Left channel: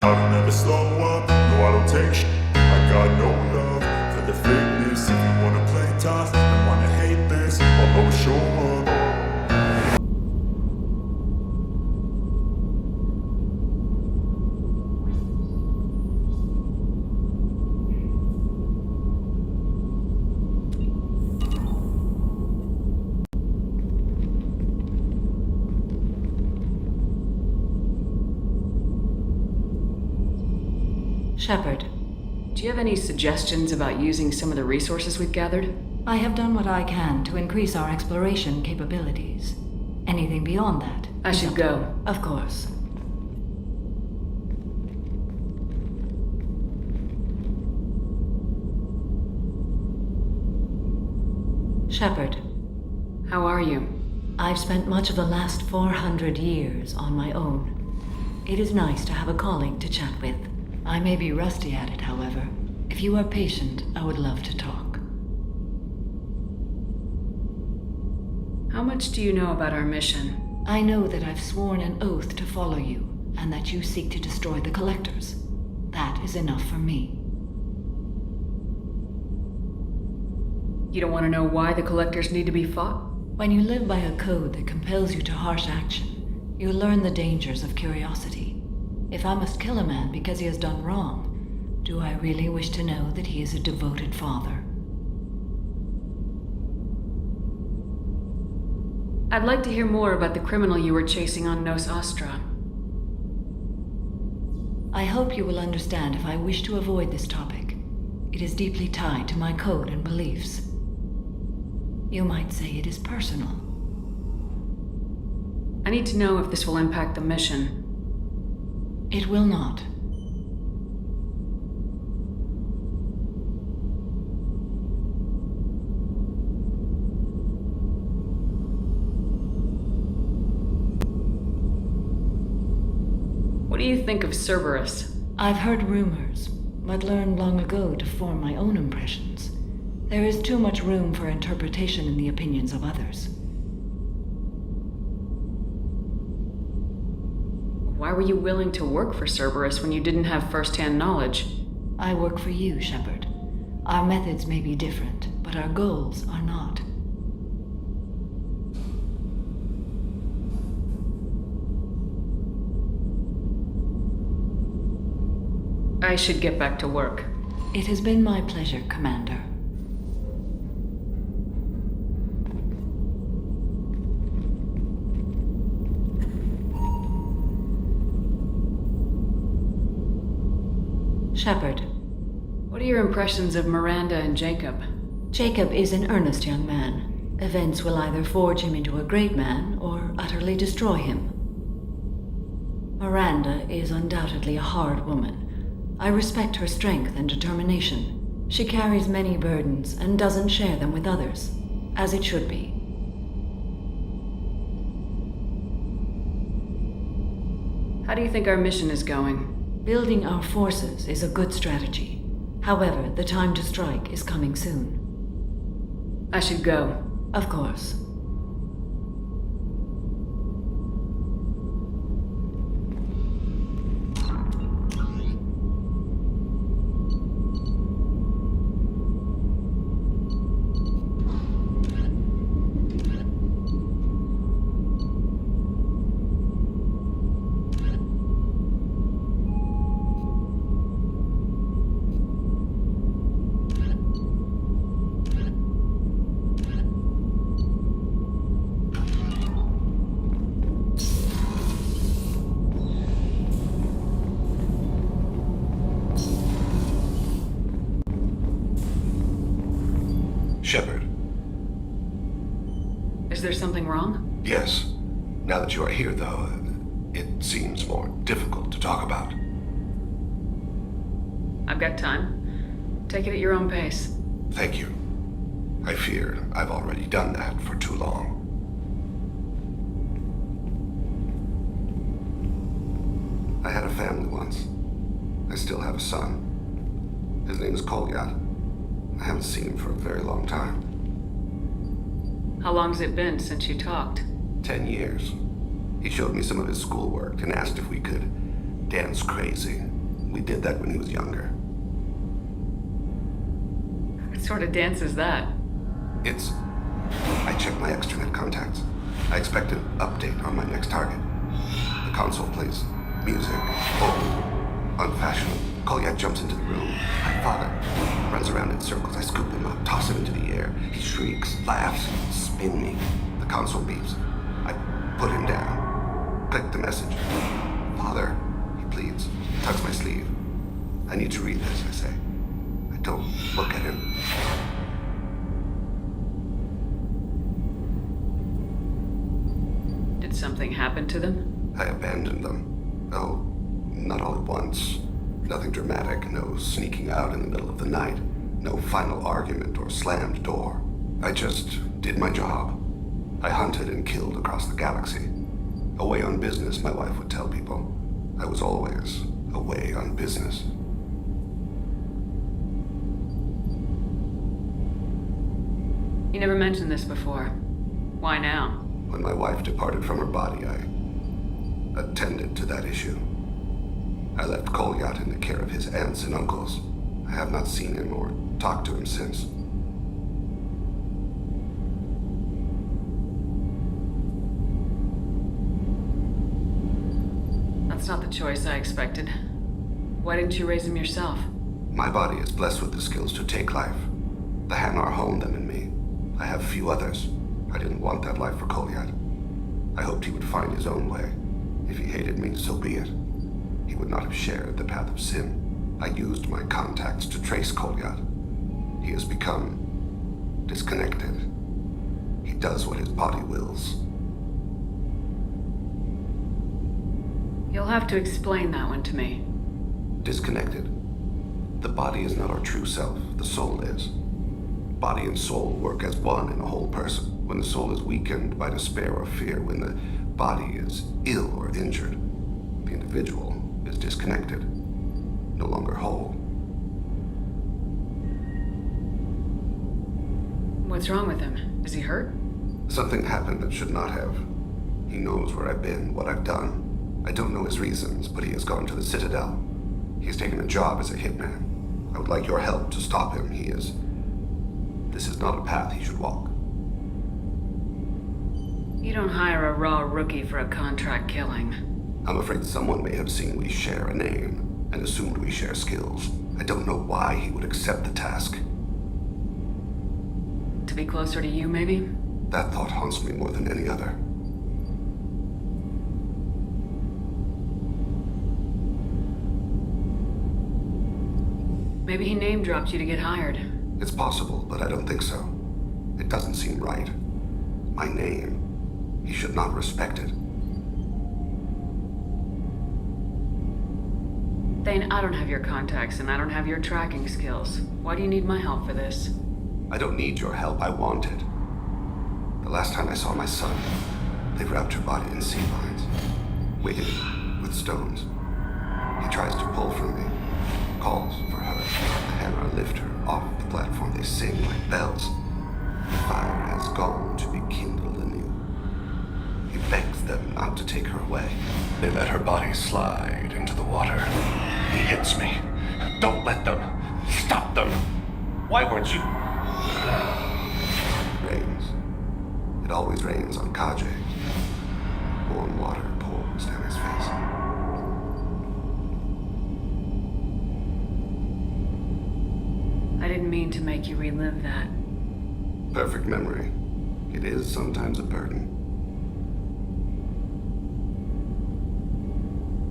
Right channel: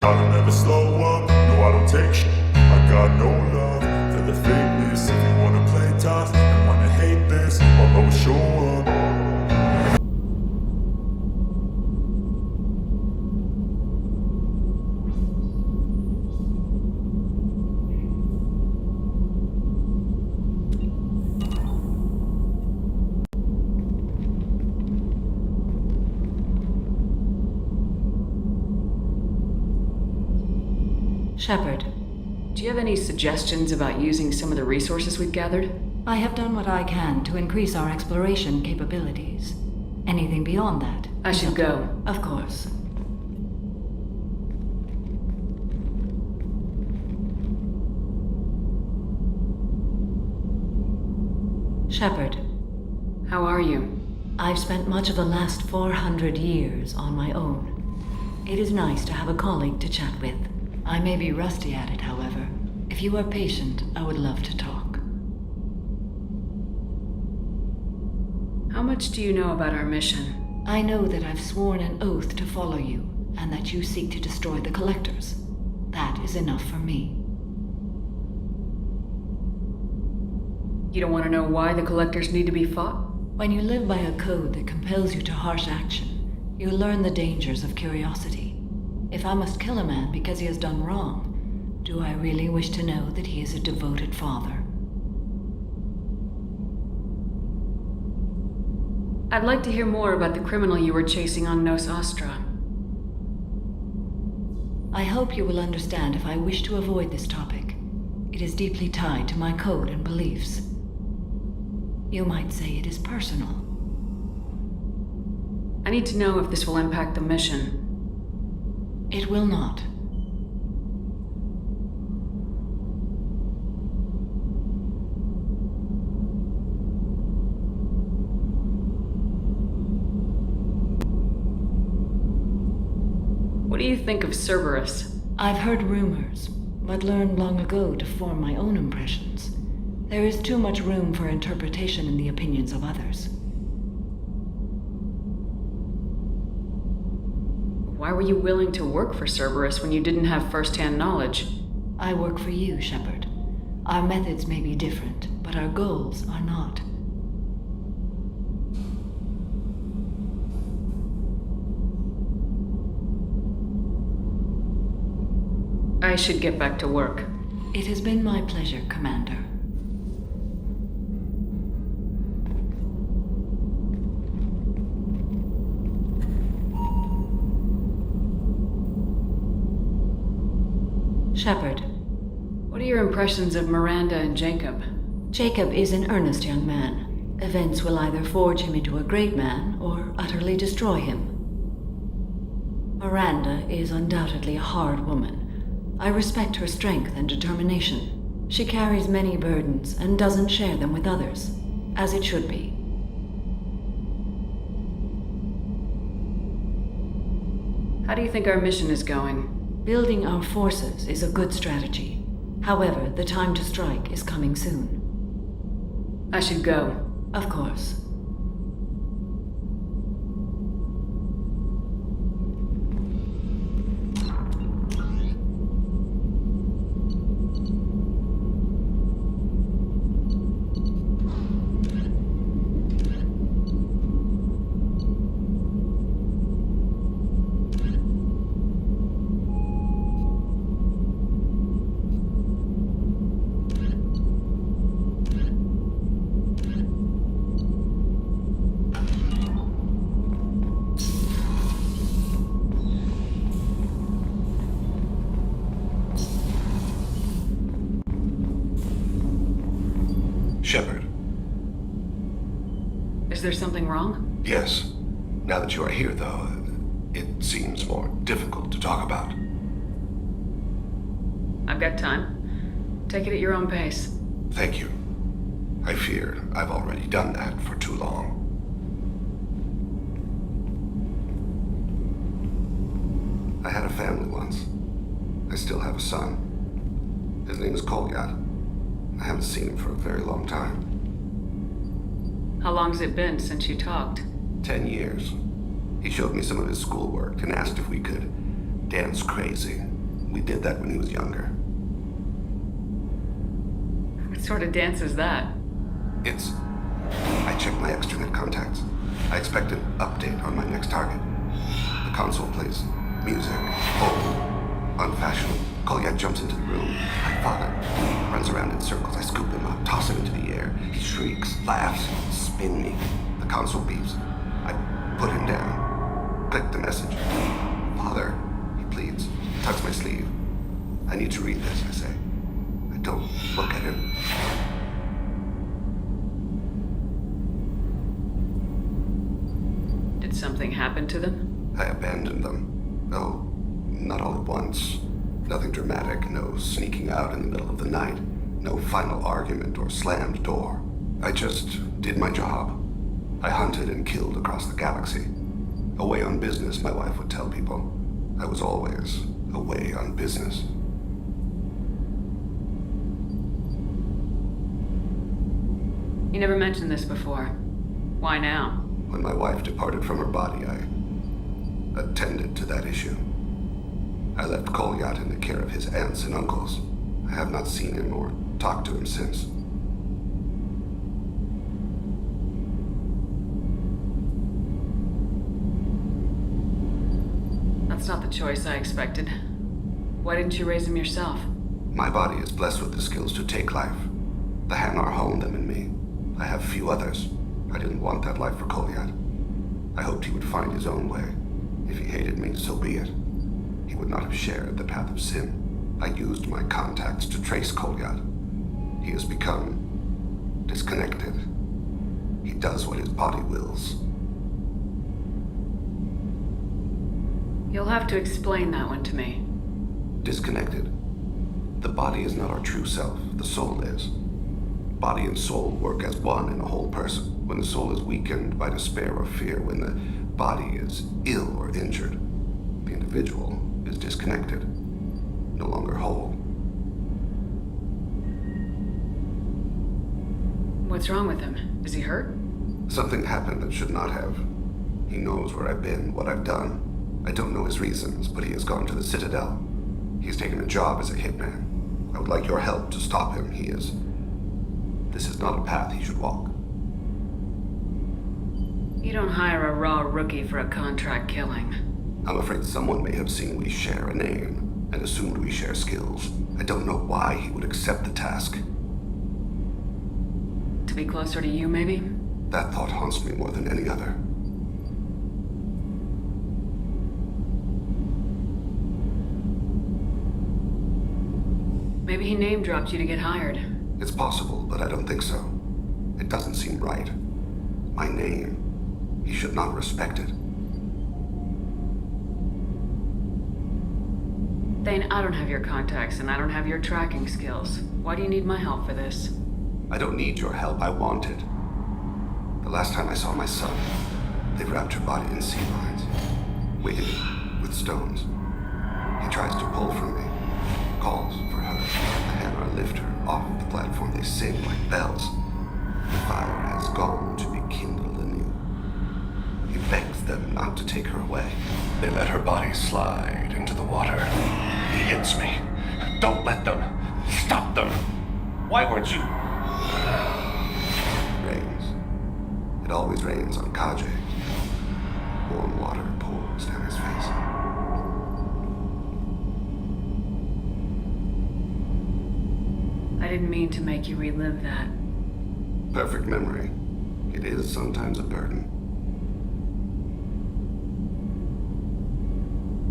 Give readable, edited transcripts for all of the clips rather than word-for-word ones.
I don't ever slow up, no I don't take shit. I got no love for the fakeness. If you wanna play tough and wanna hate this, I'll always show up. Shepard, do you have any suggestions about using some of the resources we've gathered? I have done what I can to increase our exploration capabilities. Anything beyond that? I should go. Of course. Shepard, How are you? I've spent much of the last 400 years on my own. It is nice to have a colleague to chat with. I may be rusty at it, however. If you are patient, I would love to talk. How much do you know about our mission? I know that I've sworn an oath to follow you, and that you seek to destroy the Collectors. That is enough for me. You don't want to know why the Collectors need to be fought? When you live by a code that compels you to harsh action, you learn the dangers of curiosity. If I must kill a man because he has done wrong, do I really wish to know that he is a devoted father? I'd like to hear more about the criminal you were chasing on Nos Astra. I hope you will understand if I wish to avoid this topic. It is deeply tied to my code and beliefs. You might say it is personal. I need to know if this will impact the mission. It will not. What do you think of Cerberus? I've heard rumors, but learned long ago to form my own impressions. There is too much room for interpretation in the opinions of others. Why were you willing to work for Cerberus when you didn't have first-hand knowledge? I work for you, Shepard. Our methods may be different, but our goals are not. I should get back to work. It has been my pleasure, Commander. Shepard. What are your impressions of Miranda and Jacob? Jacob is an earnest young man. Events will either forge him into a great man or utterly destroy him. Miranda is undoubtedly a hard woman. I respect her strength and determination. She carries many burdens and doesn't share them with others, as it should be. How do you think our mission is going? Building our forces is a good strategy. However, the time to strike is coming soon. I should go. Of course. Shepard. Is there something wrong? Yes. Now that you are here, though, it seems more difficult to talk about. I've got time. Take it at your own pace. Thank you. I fear I've already done that for too long. I had a family once. I still have a son. His name is Kolyat. I haven't seen him for a very long time. How long's it been since you talked? 10 years. He showed me some of his schoolwork and asked if we could dance crazy. We did that when he was younger. What sort of dance is that? I check my extranet contacts. I expect an update on my next target. The console plays music, old, unfashionable. Kolyat jumps into the room. My father runs around in circles. I scoop him up, toss him into the air. He shrieks, laughs, spin me. The console beeps. I put him down. Click the message. Father, he pleads, tugs my sleeve. I need to read this, I say. I don't look at him. Did something happen to them? I abandoned them. Oh, not all at once. Nothing dramatic, no sneaking out in the middle of the night, no final argument or slammed door. I just did my job. I hunted and killed across the galaxy. Away on business, my wife would tell people. I was always away on business. You never mentioned this before. Why now? When my wife departed from her body, I attended to that issue. I left Kolyat in the care of his aunts and uncles. I have not seen him or talked to him since. That's not the choice I expected. Why didn't you raise him yourself? My body is blessed with the skills to take life. The Hanar honed them in me. I have few others. I didn't want that life for Kolyat. I hoped he would find his own way. If he hated me, so be it. He would not have shared the path of sin. I used my contacts to trace Kolyat. He has become disconnected. He does what his body wills. You'll have to explain that one to me. Disconnected. The body is not our true self. The soul is. Body and soul work as one in a whole person. When the soul is weakened by despair or fear, when the body is ill or injured, the individual is disconnected, no longer whole. What's wrong with him? Is he hurt? Something happened that should not have. He knows where I've been, what I've done. I don't know his reasons, but he has gone to the Citadel. He has taken a job as a hitman. I would like your help to stop him. This is not a path he should walk. You don't hire a raw rookie for a contract killing. I'm afraid someone may have seen we share a name and assumed we share skills. I don't know why he would accept the task. To be closer to you, maybe? That thought haunts me more than any other. Maybe he name-dropped you to get hired. It's possible, but I don't think so. It doesn't seem right. My name. He should not respect it. Thane, I don't have your contacts, and I don't have your tracking skills. Why do you need my help for this? I don't need your help. I want it. The last time I saw my son, they wrapped her body in sea lines, weighted it with stones. He tries to pull from me, calls for her. The Hanar lift her off the platform. They sing like bells. The fire has gone to be kindled anew. He begs them not to take her away. They let her body slide into the water. He hits me. Don't let them. Stop them. Why weren't you? It rains. It always rains on Kaje. Warm water pours down his face. I didn't mean to make you relive that. Perfect memory. It is sometimes a burden.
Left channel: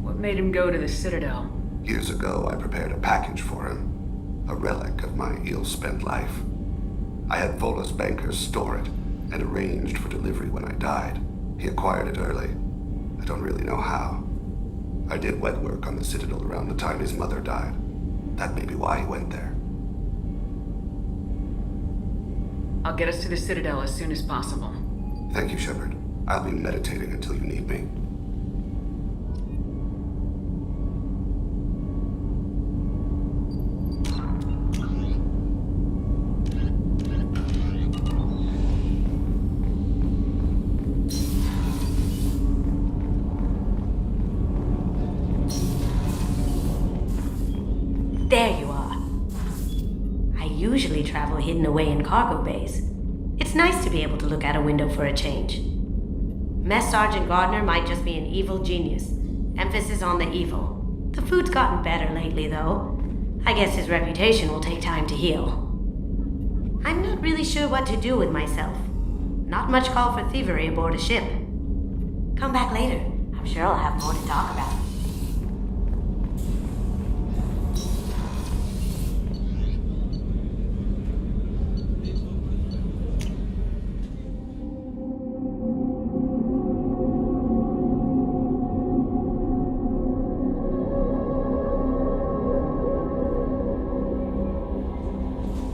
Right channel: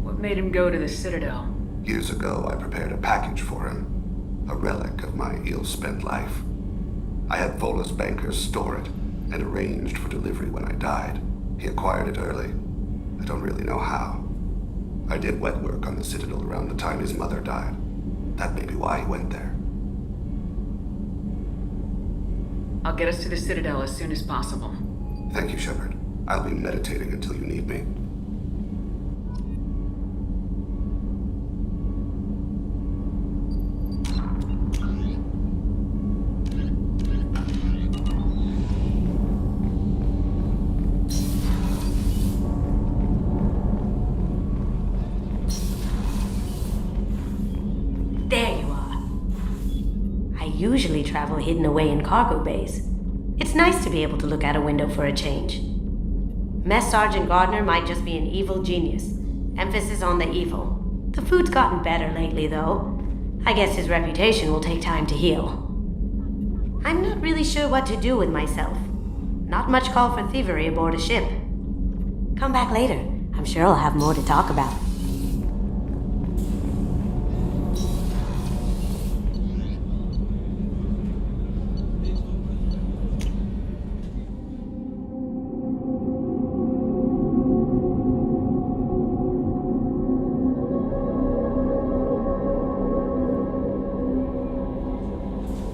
What made him go to the Citadel? Years ago, I prepared a package for him. A relic of my ill-spent life. I had Volus bankers store it and arranged for delivery when I died. He acquired it early. I don't really know how. I did wet work on the Citadel around the time his mother died. That may be why he went there. I'll get us to the Citadel as soon as possible. Thank you, Shepard. I'll be meditating until you need me. There you are. I usually travel hidden away in cargo bays. It's nice to be able to look out a window for a change. Mess Sergeant Gardner might just be an evil genius. Emphasis on the evil. The food's gotten better lately, though. I guess his reputation will take time to heal. I'm not really sure what to do with myself. Not much call for thievery aboard a ship. Come back later. I'm sure I'll have more to talk about.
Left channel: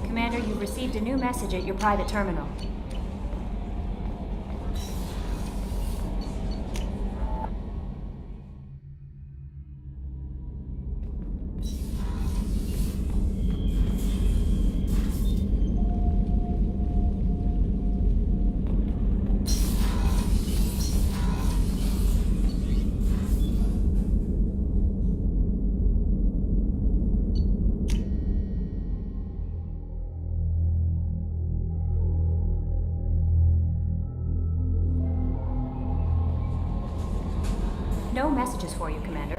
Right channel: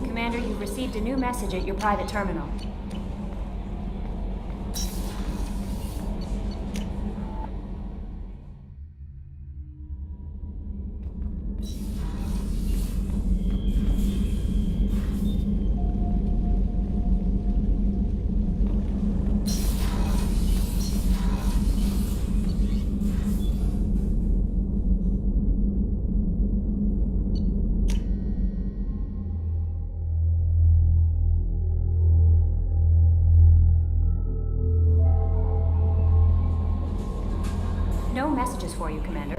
Commander, you've received a new message at your private terminal. No messages for you, Commander.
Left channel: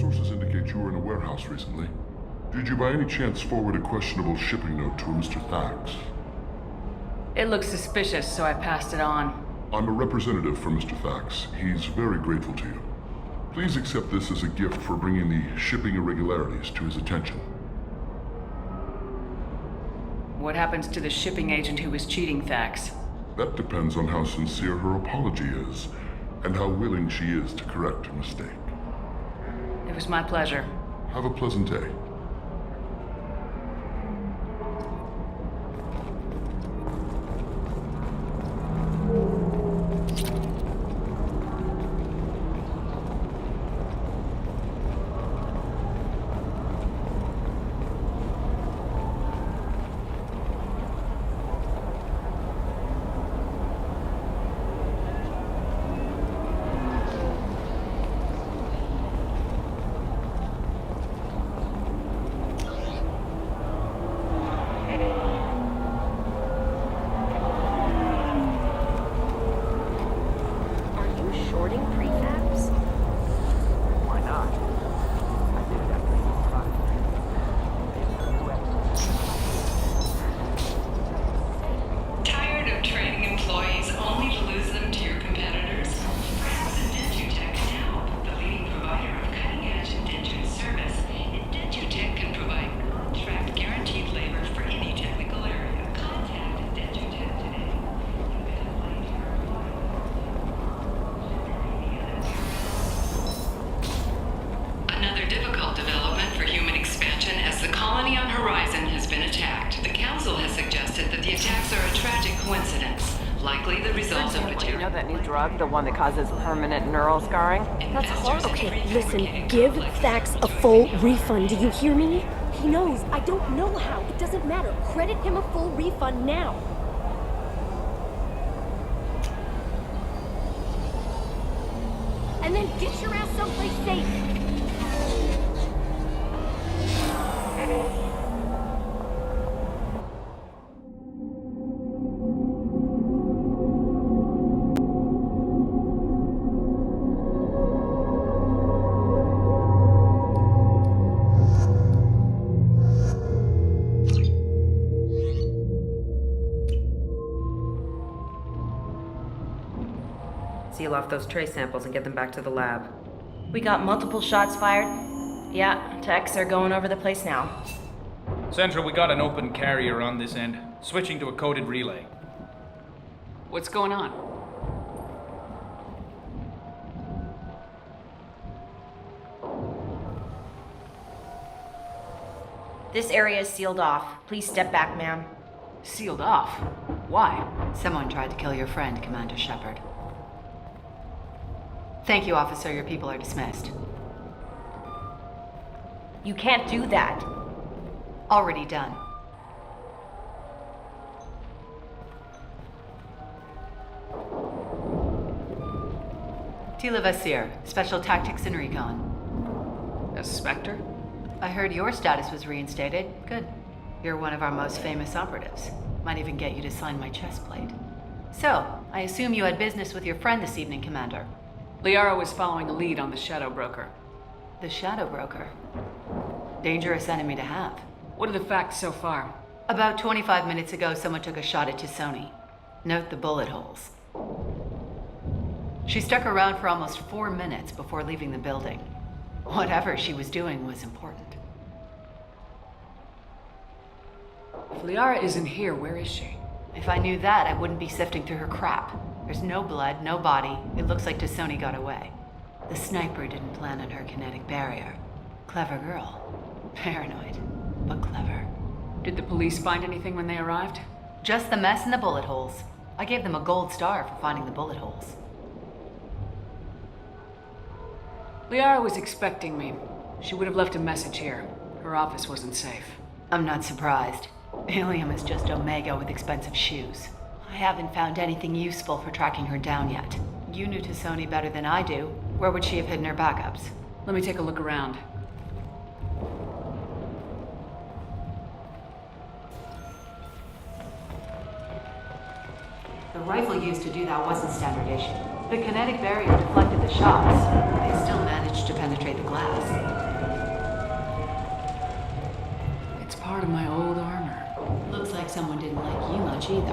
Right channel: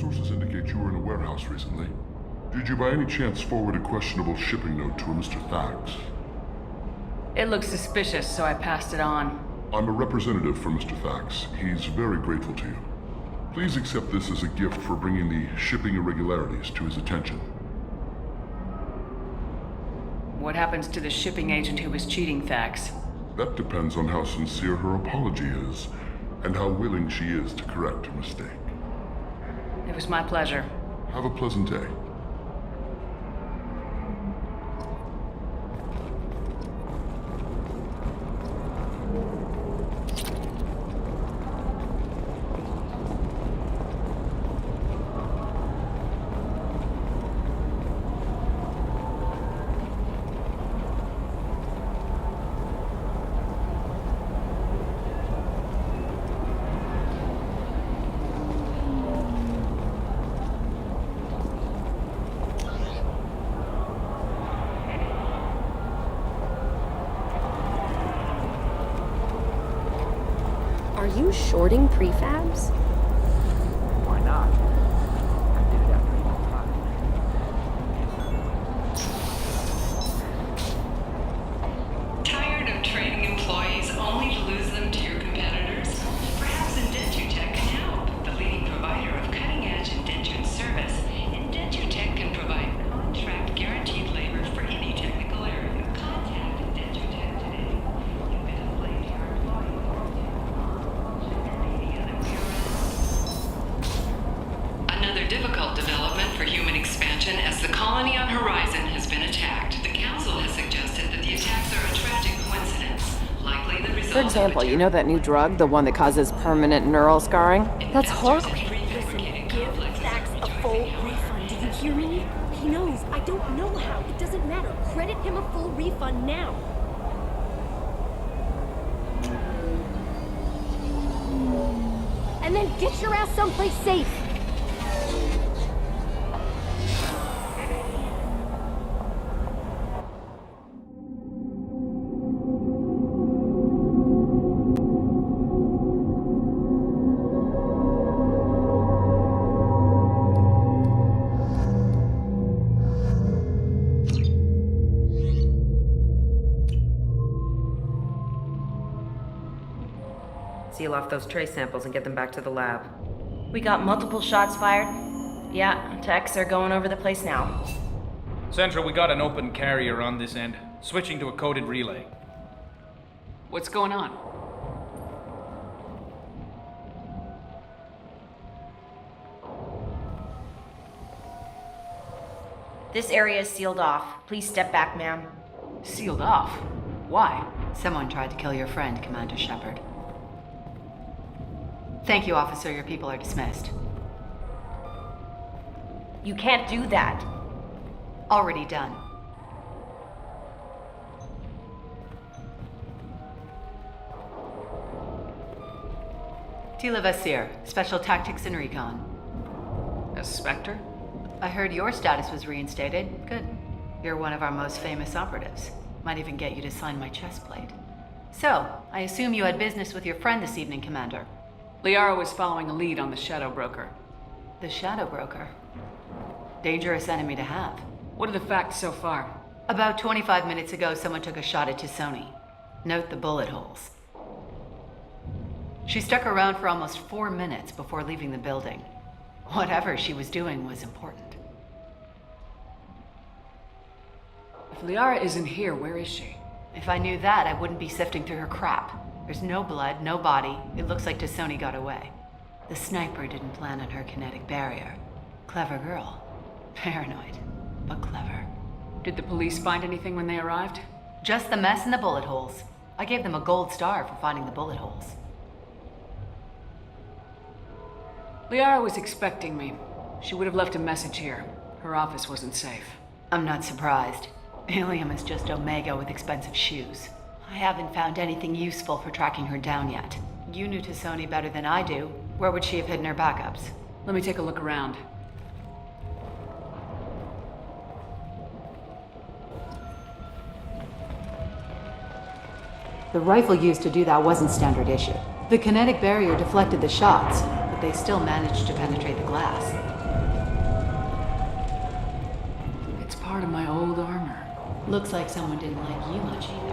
Sources indicate you were in a warehouse recently. Did you by any chance forward a questionable shipping note to a Mr. Thax? It looks suspicious, so I passed it on. I'm a representative for Mr. Thax. He's very grateful to you. Please accept this as a gift for bringing the shipping irregularities to his attention. What happens to the shipping agent who was cheating Thax? That depends on how sincere her apology is, and how willing she is to correct her mistake. It was my pleasure. Have a pleasant day. Shorting prefabs? Why not? I did it after eating Prime. It's a new episode. Tired of training employees only to lose them to your competitors? Perhaps Indentutech can help. The leading provider of cutting-edge indentured service, Indentutech can provide contract guaranteed labor for any technical area. Contact Indentutech today. Another difficult development for human expansion as the colony on Horizon has been attacked. The Council has suggested that the attacks are a tragic coincidence, likely the result For example, you know that new drug, the one that causes permanent neural scarring? That's horrible. Okay, listen, give Thax a full refund, do you hear me? He knows. I don't know how. It doesn't matter. Credit him a full refund now. And then get your ass someplace safe. seal off those trace samples and get them back to the lab. We got multiple shots fired. Yeah, techs are going over the place now. Central, we got an open carrier on this end. Switching to a coded relay. What's going on? This area is sealed off. Please step back, ma'am. Sealed off? Why? Someone tried to kill your friend, Commander Shepard. Thank you, officer. Your people are dismissed. You can't do that. Already done. Tila Vasir, Special Tactics and Recon. A Spectre? I heard your status was reinstated. Good. You're one of our most famous operatives. Might even get you to sign my chest plate. So, I assume you had business with your friend this evening, Commander. Liara was following a lead on the Shadow Broker. The Shadow Broker? Dangerous enemy to have. What are the facts so far? About 25 minutes ago, someone took a shot at Tassoni. Note the bullet holes. She stuck around for almost 4 minutes before leaving the building. Whatever she was doing was important. If Liara isn't here, where is she? If I knew that, I wouldn't be sifting through her crap. There's no blood, no body. It looks like Tassoni got away. The sniper didn't plan on her kinetic barrier. Clever girl. Paranoid, but clever. Did the police find anything when they arrived? Just the mess and the bullet holes. I gave them a gold star for finding the bullet holes. Liara was expecting me. She would have left a message here. Her office wasn't safe. I'm not surprised. Ilium is just Omega with expensive shoes. I haven't found anything useful for tracking her down yet. You knew Tassoni better than I do. Where would she have hidden her backups? Let me take a look around. The rifle used to do that wasn't standard issue. The kinetic barrier deflected the shots, but they still managed to penetrate the glass. It's part of my old armor. Looks like someone didn't like you much either.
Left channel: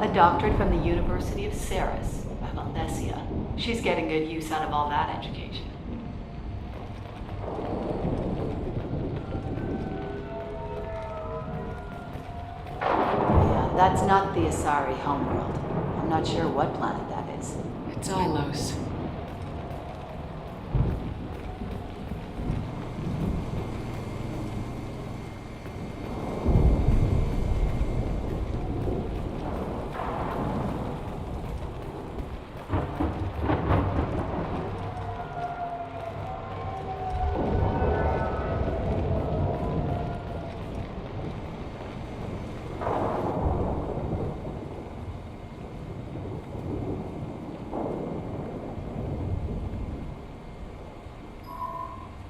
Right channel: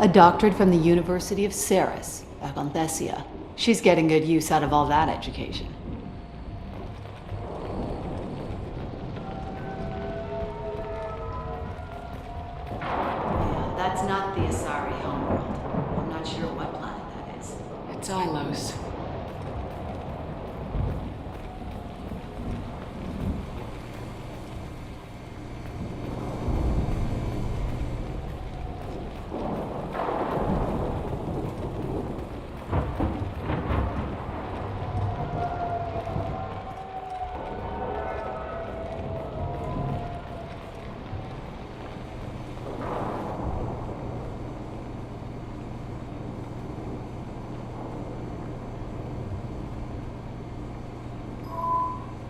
A doctorate from the University of Ceres, Valenthesia. She's getting good use out of all that education. Yeah, that's not the Asari homeworld. I'm not sure what planet that is. It's Ilos.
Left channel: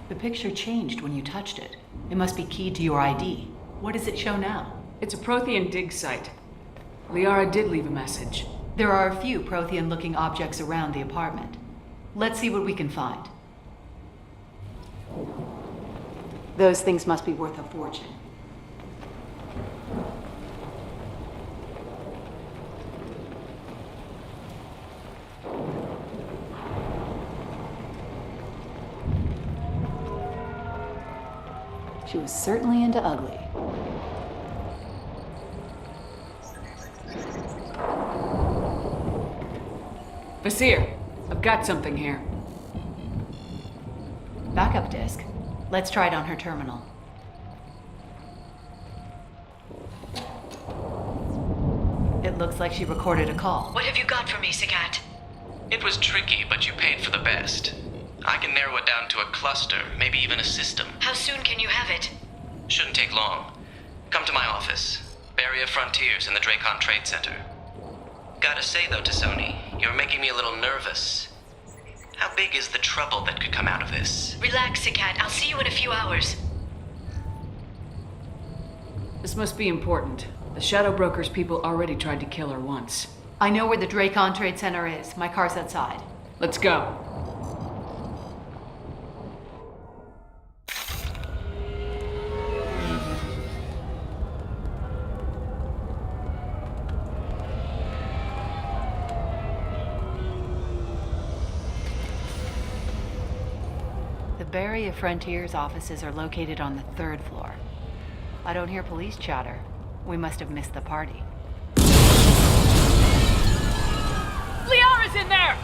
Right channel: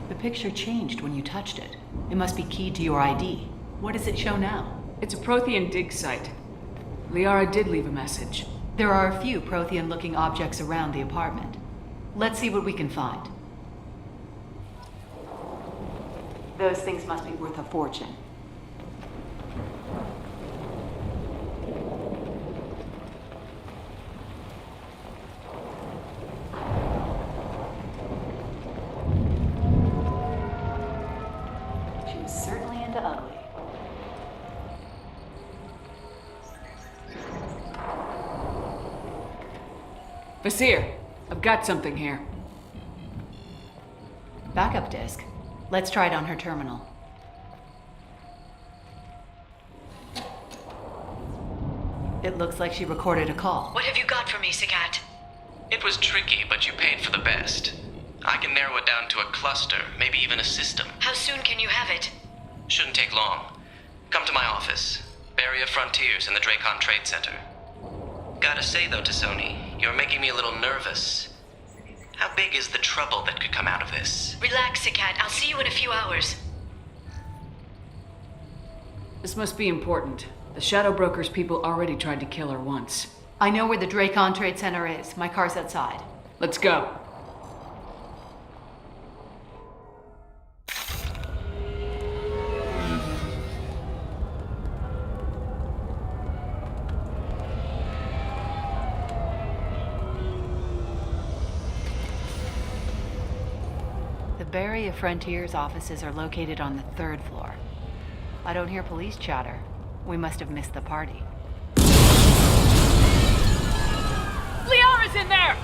The picture changed when you touched it. It must be keyed to your ID. What does it show now? It's a Prothean dig site. Liara did leave a message. There are a few Prothean-looking objects around the apartment. Let's see what we can find. Those things must be worth a fortune. She was certainly into ugly. Vasir, I've got something here. Backup disk. Let's try it on her terminal. It looks like she recorded a call. What have you got for me, Sagat? It was tricky, but you paid for the best. I can narrow it down to a cluster, maybe even a system. How soon can you have it? Shouldn't take long. Come to my office. Barrier Frontiers in the Dracon Trade Center. Gotta say though, Tassoni, you're making me a little nervous. How big is the trouble that could come out of this? Relax, Sagat. I'll see you in a few hours. This must be important. The Shadow Broker's people already tried to kill her once. I know where the Dracon Trade Center is. My car's outside. Let's go. Barrier Frontier's offices are located on the 3rd floor. I don't hear police chatter. We must have missed the party. Liara's in there!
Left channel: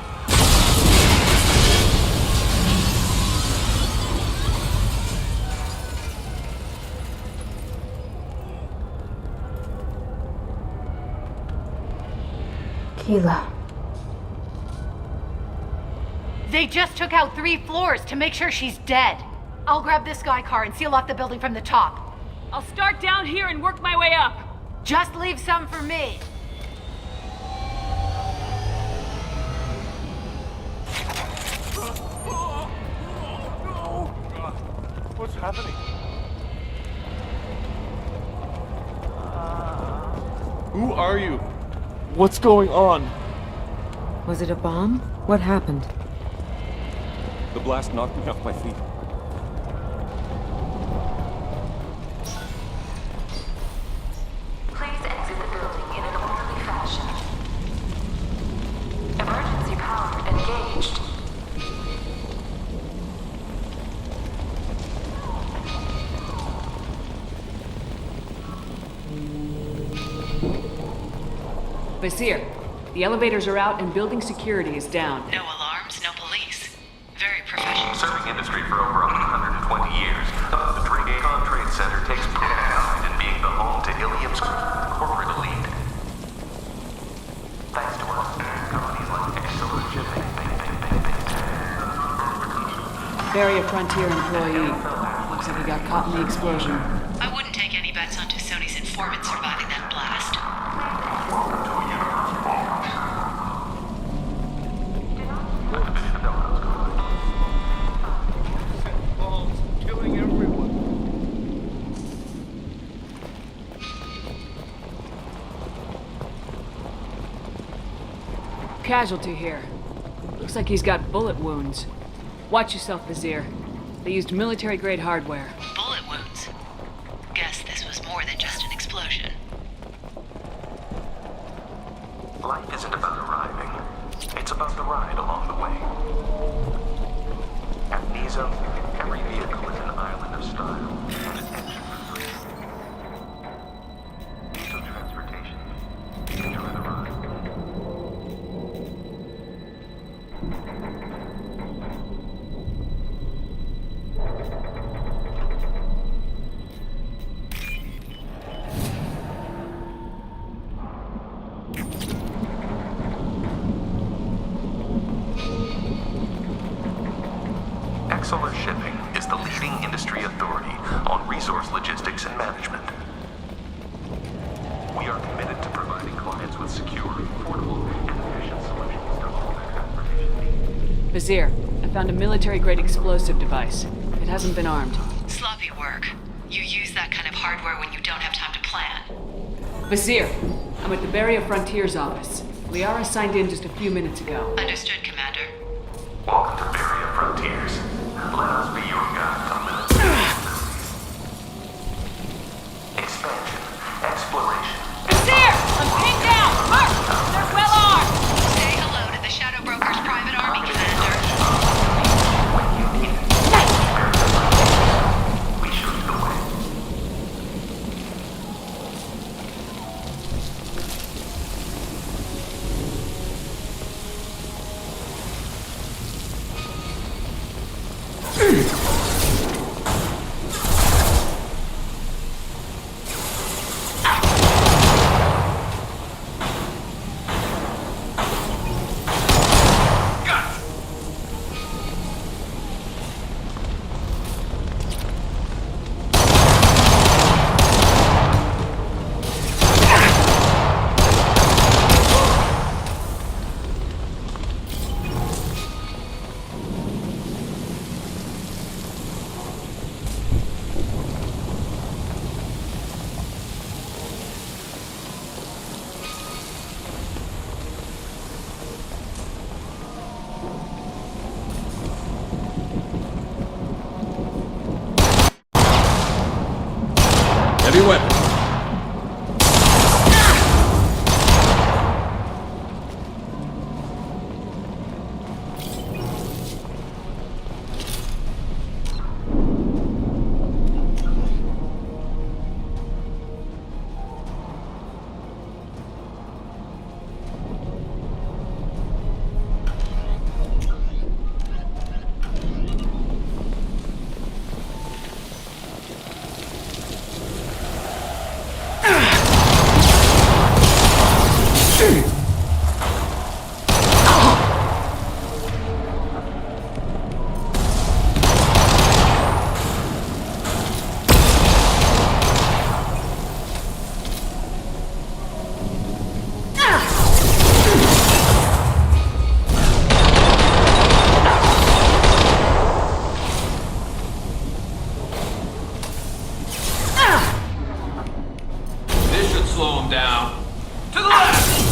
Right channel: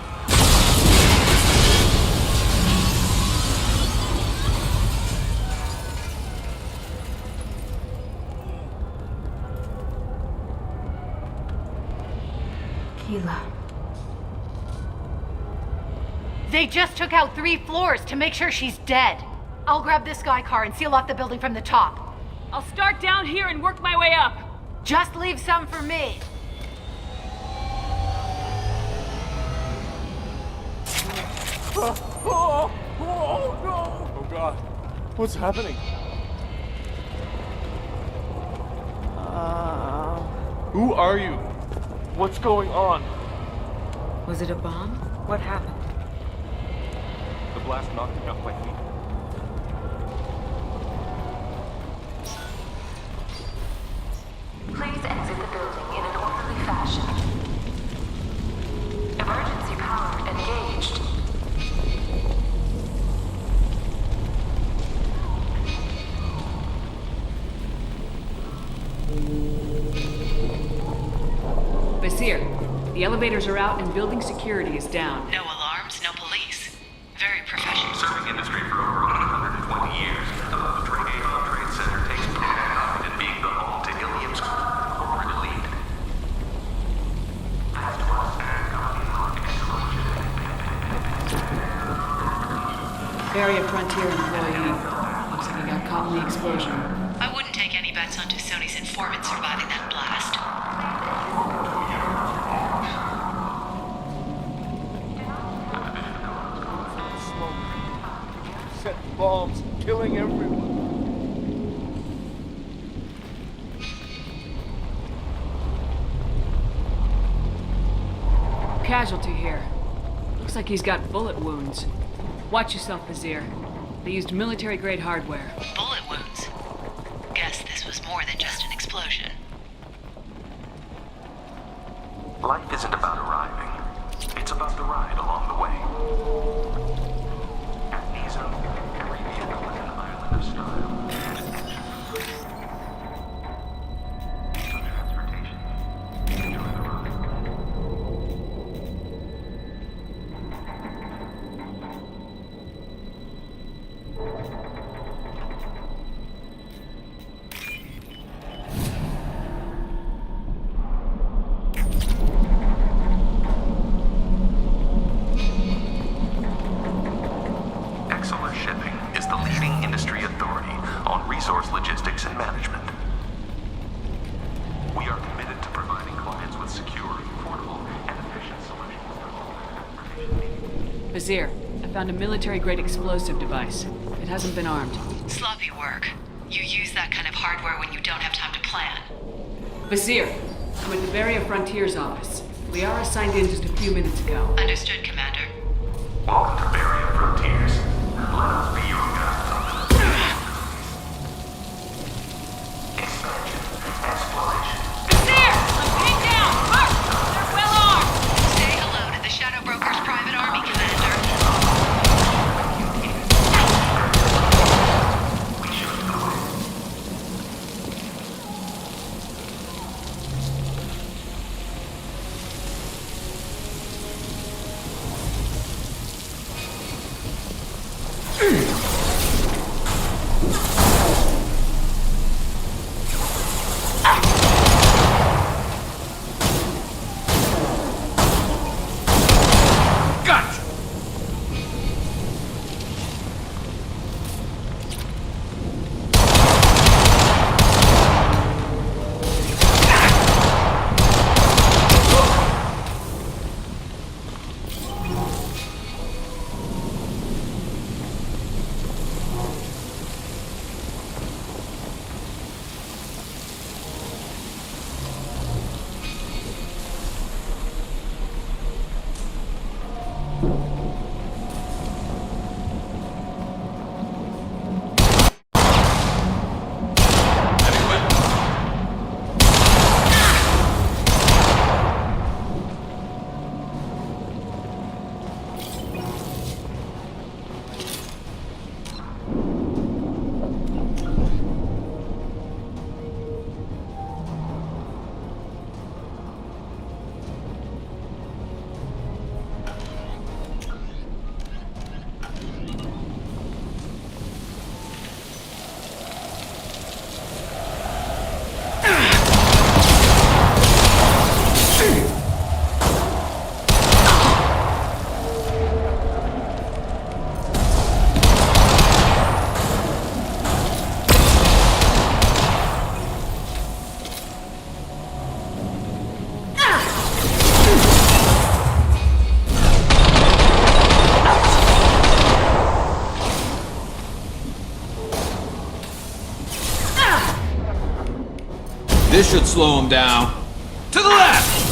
Keela. They just took out 3 floors to make sure she's dead. I'll grab this Sky car and seal off the building from the top. I'll start down here and work my way up. Just leave some for me. Oh no! Oh god. What's happening? Who are you? What's going on? Was it a bomb? What happened? The blast knocked me off my feet. Please exit the building in an orderly fashion. Emergency power engaged. Vizier, the elevators are out and building security is down. No alarms, no police. Very professional. Serving industry for over 120 years, the Dracon Trade Center takes pride in being the home to Ilium's corporate elite. Thanks to us, companies like Exola Shipping. Barrier Frontier employee. Looks like he got caught in the explosion. I wouldn't take any bets on Tusoni's informant surviving that blast. Set bombs, killing everyone. Casualty here. Looks like he's got bullet wounds. Watch yourself, Vizier. They used military-grade hardware. Bullet wounds. Guess this was more than just an explosion. Life isn't about arriving. It's about the ride along the way. At Nizo, every vehicle is an island of style and an engine for free. Nizo Transportation. Enjoy the ride. Exola Shipping is the leading industry authority on resource logistics and management. We are committed to providing clients with secure, affordable, and efficient solutions to all their transportation needs. Vizier, I found a military-grade explosive device. It hasn't been armed. Sloppy work. You use that kind of hardware when you don't have time to plan. Vizier, I'm at the Barrier Frontier's office. Liara signed in just a few minutes ago. Understood, Commander. Welcome to Barrier Frontiers. Let us be your guide to limited expansion, exploration. Vizier! I'm pinned down! Mark! They're well armed! Say hello to the Shadow Broker's private army, Commander. When you need it. Barrier Frontiers. We show you the way. This should slow him down. To the left!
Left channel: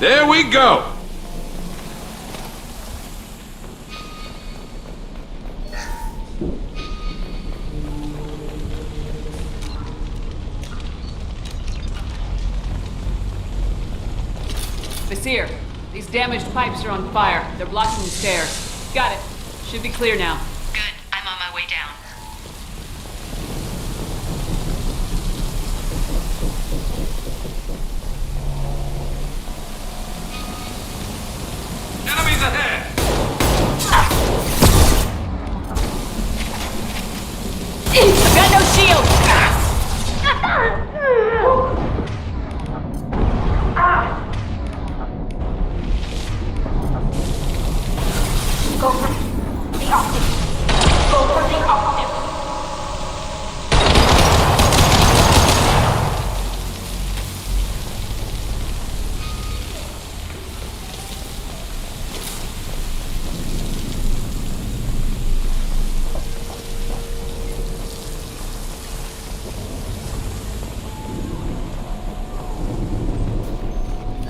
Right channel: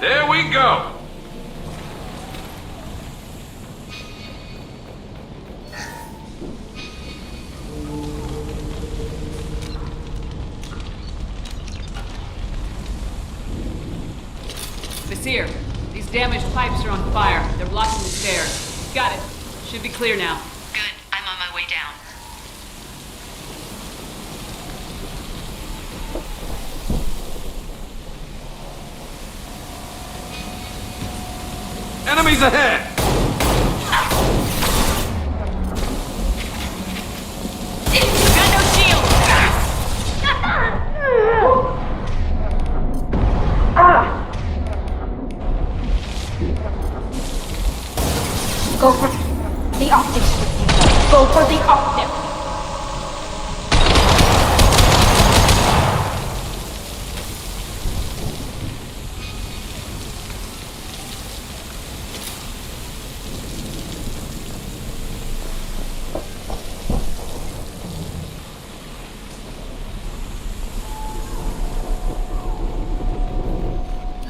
There we go! Basir, these damaged pipes are on fire. They're blocking the stairs. Got it. Should be clear now. Good. I'm on my way down. Enemies ahead! I've got no shield! Go for the optic. Go for the optic.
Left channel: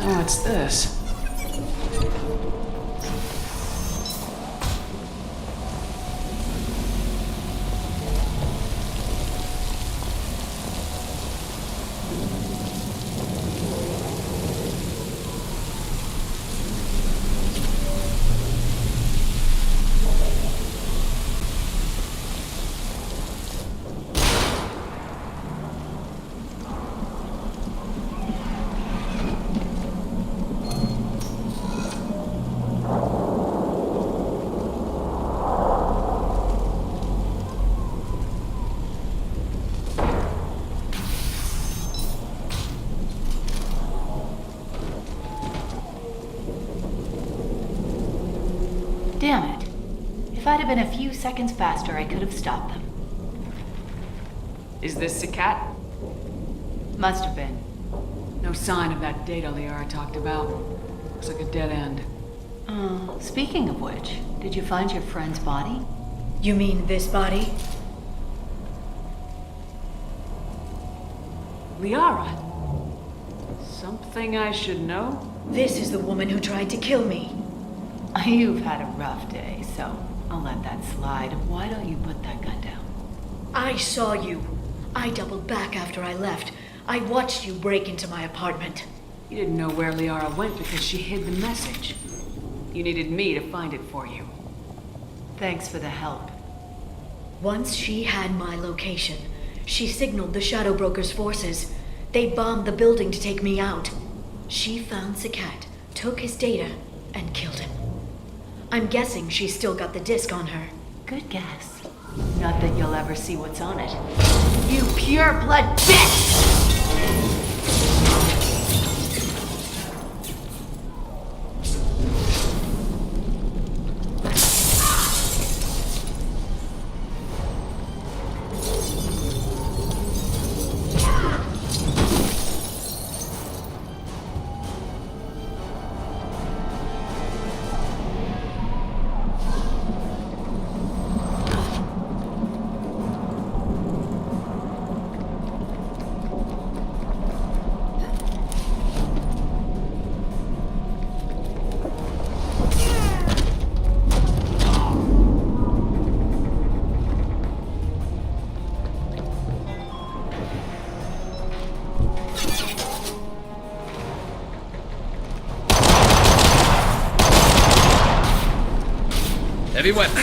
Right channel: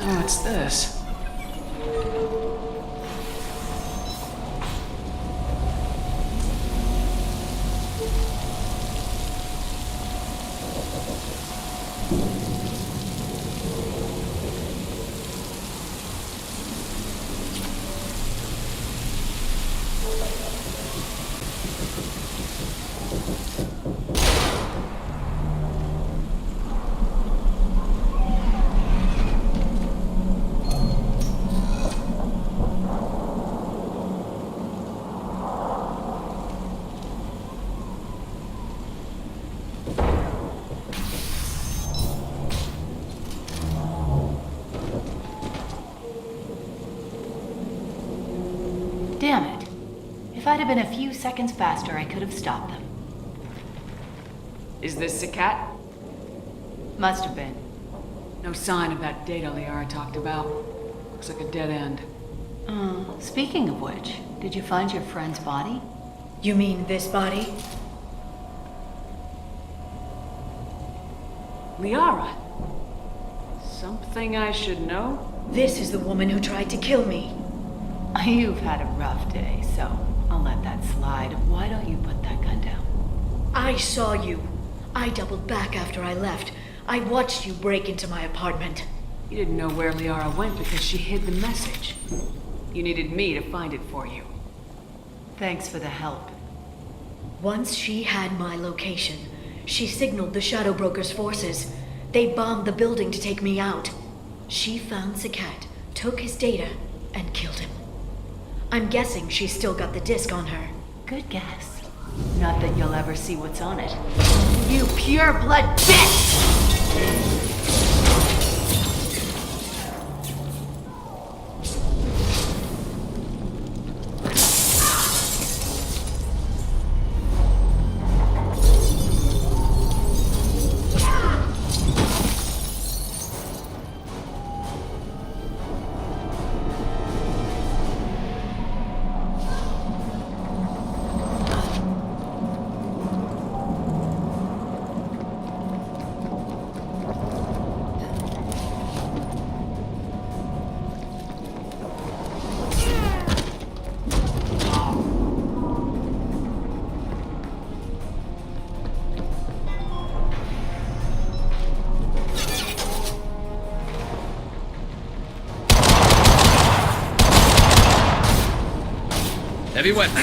Oh, what's this? Damn it. If I'd have been a few seconds faster, I could have stopped them. Is this Sakat? Must have been. No sign of that data Liara talked about. Looks like a dead end. Speaking of which, did you find your friend's body? You mean this body? Liara? Something I should know? This is the woman who tried to kill me. You've had a rough day, so I'll let that slide. Why don't you put that gun down? I saw you. I doubled back after I left. I watched you break into my apartment. You didn't know where Liara went because she hid the message. You needed me to find it for you. Thanks for the help. Once she had my location, she signaled the Shadow Broker's forces. They bombed the building to take me out. She found Sakat, took his data, and killed him. I'm guessing she's still got the disc on her. Good guess. Not that you'll ever see what's on it. You pure-blood bitch! Heavy weapon.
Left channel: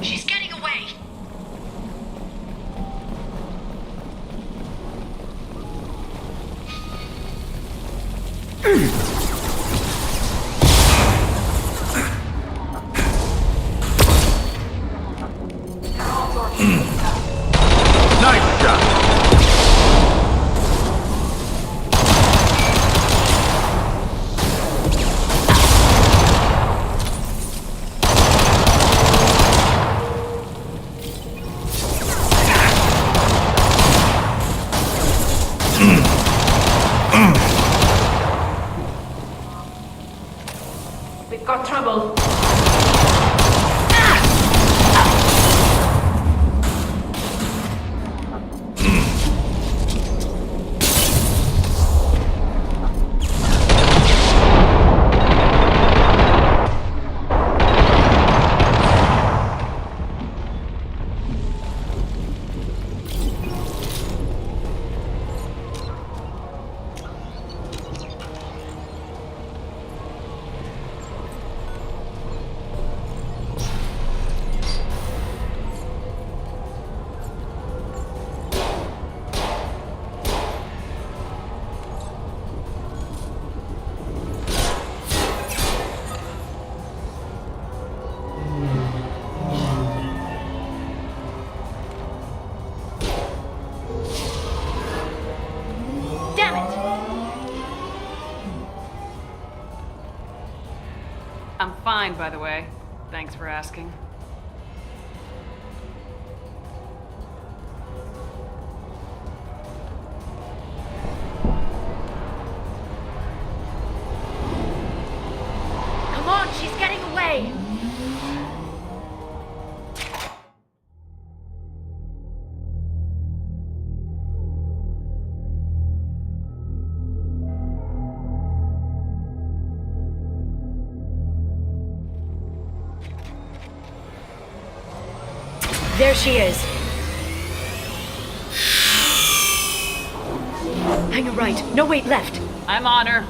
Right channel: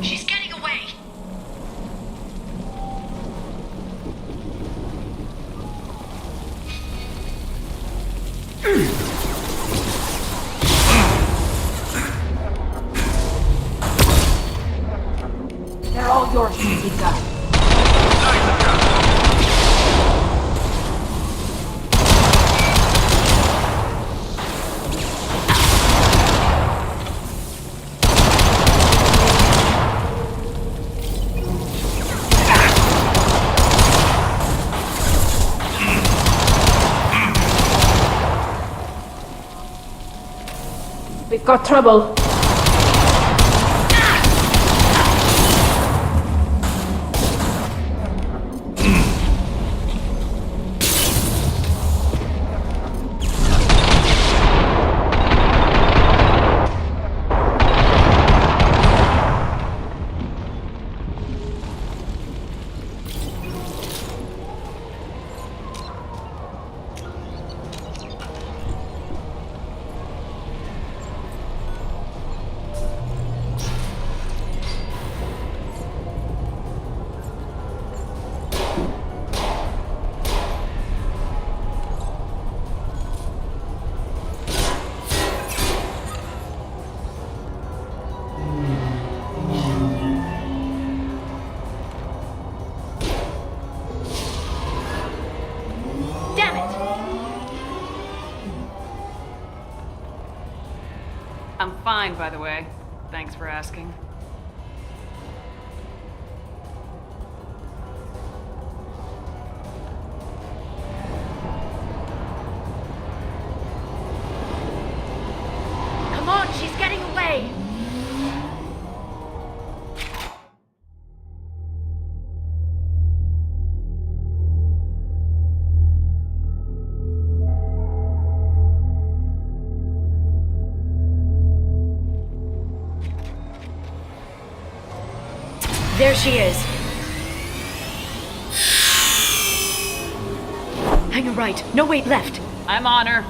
She's getting away. They're all yours, Lisa. Nice shot. We've got trouble. Damn it! I'm fine, by the way. Thanks for asking. Come on, she's getting away! There she is. Hang a right. No, wait, left. I'm on her.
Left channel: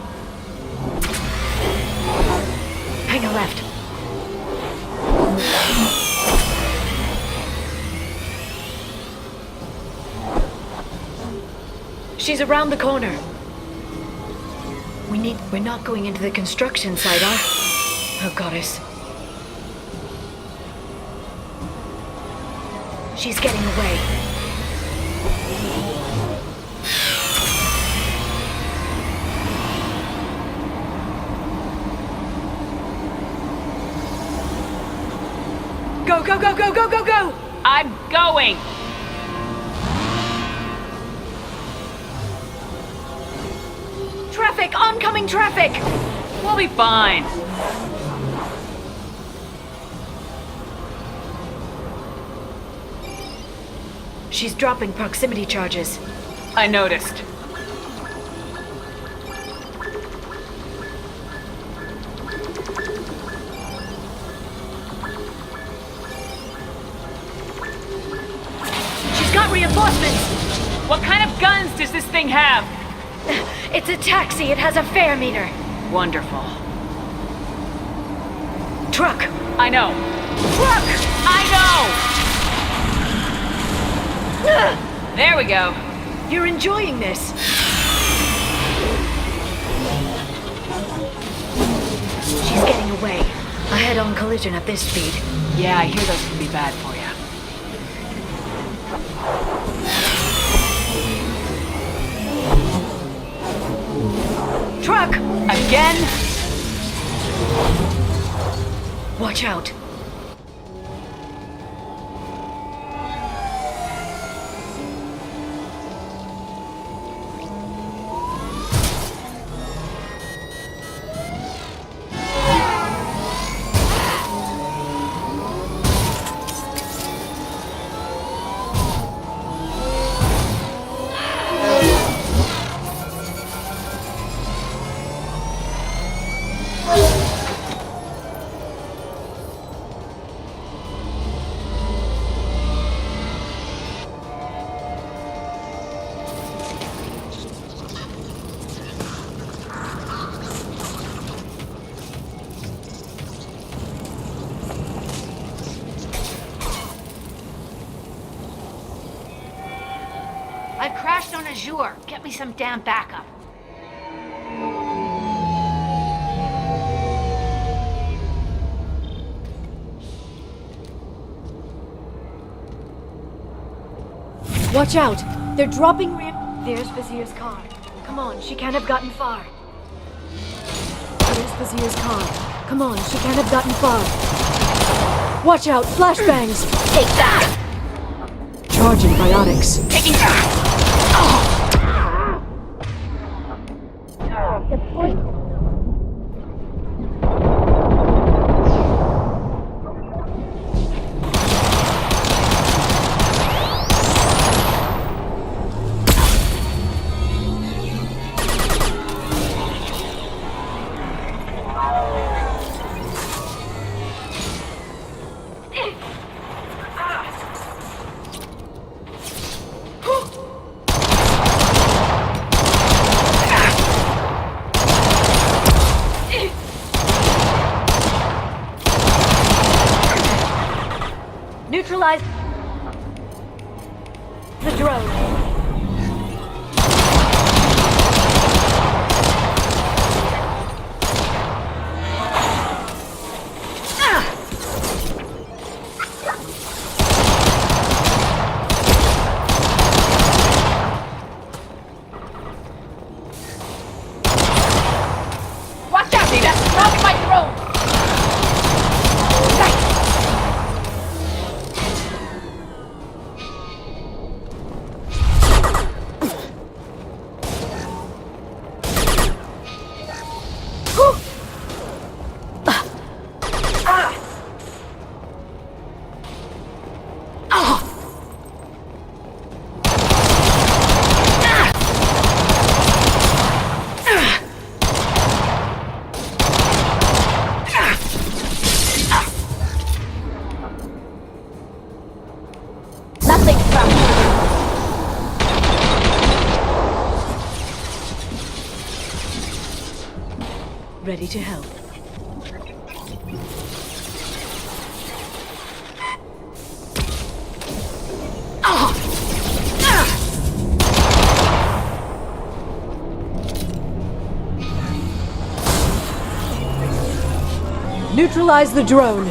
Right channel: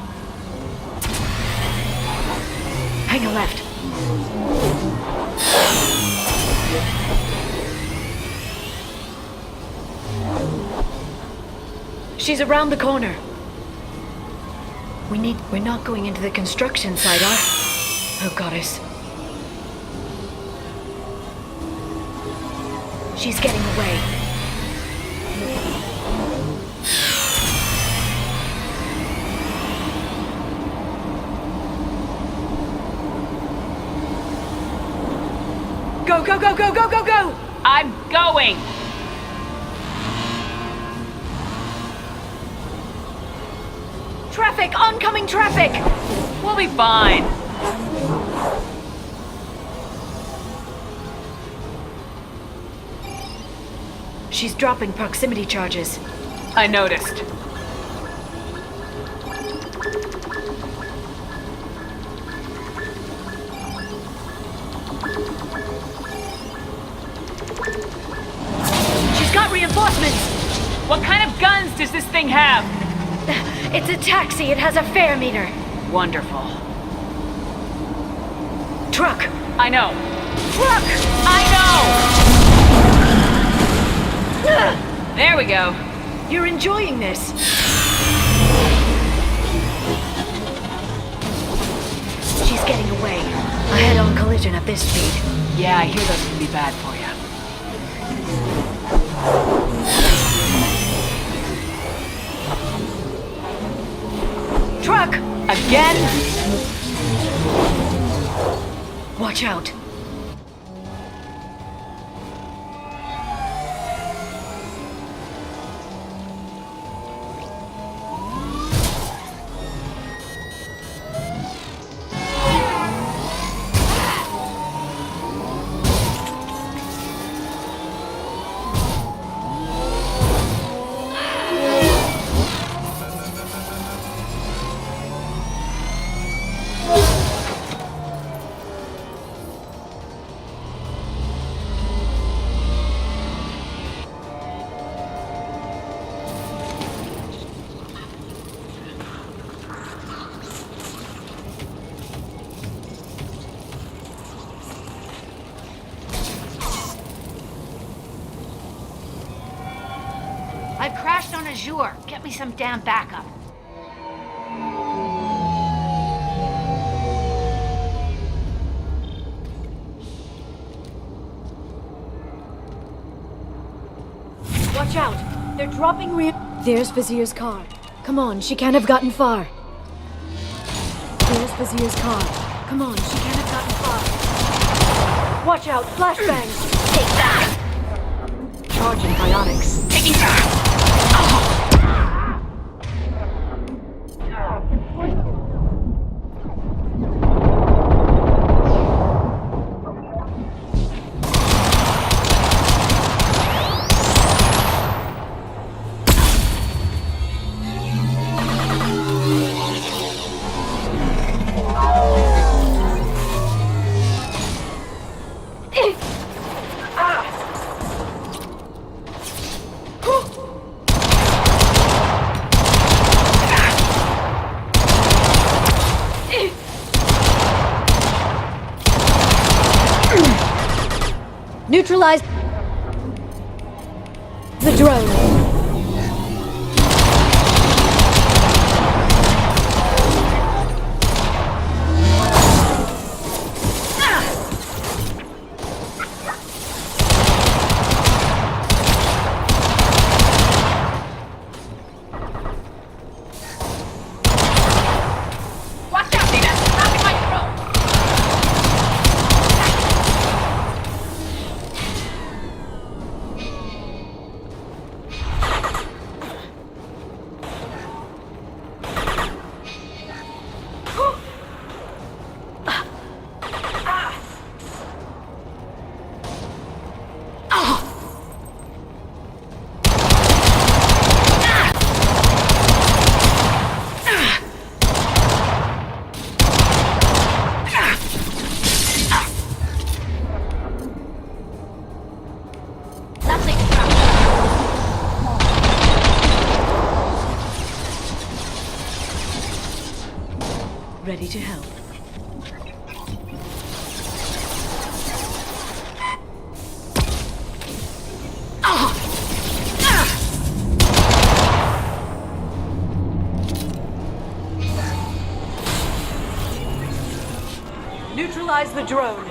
Hang a left. She's around the corner. We're not going into the construction site, Oh, goddess. She's getting away. Go, go, go, go, go, go, go! I'm going! Traffic! Oncoming traffic! We'll be fine. She's dropping proximity charges. I noticed. She's got reinforcements! What kind of guns does this thing have? It's a taxi. It has a fare meter. Wonderful. Truck! I know. Truck! I know! There we go. You're enjoying this. She's getting away. A head-on collision at this speed. Yeah, I hear those can be bad for you. Truck! Again? Watch out. I've crashed on Azure. Get me some damn backup. Watch out! They're dropping There's Vizier's car. Come on, she can't have gotten far. There's Vizier's car. Come on, she can't have gotten far. Watch out, flashbangs! Take that! Charging biotics. Taking that! Neutralize the drone. Watch out, Dina! Dropping my drone! Nothing Ready to help. Neutralize the drone.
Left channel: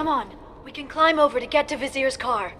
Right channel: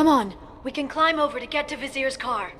Come on, we can climb over to get to Vizier's car.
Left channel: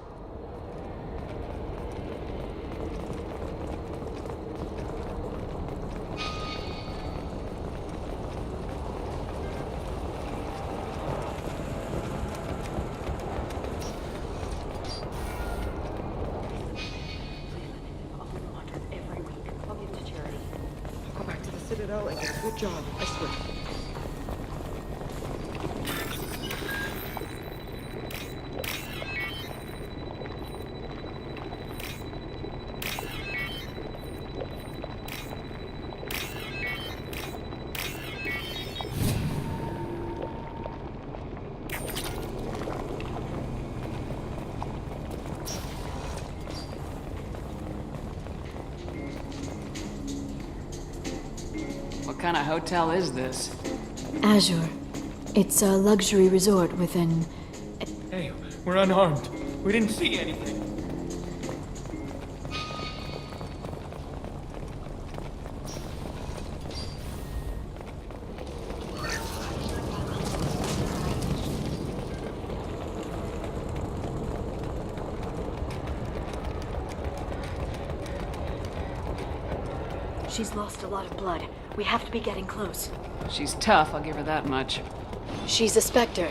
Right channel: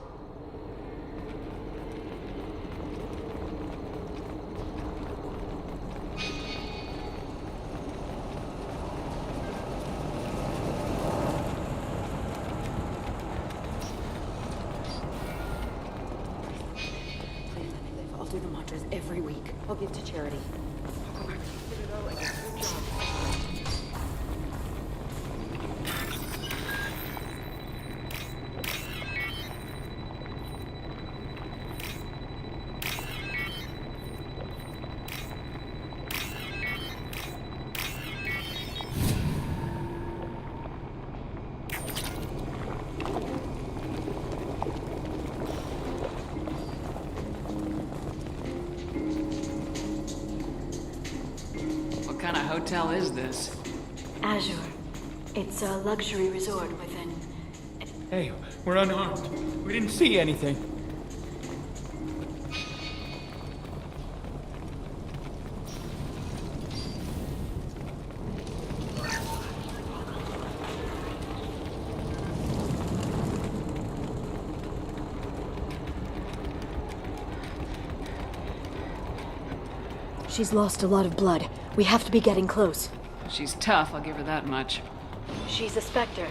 kind of hotel is this? Azure. It's a luxury resort within... Hey, we're unarmed. We didn't see anything. She's lost a lot of blood. We have to be getting close. She's tough, I'll give her that much. She's a Spectre.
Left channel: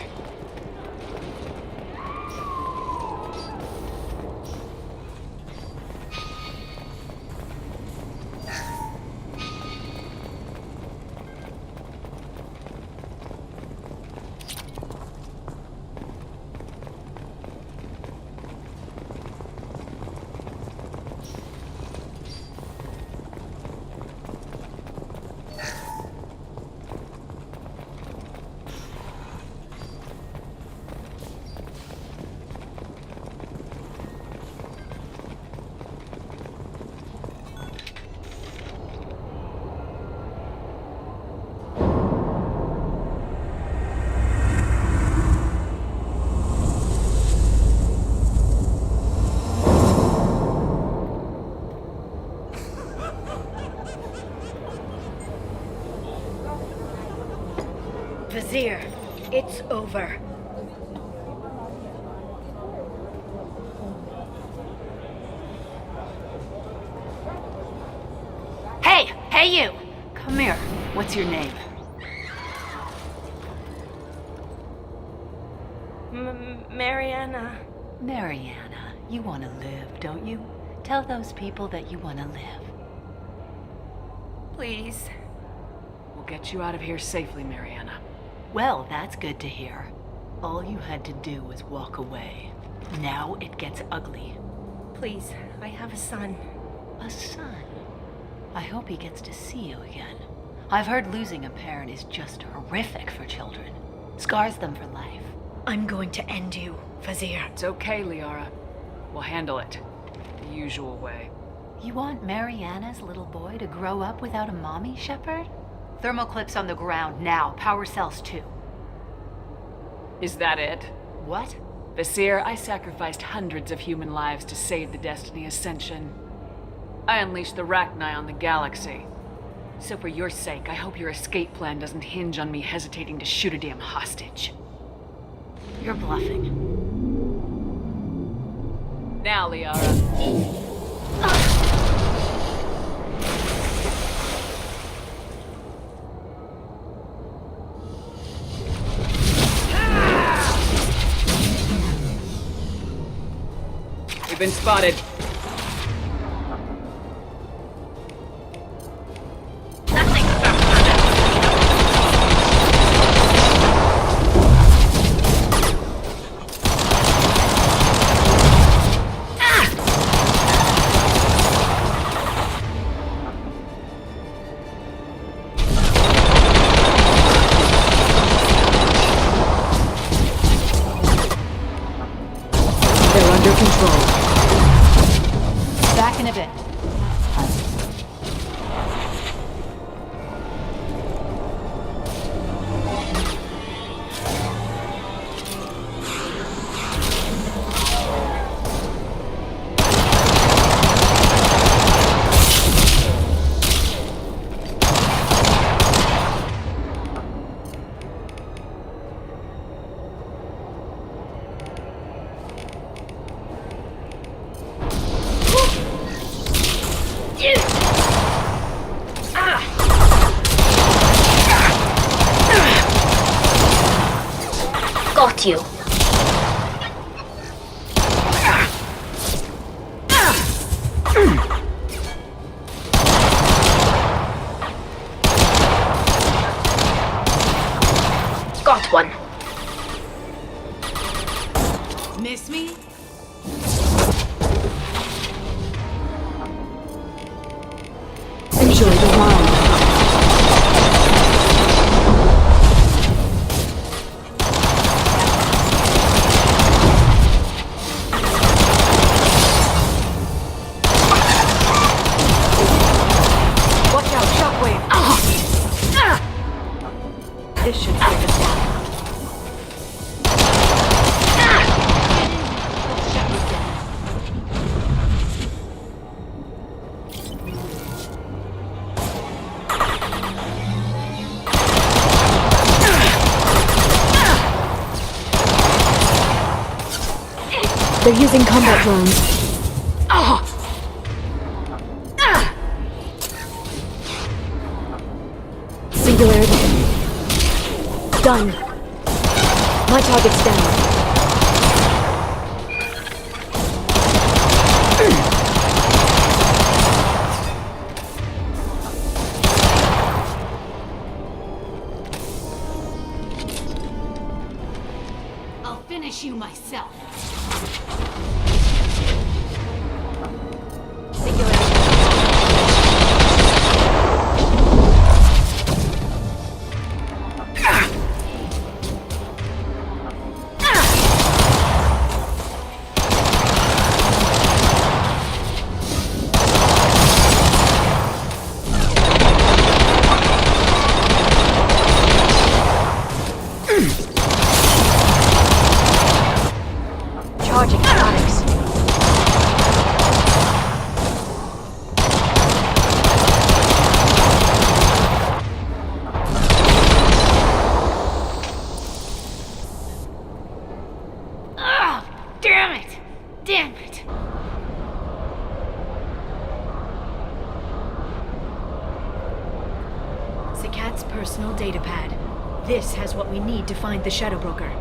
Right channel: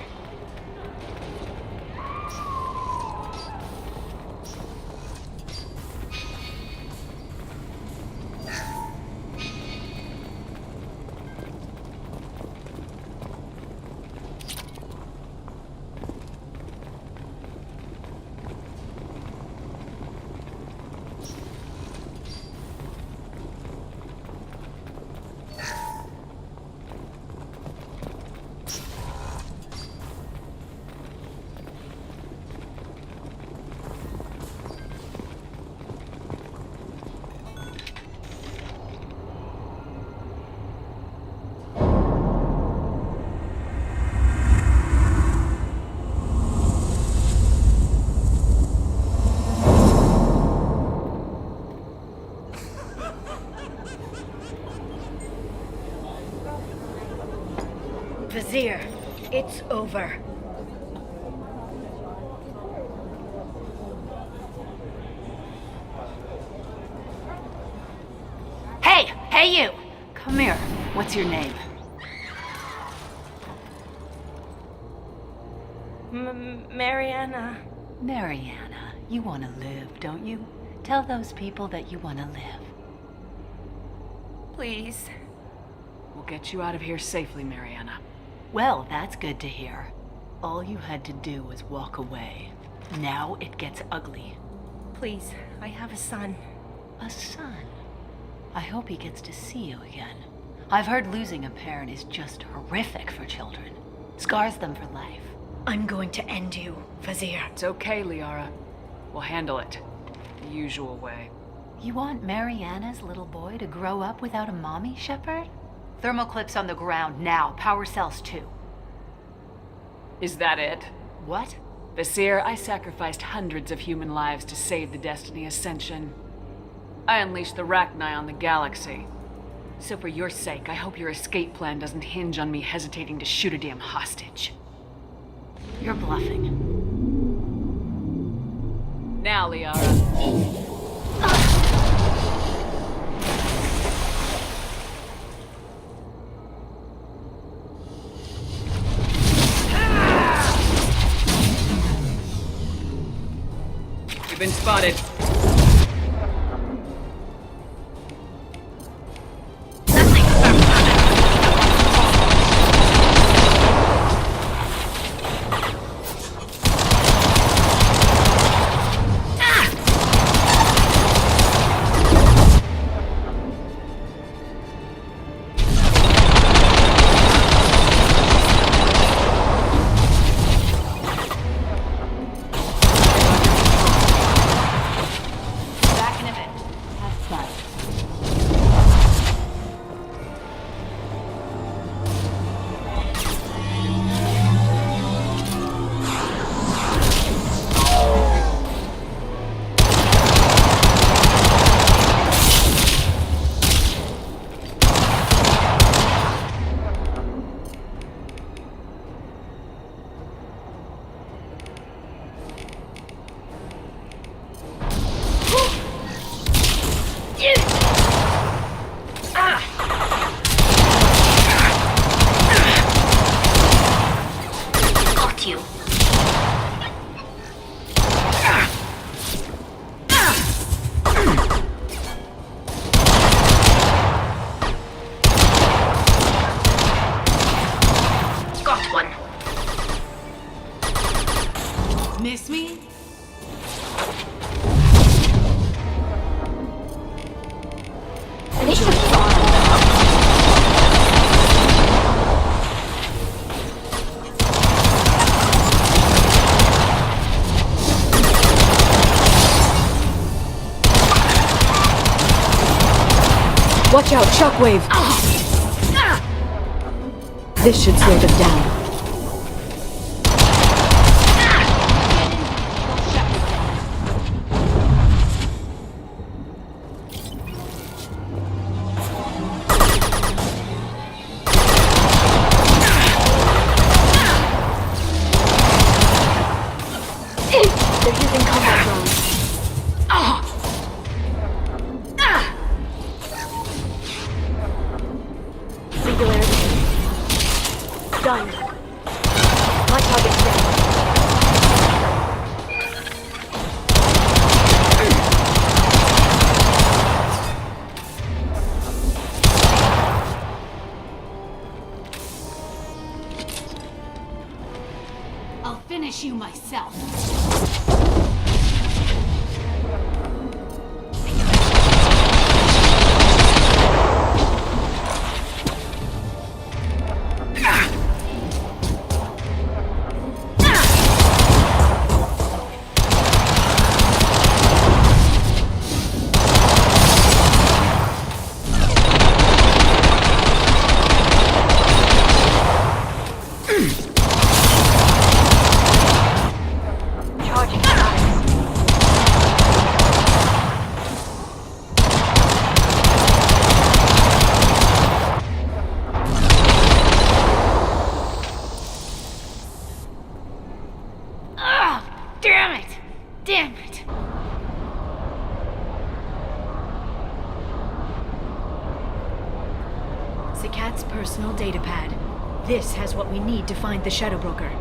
Vizier, it's over. Hey! Hey, you! Come here. What's your name? Mariana. Mariana. You want to live, don't you? Tell those people that you want to live. Please. We'll get you out of here safely, Mariana. Well, that's good to hear. All you had to do was walk away. Now it gets ugly. Please, I have a son. A son? I hope he gets to see you again. I've heard losing a parent is just horrific for children. Scars them for life. I'm going to end you, Vizier. It's okay, Liara. We'll handle it. The usual way. You want Mariana's little boy to grow up without a mommy, Shepard? Thermal clips on the ground now. Power cells too. Is that it? What? Vizier, I sacrificed hundreds of human lives to save the Destiny Ascension. I unleashed the Rachni on the galaxy. So for your sake, I hope your escape plan doesn't hinge on me hesitating to shoot a damn hostage. You're bluffing. Now, Liara. We've been spotted. Got you. Got one. Miss me? They should line them up. Watch out, shockwave! This should slow them down. Get in here and kill Shepard, damn it. They're using combat drones. Singularity. Done. My target's down. I'll finish you myself. Damn it! Zakat's personal datapad. This has what we need to find the Shadow Broker.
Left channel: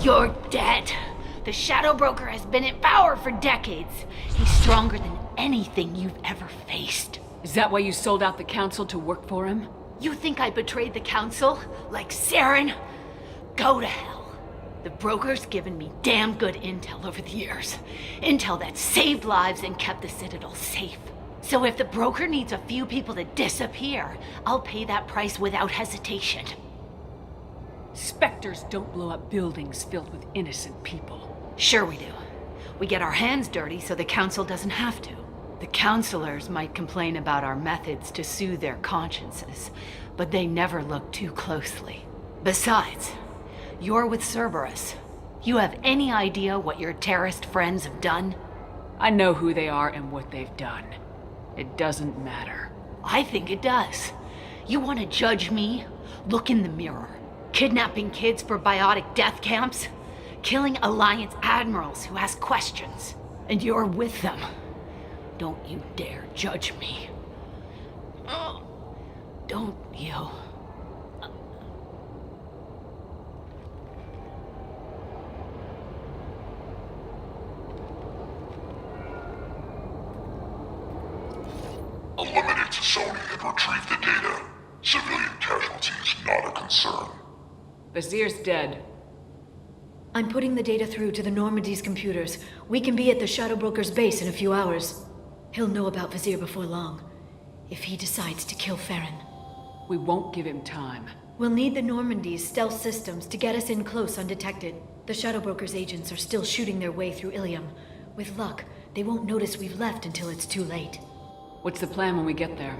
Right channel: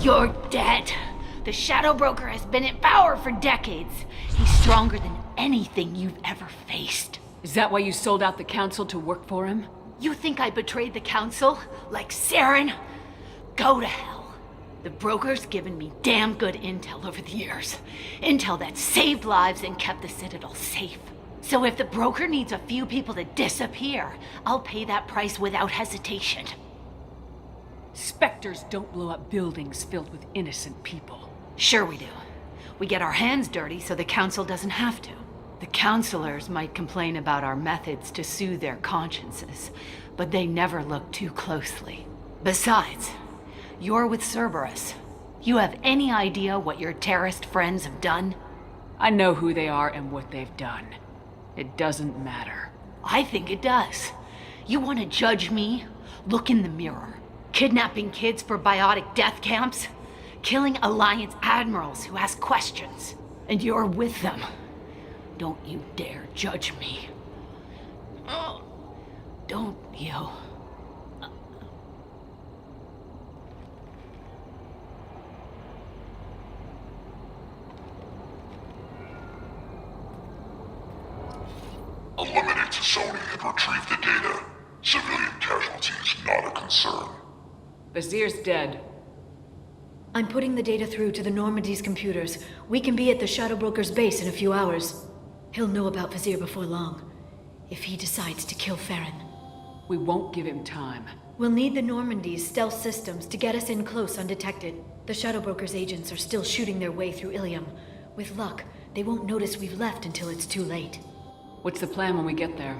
You're dead. The Shadow Broker has been in power for decades. He's stronger than anything you've ever faced. Is that why you sold out the Council to work for him? You think I betrayed the Council? Like Saren? Go to hell. The Broker's given me damn good intel over the years. Intel that saved lives and kept the Citadel safe. So if the Broker needs a few people to disappear, I'll pay that price without hesitation. Spectres don't blow up buildings filled with innocent people. Sure we do. We get our hands dirty so the Council doesn't have to. The Councilors might complain about our methods to soothe their consciences, but they never look too closely. Besides, you're with Cerberus. You have any idea what your terrorist friends have done? I know who they are and what they've done. It doesn't matter. I think it does. You want to judge me? Look in the mirror. Kidnapping kids for biotic death camps? Killing Alliance admirals who ask questions. And you're with them. Don't you dare judge me. Oh, don't you? Eliminate Sony and retrieve the data. Civilian casualties not a concern. Vazir's dead. I'm putting the data through to the Normandy's computers. We can be at the Shadow Broker's base in a few hours. He'll know about Vazir before long. If he decides to kill Farron. We won't give him time. We'll need the Normandy's stealth systems to get us in close undetected. The Shadow Broker's agents are still shooting their way through Ilium. With luck, they won't notice we've left until it's too late. What's the plan when we get there?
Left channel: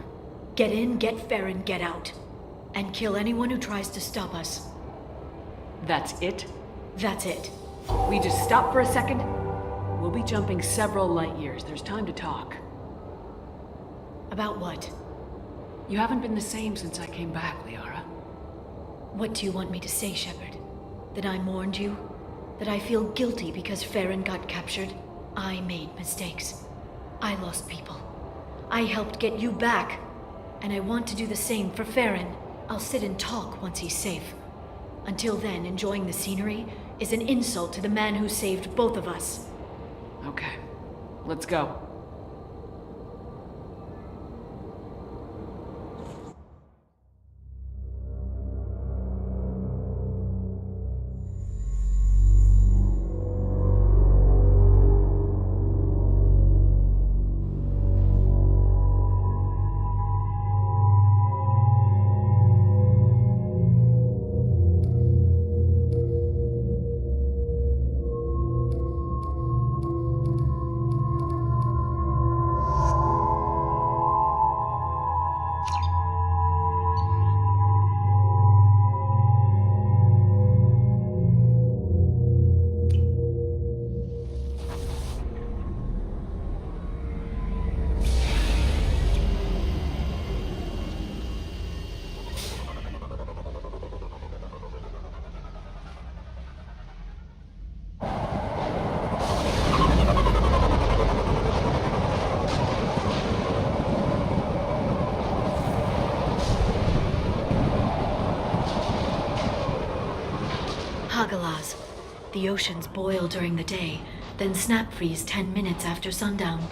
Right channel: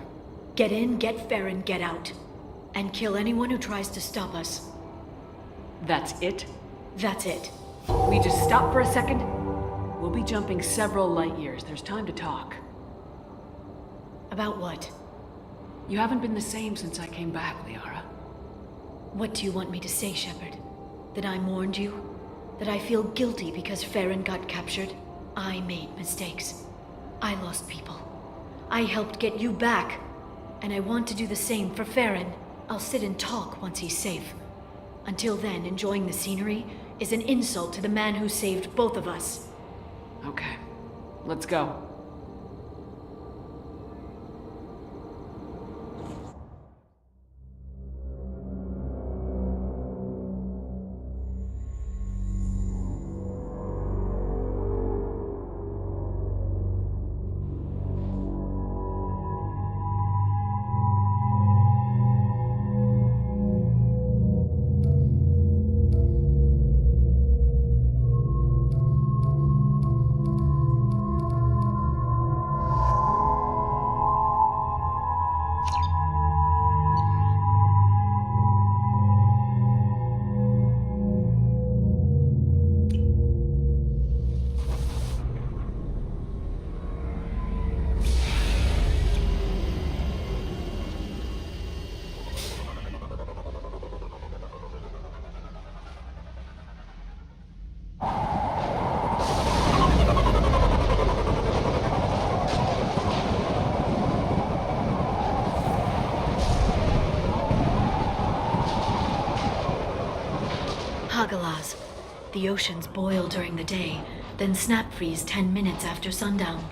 Get in, get Farron, get out. And kill anyone who tries to stop us. That's it? That's it. We just stop for a second? We'll be jumping several light years. There's time to talk. About what? You haven't been the same since I came back, Liara. What do you want me to say, Shepard? That I mourned you? That I feel guilty because Farron got captured? I made mistakes. I lost people. I helped get you back. And I want to do the same for Farron. I'll sit and talk once he's safe. Until then, enjoying the scenery is an insult to the man who saved both of us. Okay. Let's go. Galaz. The oceans boil during the day, then snap freeze 10 minutes after sundown.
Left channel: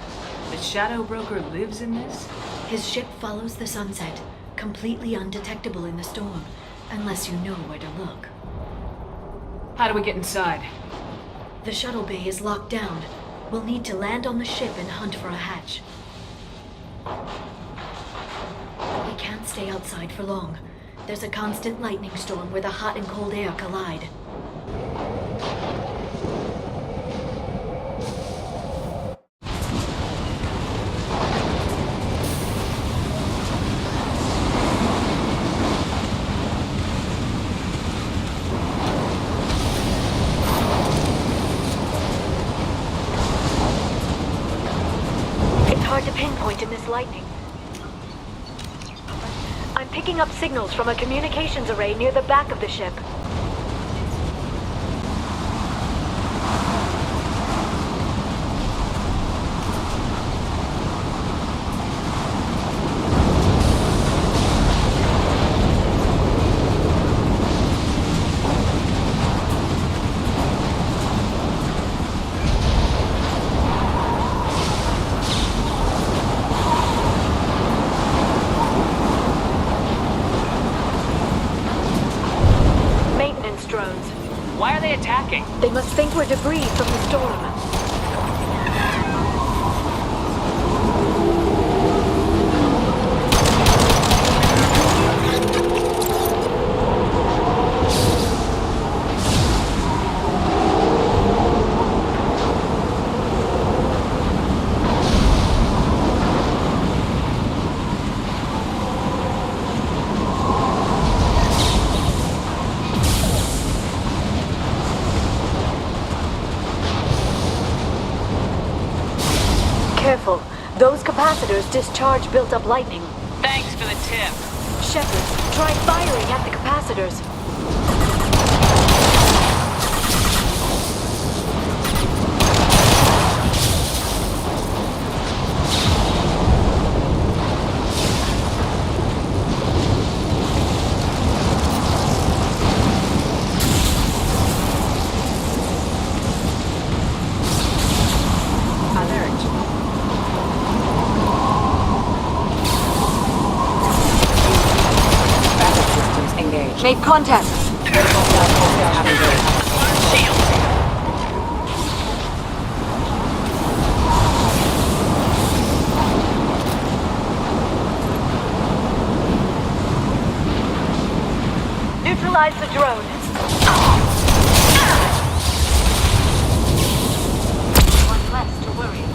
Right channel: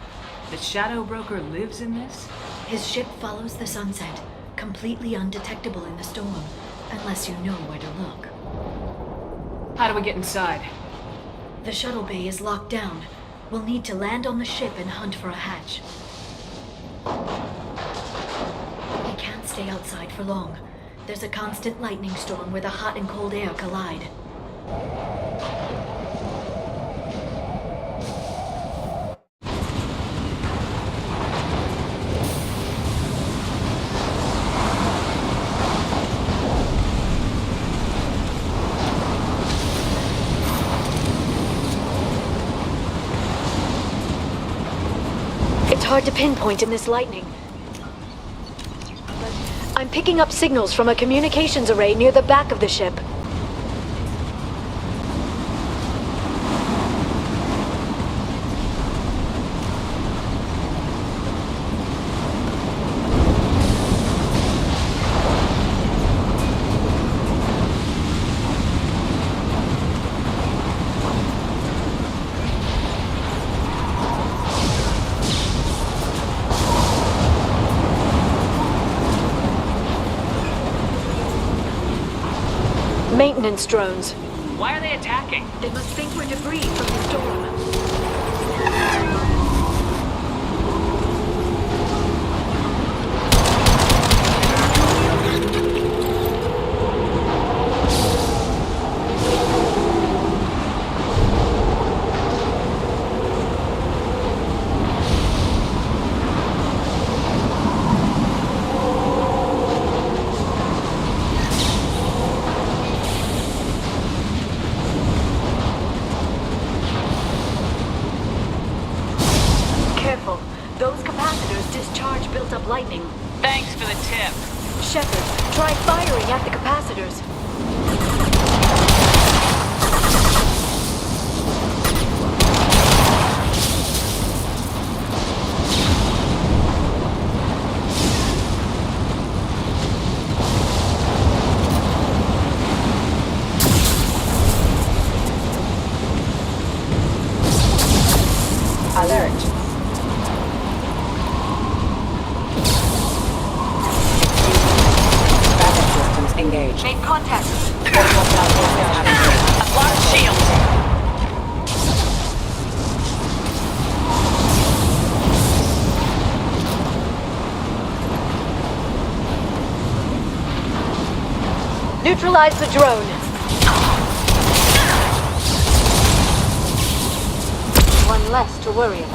The Shadow Broker lives in this? His ship follows the sunset, completely undetectable in the storm, unless you know where to look. How do we get inside? The shuttle bay is locked down. We'll need to land on the ship and hunt for a hatch. We can't stay outside for long. There's a constant lightning storm where the hot and cold air collide. It's hard to pinpoint in this lightning. I'm picking up signals from a communications array near the back of the ship. Drones. Why are they attacking? They must think we're debris from the storm. Those capacitors discharge built-up lightning. Thanks for the tip. Shepard, try firing at the capacitors. Alert. Backup systems engaged. Make contact. Alarm shield. Neutralize the drone. One less to worry about.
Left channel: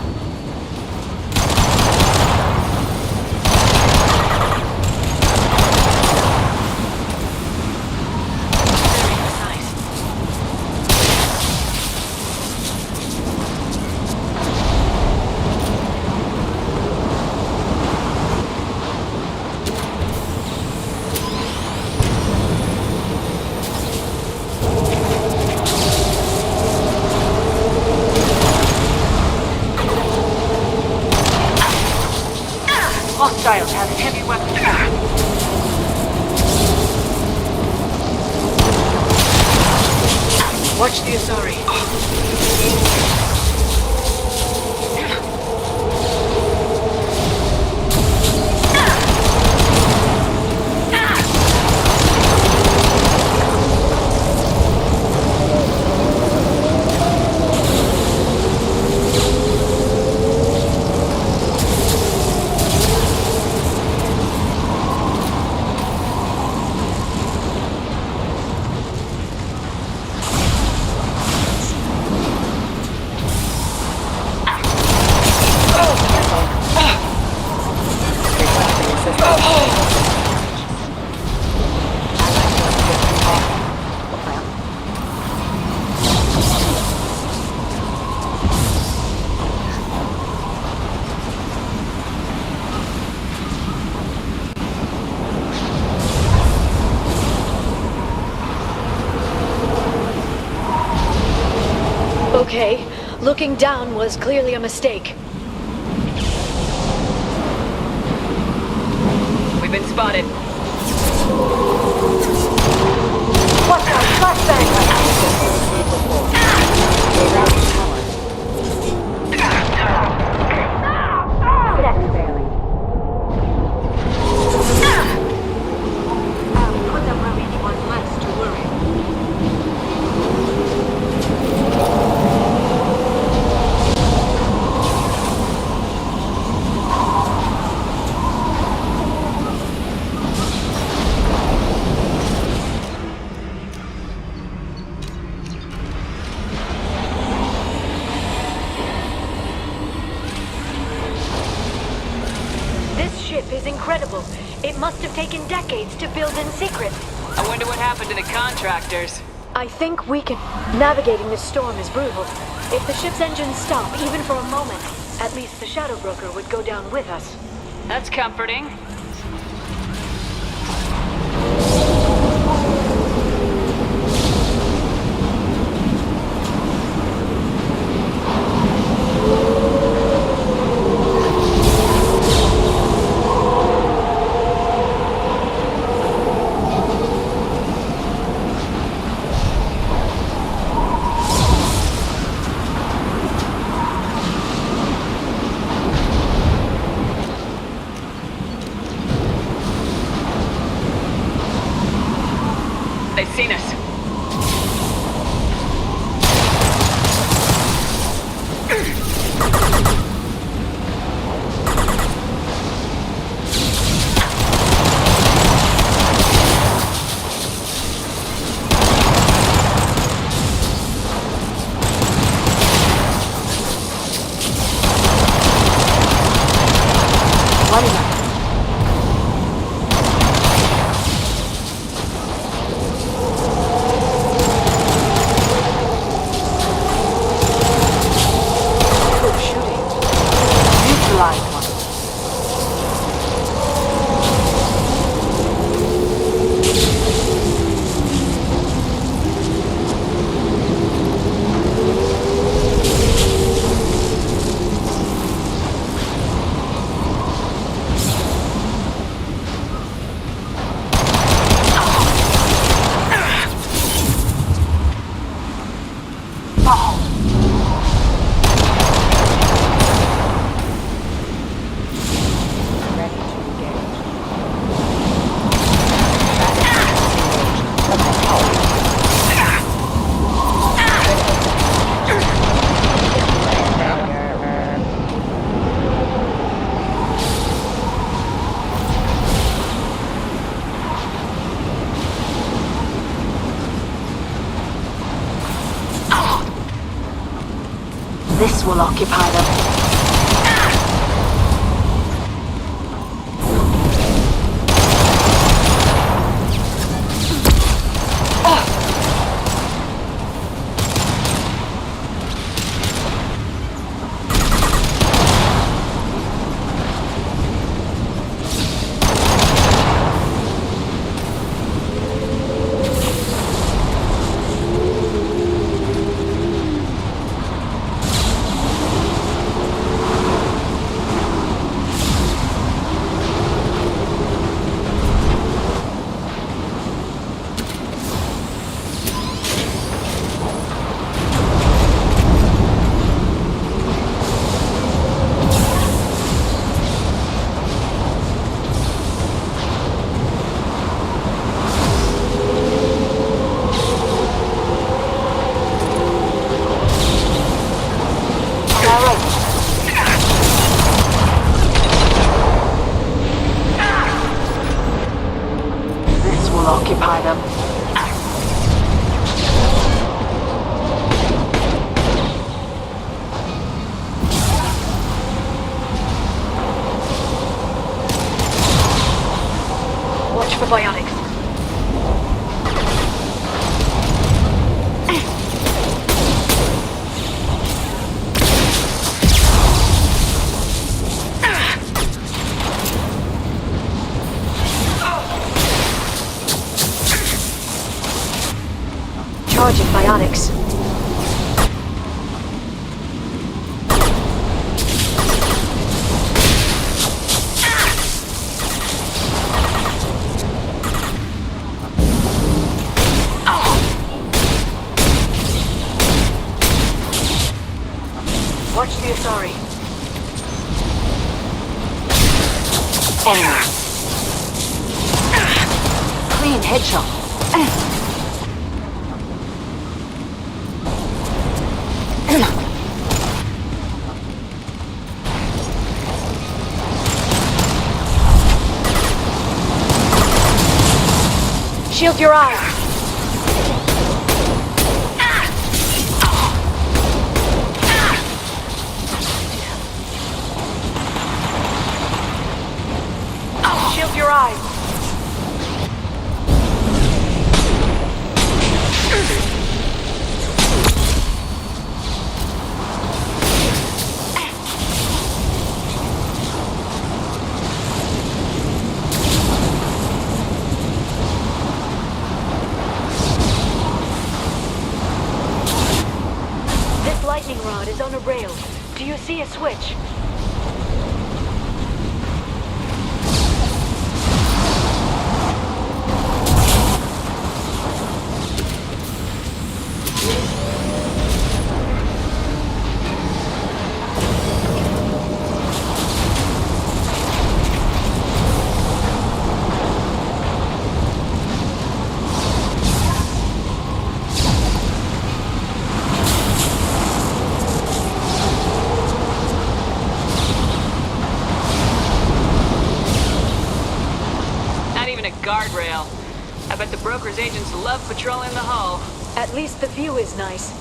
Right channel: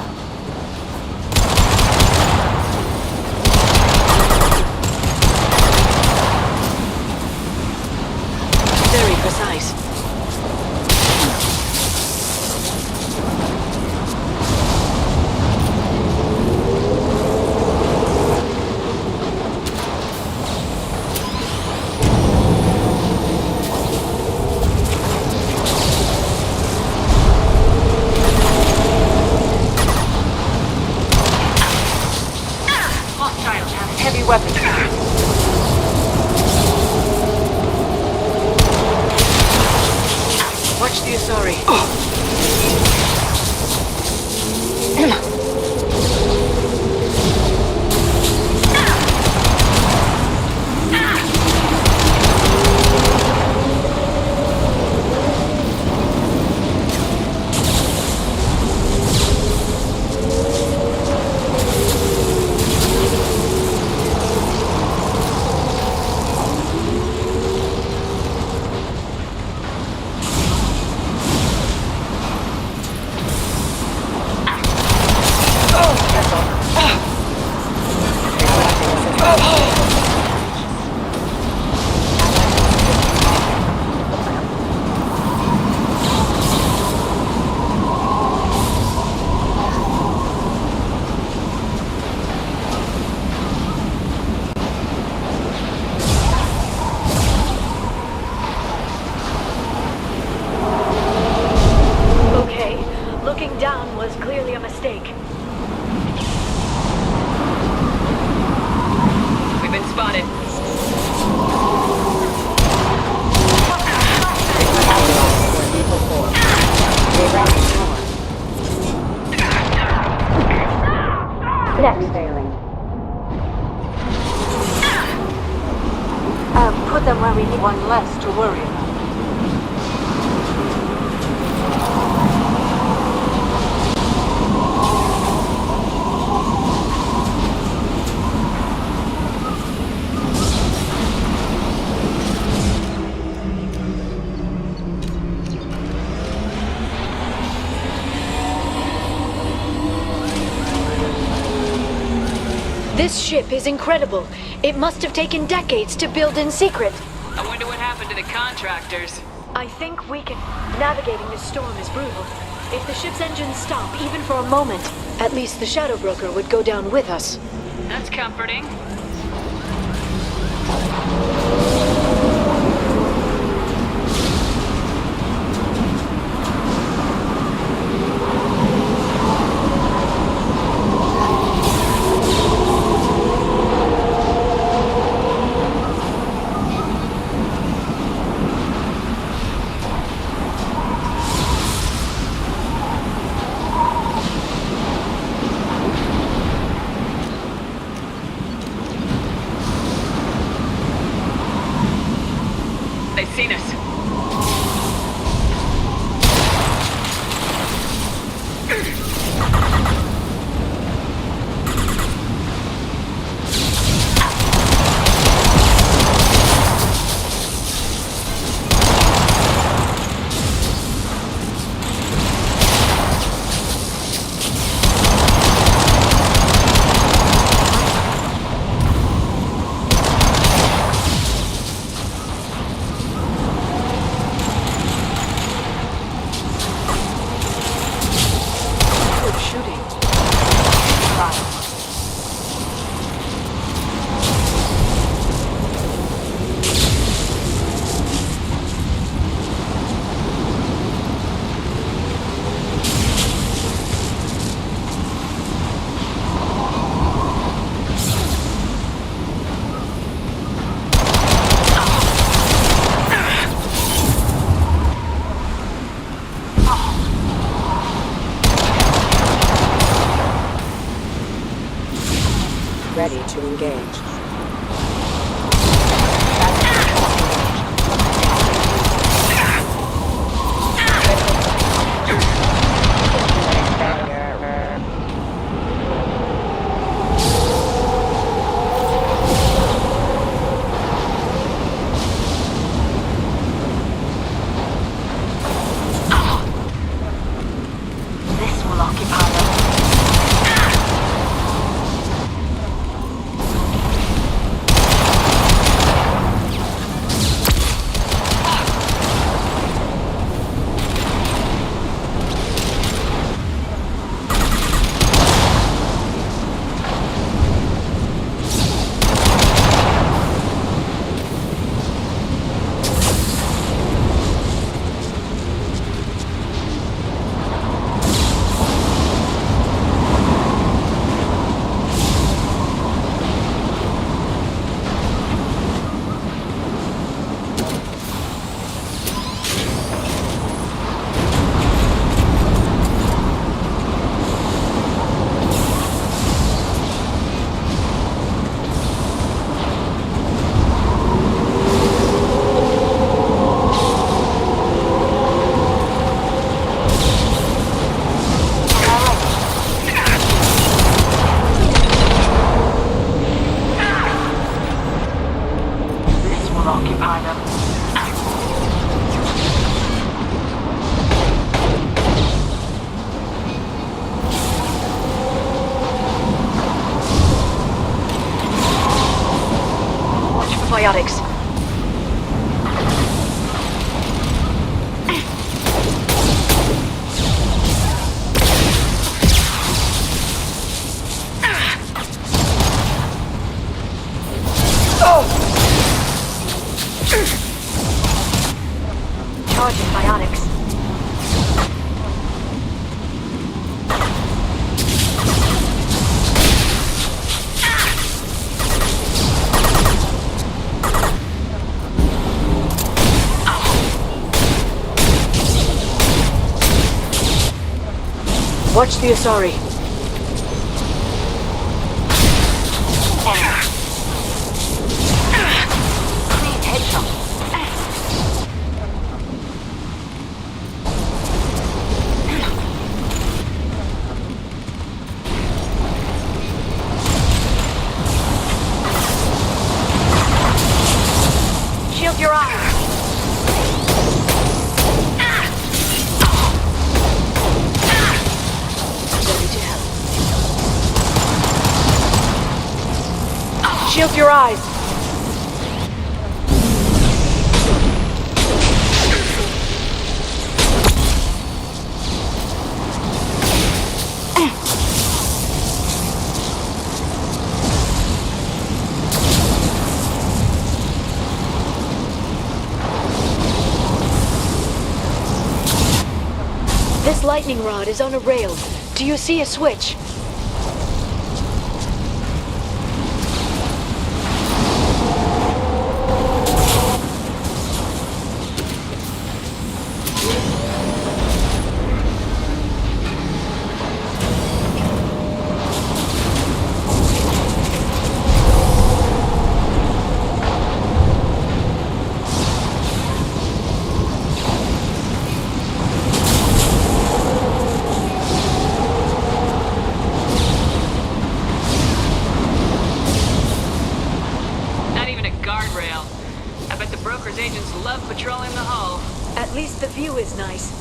Hostiles have heavy weapons. Watch the Asari. Looking down was clearly a mistake. We've been spotted. weapon failing. Put them where we need one less to worry about. This ship is incredible. It must have taken decades to build in secret. I wonder what happened to the contractors. I think we can. Navigating this storm is brutal. If the ship's engines stop, even for a moment, At least the Shadow Broker would go down with us. That's comforting. They've seen us. this will occupy them. Biotics. Charging biotics. Watch the Asari. Shield your eyes! Shield your eyes! This lightning rod is on a rail. Do you see a switch? Guardrail. I bet the broker's agents love patrolling the hull. At least the view is nice.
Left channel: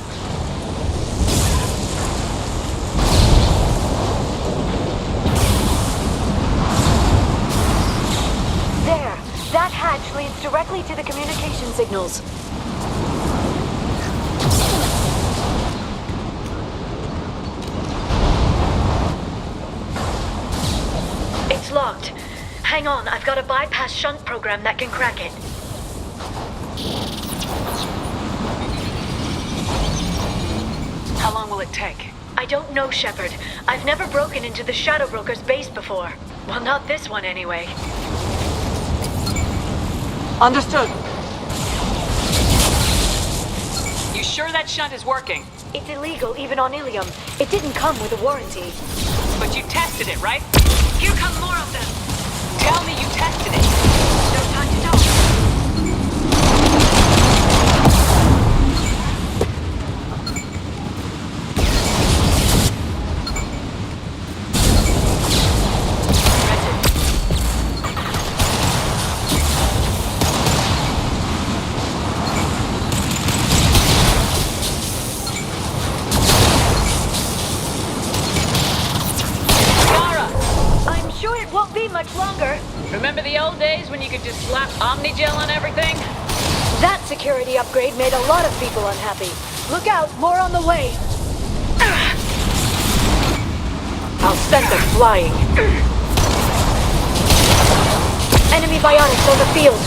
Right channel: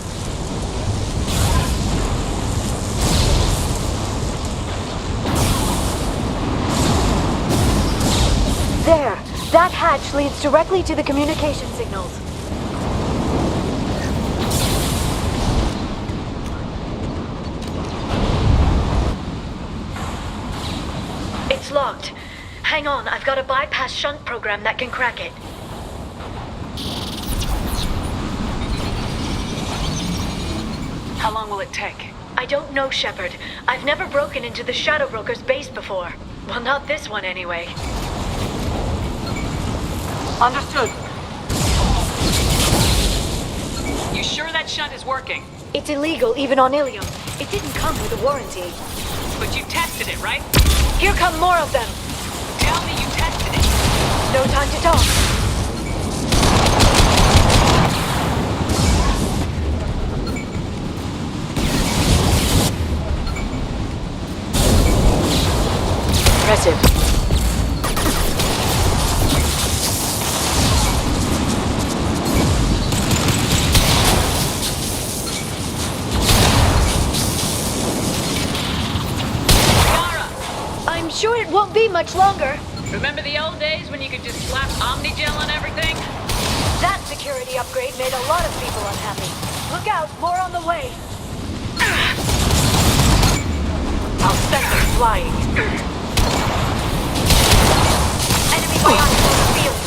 There! That hatch leads directly to the communication signals. It's locked. Hang on, I've got a bypass shunt program that can crack it. How long will it take? I don't know, Shepard. I've never broken into the Shadow Broker's base before. Well, not this one anyway. Understood. You sure that shunt is working? It's illegal even on Ilium. It didn't come with a warranty. But you tested it, right? Here come more of them! Tell me you tested it. No time to talk. Impressive. Sure it won't be much longer. Remember the old days when you could just slap Omnigel on everything? That security upgrade made a lot of people unhappy. Look out, more on the way. I'll set them flying. Enemy bionics on the field.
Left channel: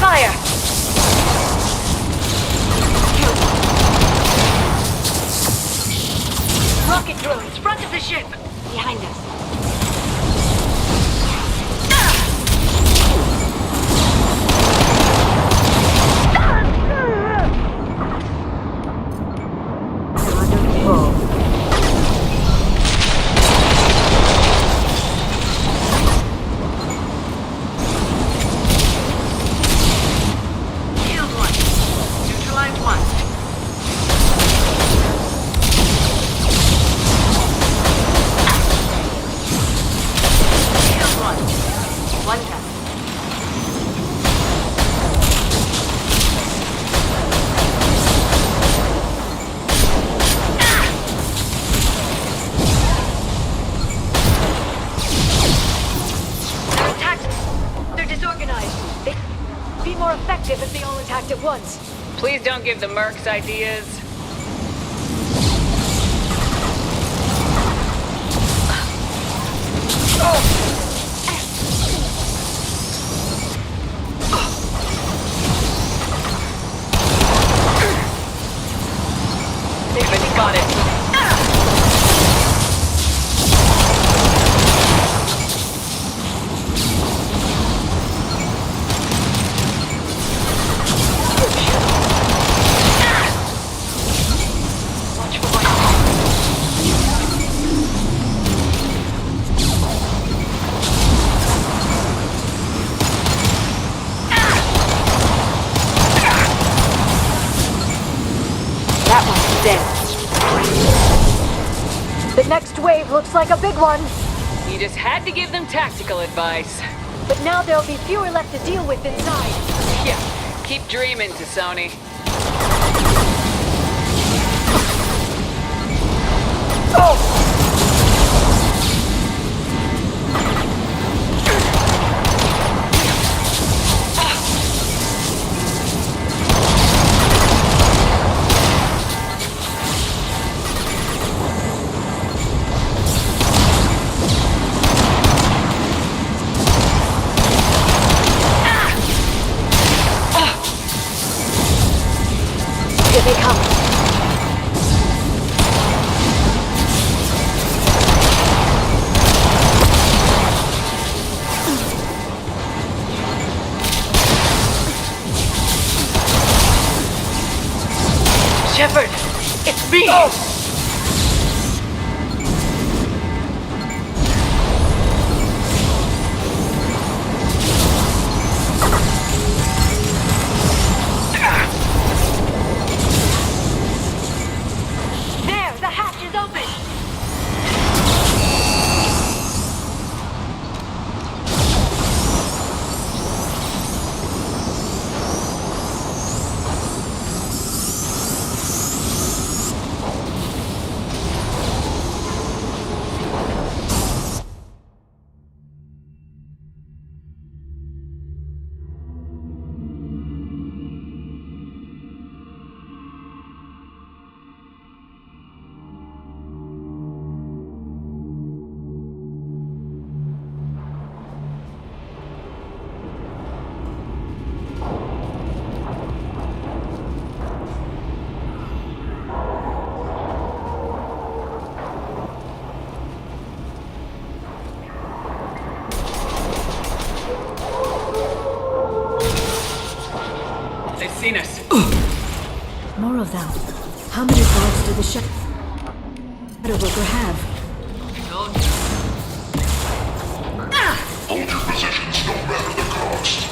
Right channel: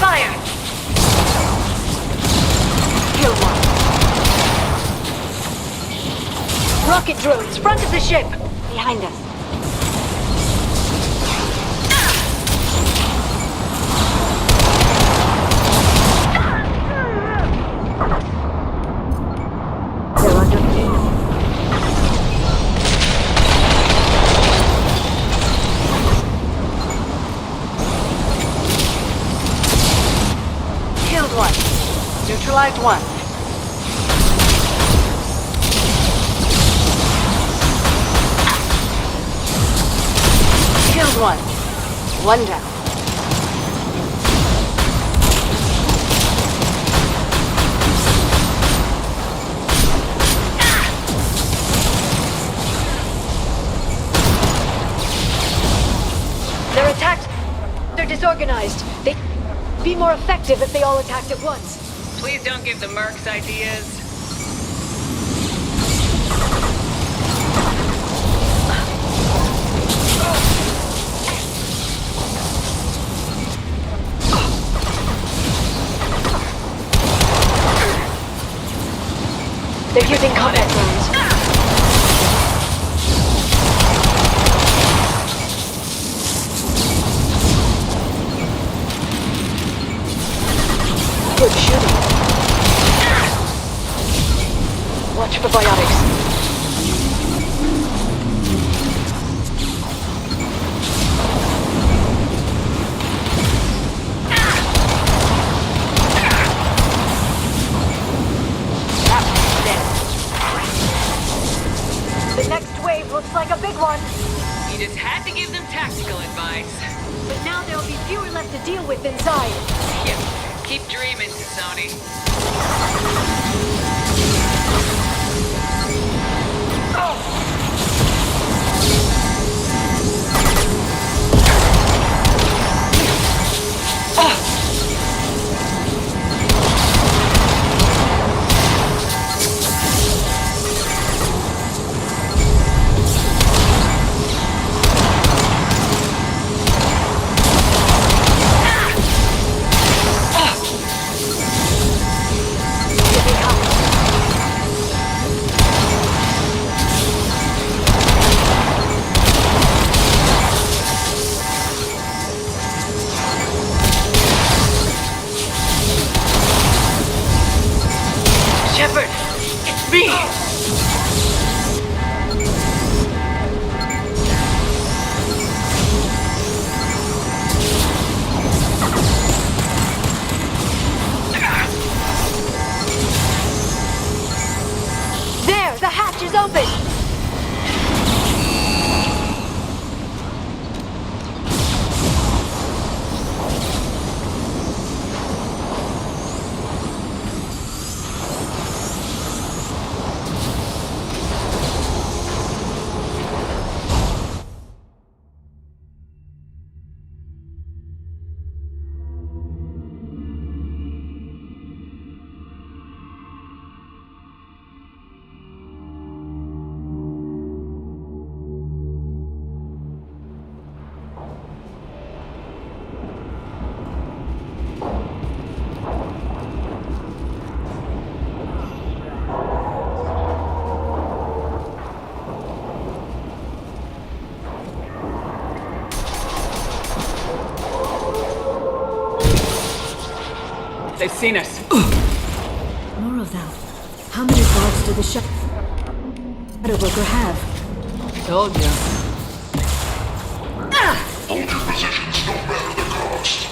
Fire! Killed one. Rocket droids, front of the ship. Behind us. They're under control. One. Neutralized one. Killed one. One down. They're attacked. They're disorganized. They'd be more effective if they all attacked at once. Please don't give the mercs ideas. They're using spotted. Watch for bionics. a big one. You just had to give them tactical advice. But now there'll be fewer left to deal with inside. Yeah, keep dreaming, Tassoni. Shepard, it's me! There, the hatch is open! They've seen us. More of them. How many guards do the Shadow Broker have? Told you. Hold your positions, no matter the cost.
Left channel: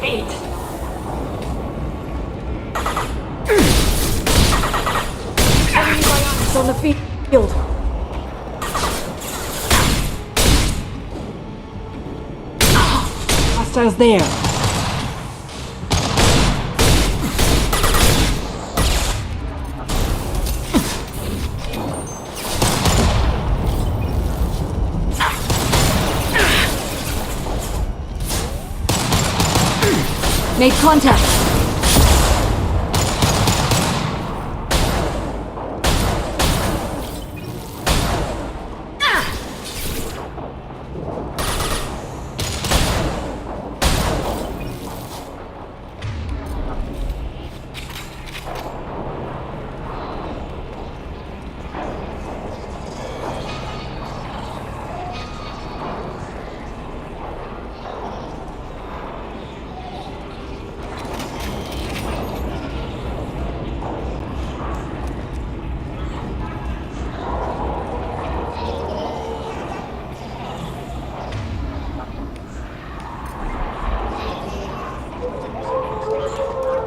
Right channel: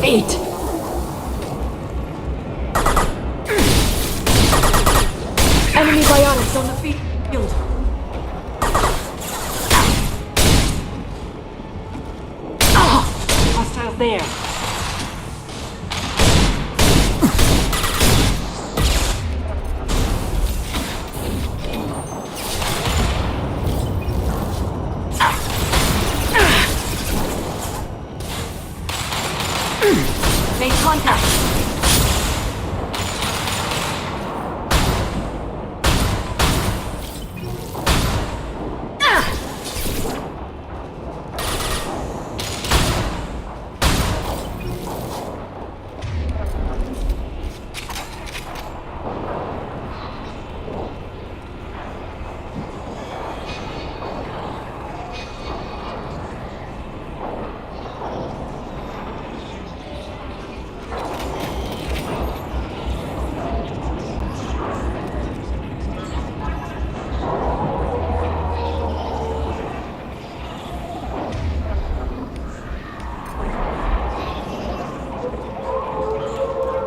Feet. Enemy biotics on the field. Hostiles there. Made contact.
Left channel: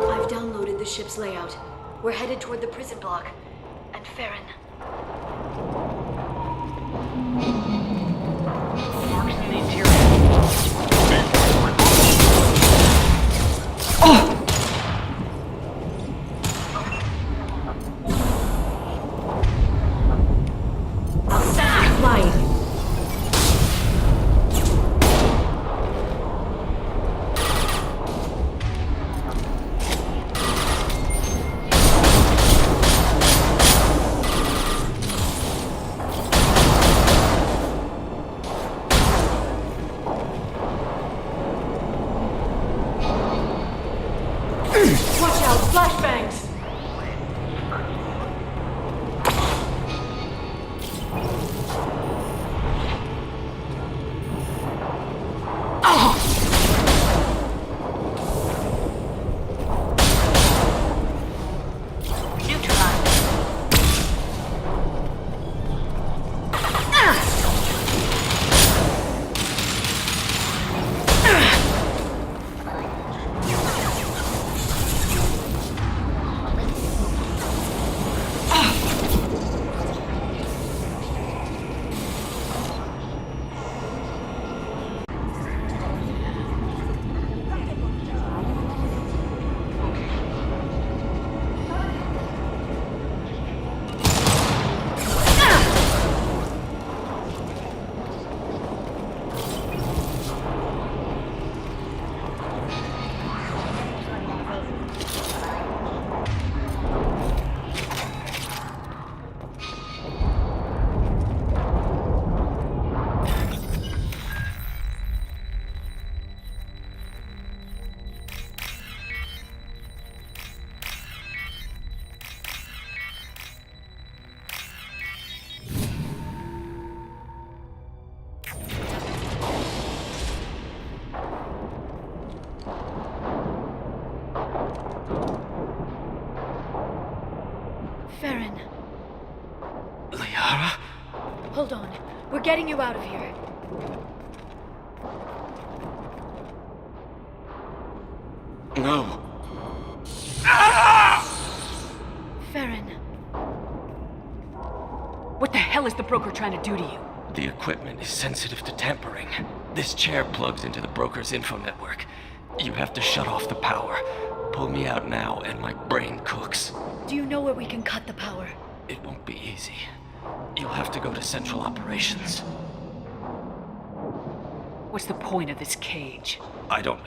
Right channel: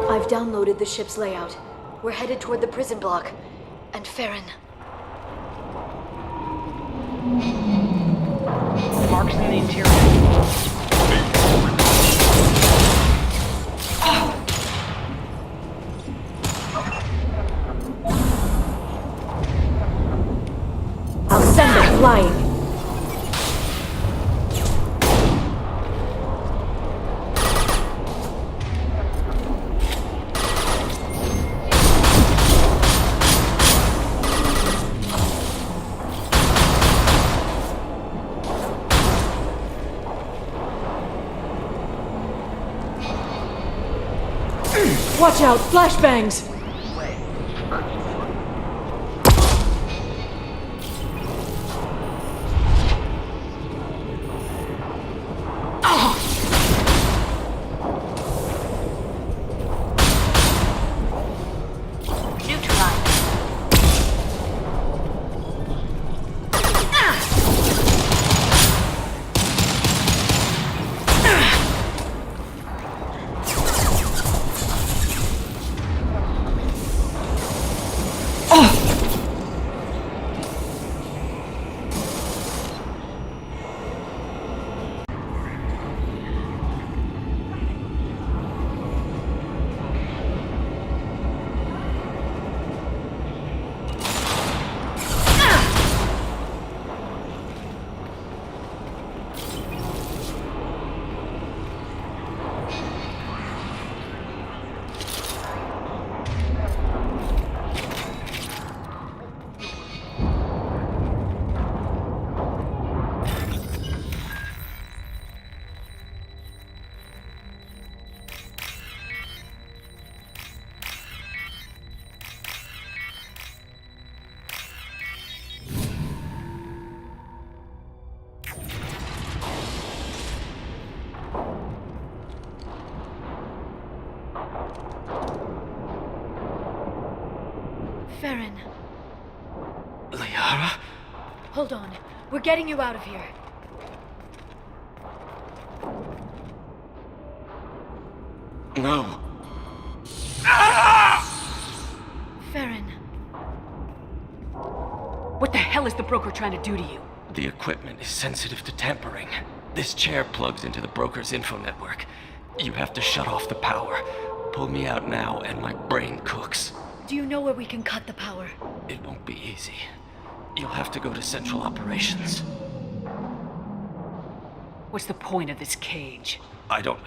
I've downloaded the ship's layout. We're headed toward the prison block. And Farron. Marks in the interior. flying. Watch out! Flashbangs! Farron. Liara? Hold on. We're getting you out of here. No. Farron. What the hell is the broker trying to do to you? The equipment is sensitive to tampering. This chair plugs into the broker's info network. You have to shut off the power. Pull me out now and my brain cooks. Do you know where we can cut the power? It won't be easy. You'll have to go to Central Operations. What's the point of this cage? I don't...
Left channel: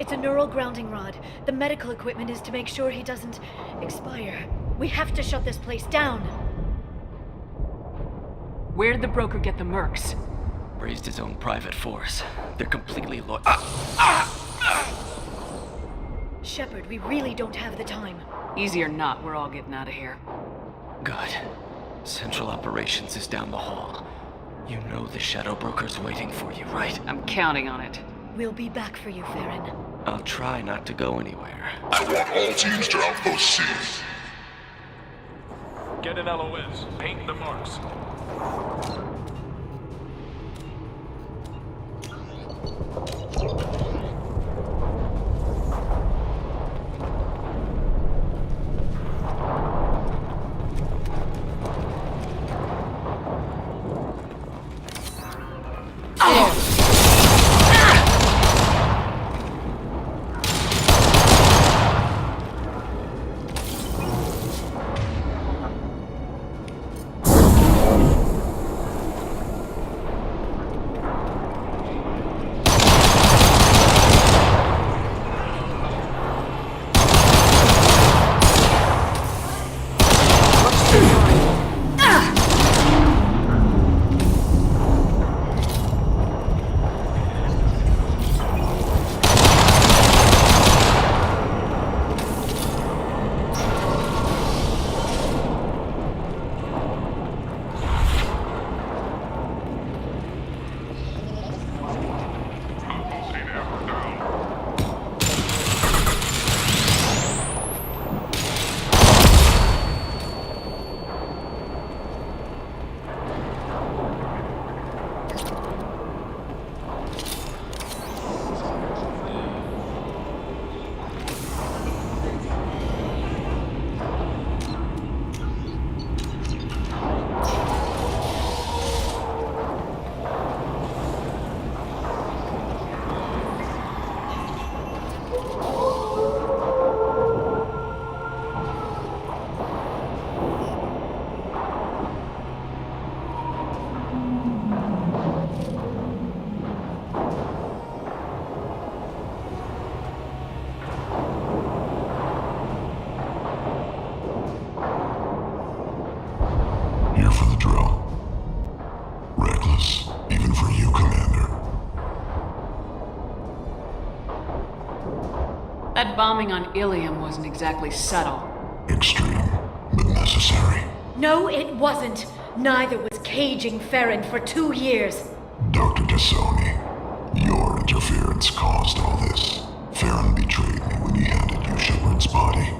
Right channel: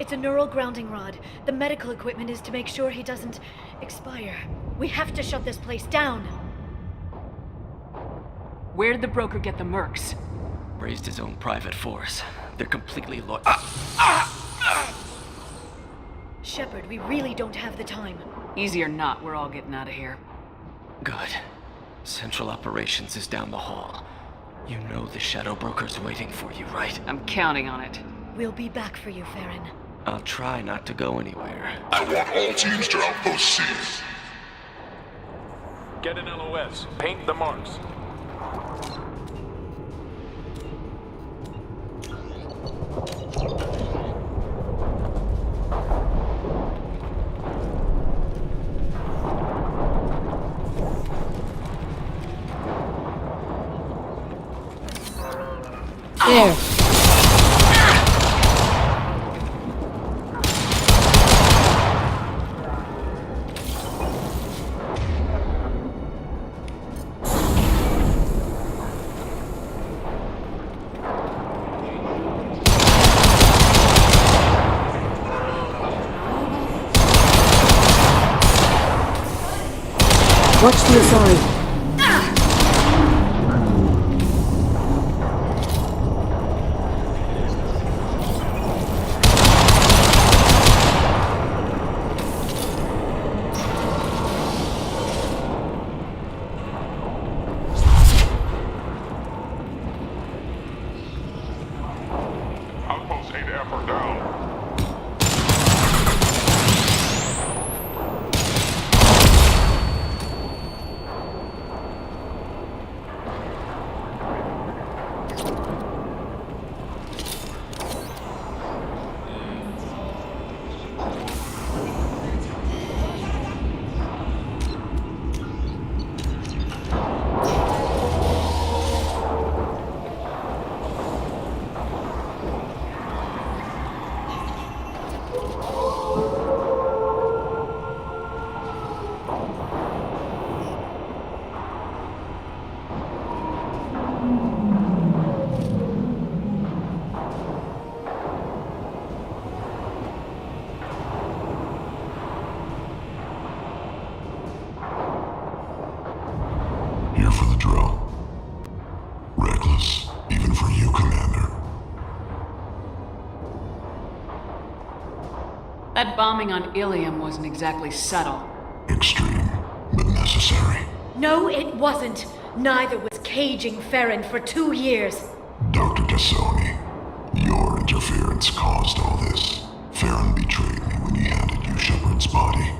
It's a neural grounding rod. The medical equipment is to make sure he doesn't expire. We have to shut this place down. Where did the broker get the mercs? Raised his own private force. They're completely Shepard, we really don't have the time. Easy or not, we're all getting out of here. Good. Central Operations is down the hall. You know the Shadow Broker's waiting for you, right? I'm counting on it. We'll be back for you, Farron. I'll try not to go anywhere. I want all teams to Outpost C. Get an LOS. Paint the marks. Watch this on. Outpost 8F are down. Here for the drill. Reckless, even for you, Commander. That bombing on Ilium wasn't exactly subtle. Extreme, but necessary. No, it wasn't. Neither was caging Farron for 2 years. Dr. Tassoni, your interference caused all this. Farron betrayed me when he handed you Shepard's body.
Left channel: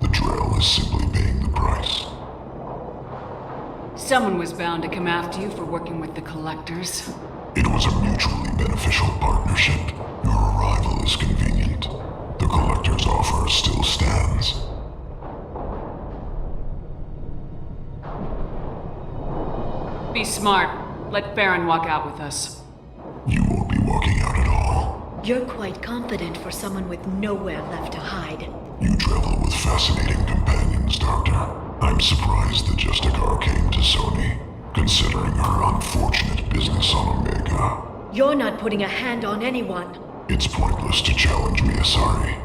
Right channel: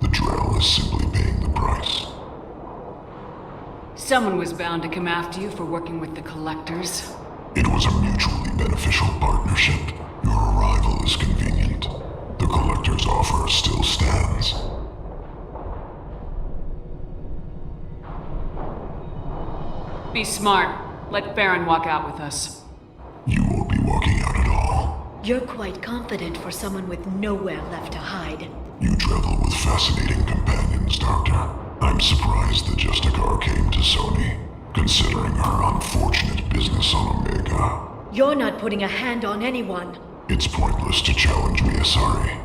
The Drell is simply paying the price. Someone was bound to come after you for working with the Collectors. It was a mutually beneficial partnership. Your arrival is convenient. The Collector's offer still stands. Be smart. Let Farron walk out with us. You won't be walking out at all. You're quite confident for someone with nowhere left to hide. You travel with fascinating companions, Doctor. I'm surprised the Justicar came to Sony, considering her unfortunate business on Omega. You're not putting a hand on anyone. It's pointless to challenge me, Asari.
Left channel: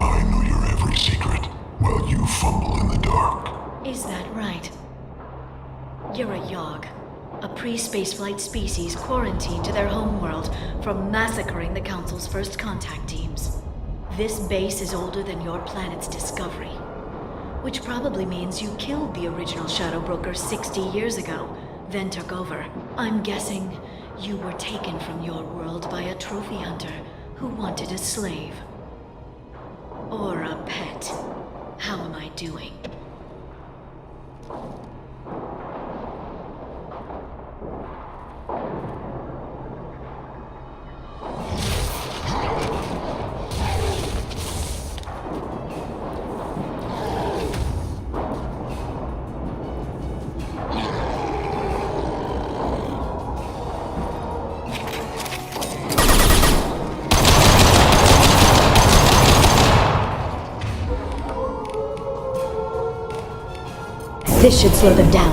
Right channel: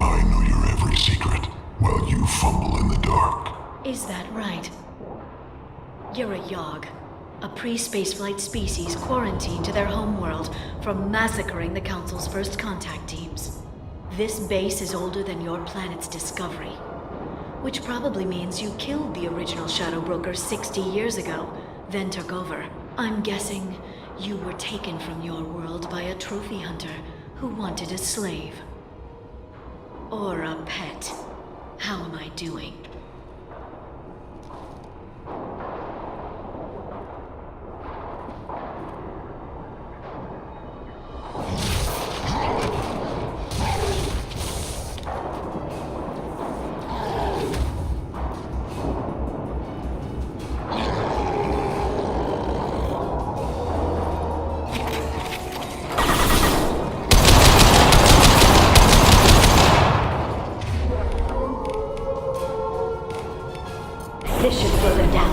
I know your every secret, while you fumble in the dark. Is that right? You're a Yogg, a pre-spaceflight species quarantined to their homeworld from massacring the Council's first contact teams. This base is older than your planet's discovery, which probably means you killed the original Shadow Broker 60 years ago, then took over. I'm guessing you were taken from your world by a trophy hunter who wanted a slave. Or a pet. How am I doing? This should slow them down.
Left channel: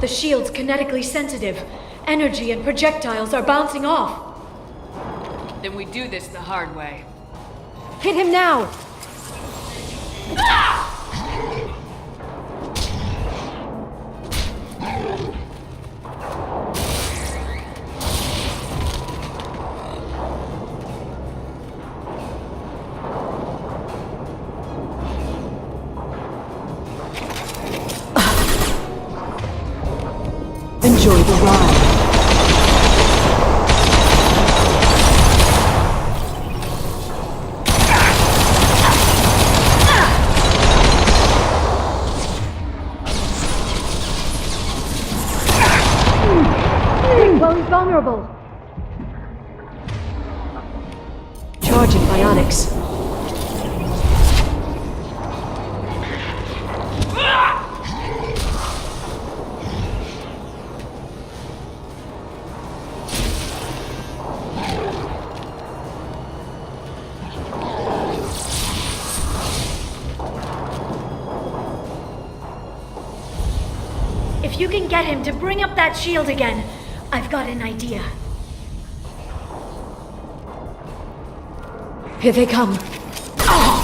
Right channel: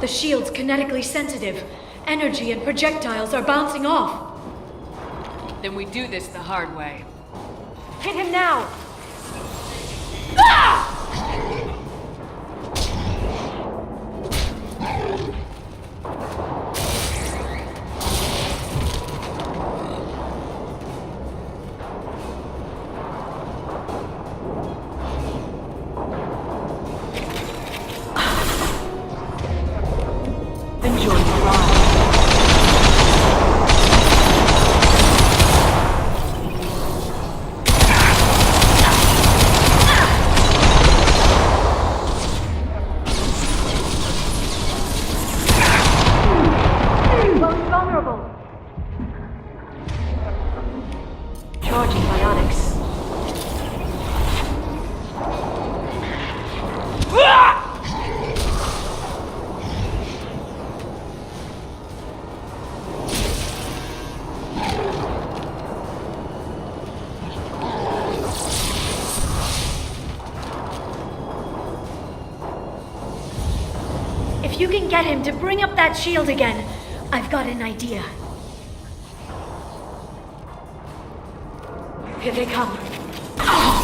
The shield's kinetically sensitive. Energy and projectiles are bouncing off. Then we do this the hard way. Hit him now! Enjoy the ride. Vulnerable. Charging bionics. If you can get him to bring up that shield again, I've got an idea. Here they come. Oh!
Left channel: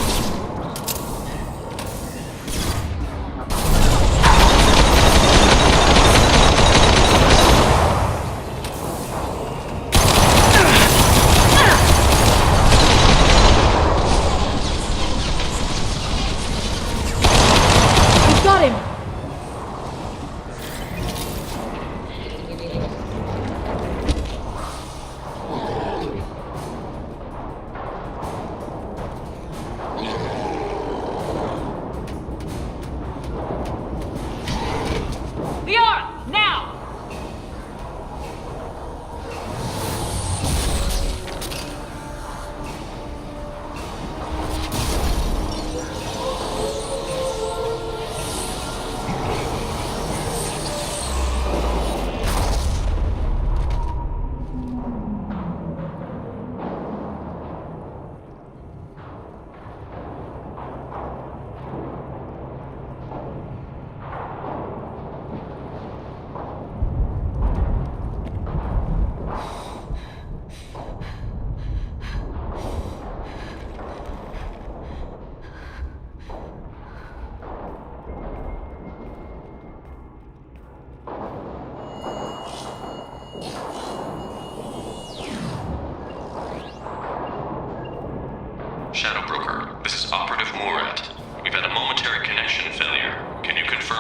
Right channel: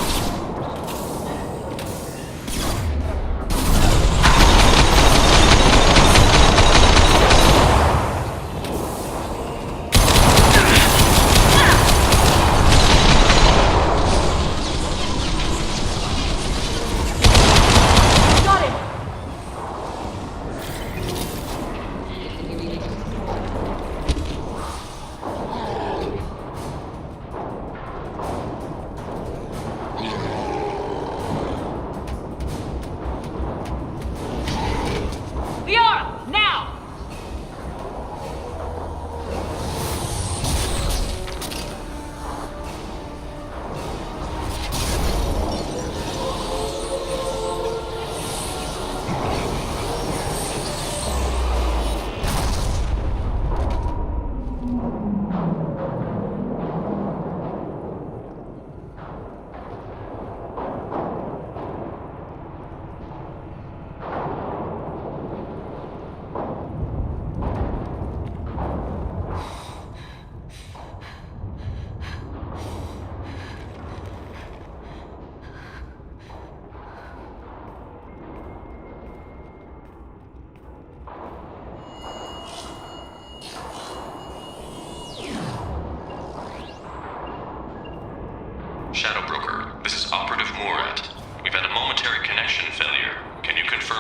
Got him!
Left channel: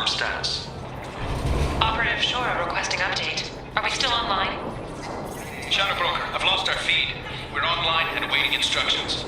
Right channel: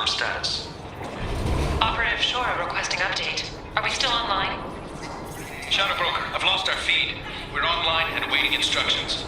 status. Operative Shora requesting update. Are we still online? Shadow Broker, I've lost our feed. We're online and awaiting instructions.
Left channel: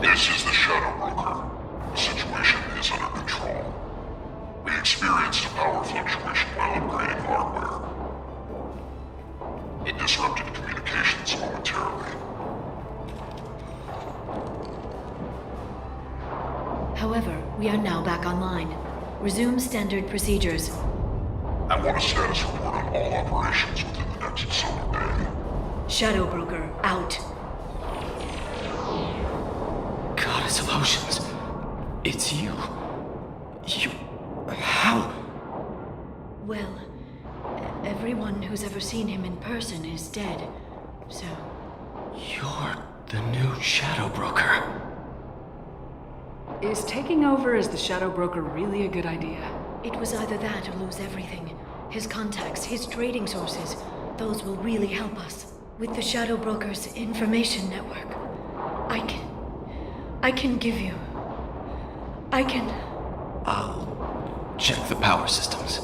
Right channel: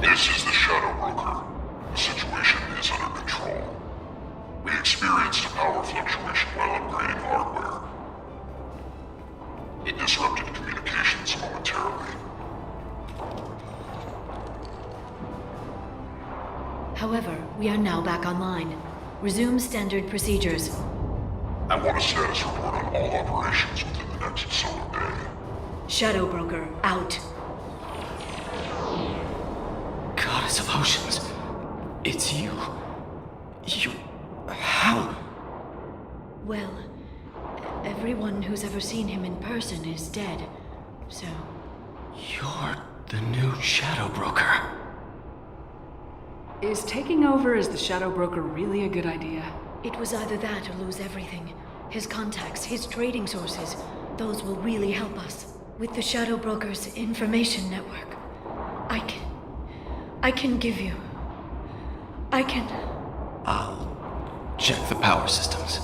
This is the Shadow Broker. The situation is under control. We experienced a power fluctuation while upgrading hardware. It disrupted communications momentarily. However, we are now back online. Resume standard procedures. I want a status report on all operations within the next solar day. Shadow Broker, out. Goddess of Oceans. It's you. How? Well, everyone who's ever seen him in person is dead, so... You're the new Shadow Broker. Is taking over as the Shadow Broker really a good idea? It was either that or lose everything. His contacts, his trading sources, those will really help us. With the Shadow Broker's information network, I can give you... I'll check the power systems.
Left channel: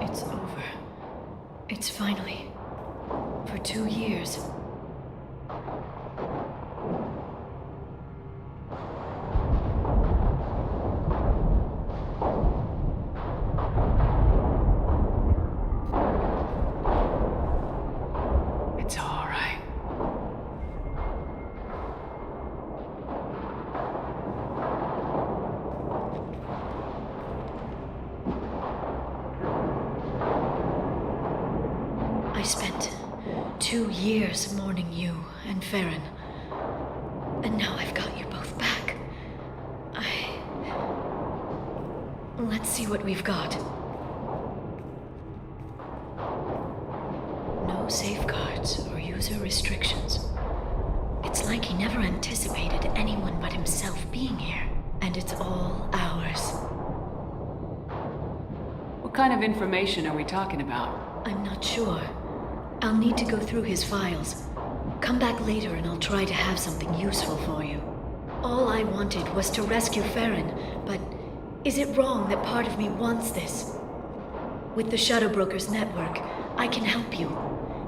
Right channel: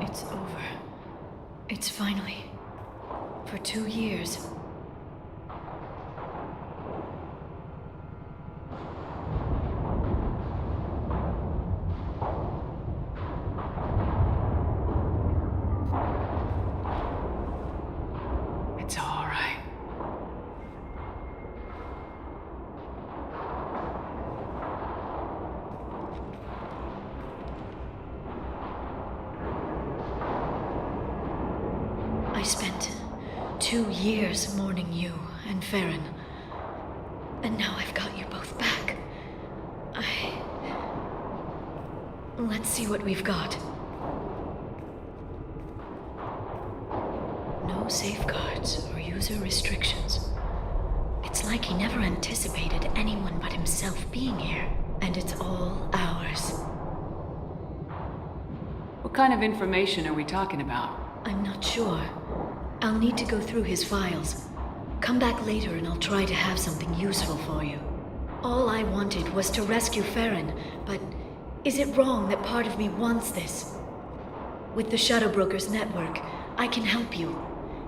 It's over. It's finally... For 2 years. It's all right. I spent 2 years mourning you and Farron. And now I've got you both back. Let's see what we've got. No safeguards or user restrictions. It's like he never anticipated anyone but himself being here. And it's all ours. What kind of information are we talking about? I'm not sure. I'll need to go through his files. Come back later and I'll try to have something useful for you. All I wanted was to rescue Farron, but is it wrong that part of me wants this? With the Shadow Broker's network, I can help you.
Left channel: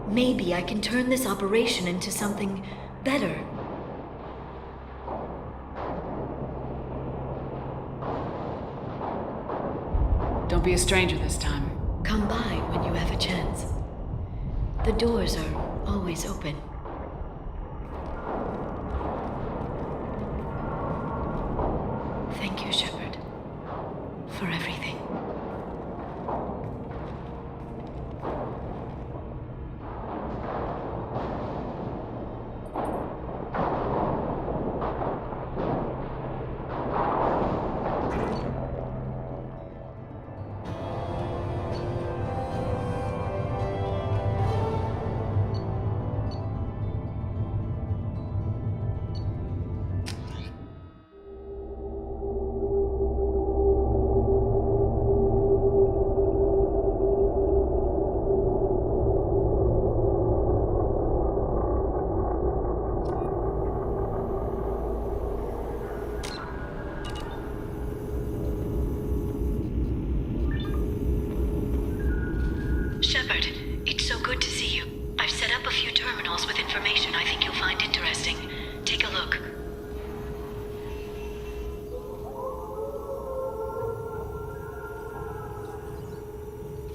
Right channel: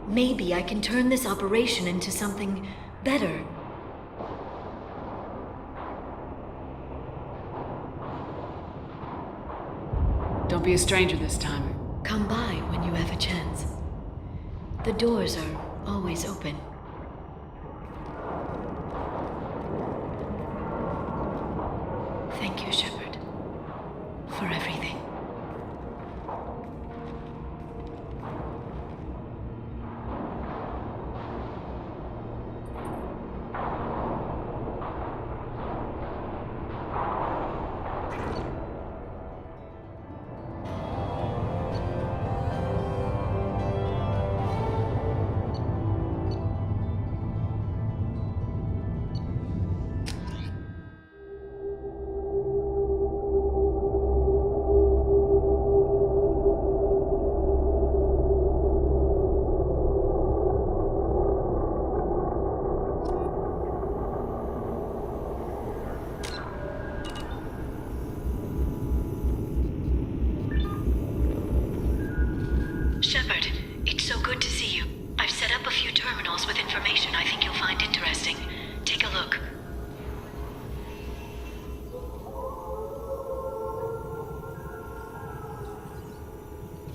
Maybe I can turn this operation into something better. Don't be a stranger this time. Come by when you have a chance. The doors are always open. Thank you, Shepard, for everything. Shepard, it's so good to see you. I've set up a few terminals with information I think you'll find interesting. Take a look.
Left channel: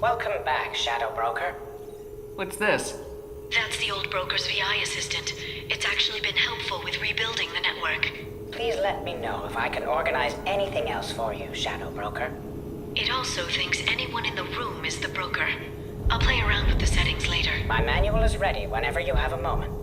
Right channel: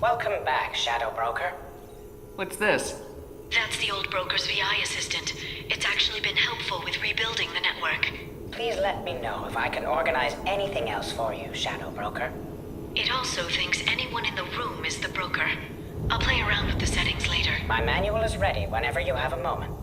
Welcome back, Shadow Broker. What's this? That's the old broker's VI assistant. It's actually been helpful with rebuilding the network. Please let me know if I can organize anything else for you, Shadow Broker. It also thinks anyone in the room is the broker. I'll play around with the settings later. My manual is ready whenever you have a moment.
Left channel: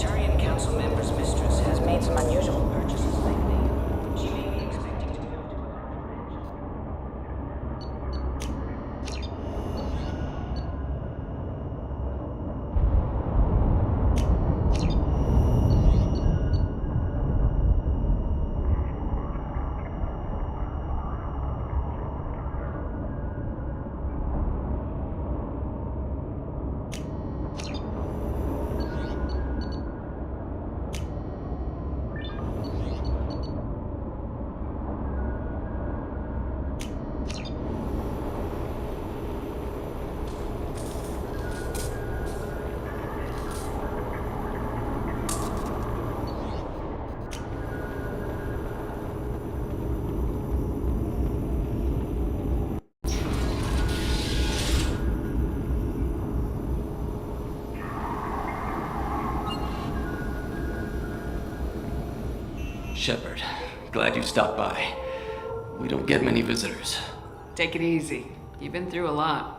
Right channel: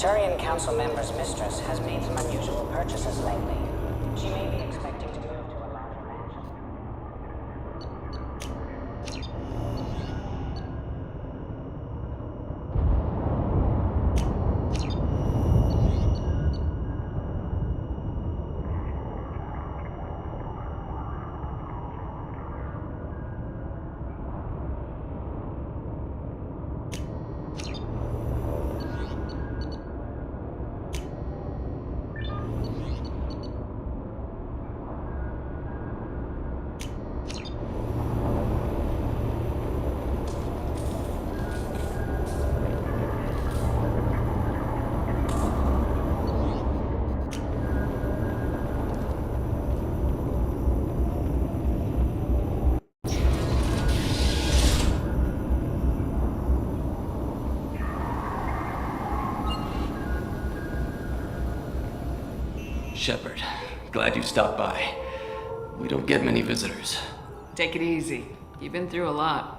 Turian Council member's mistress has made some unusual purchases lately. She may be expecting to move to a larger mansion. Shepard, glad you stopped by. We don't get many visitors. Take it easy. You've been through a lot.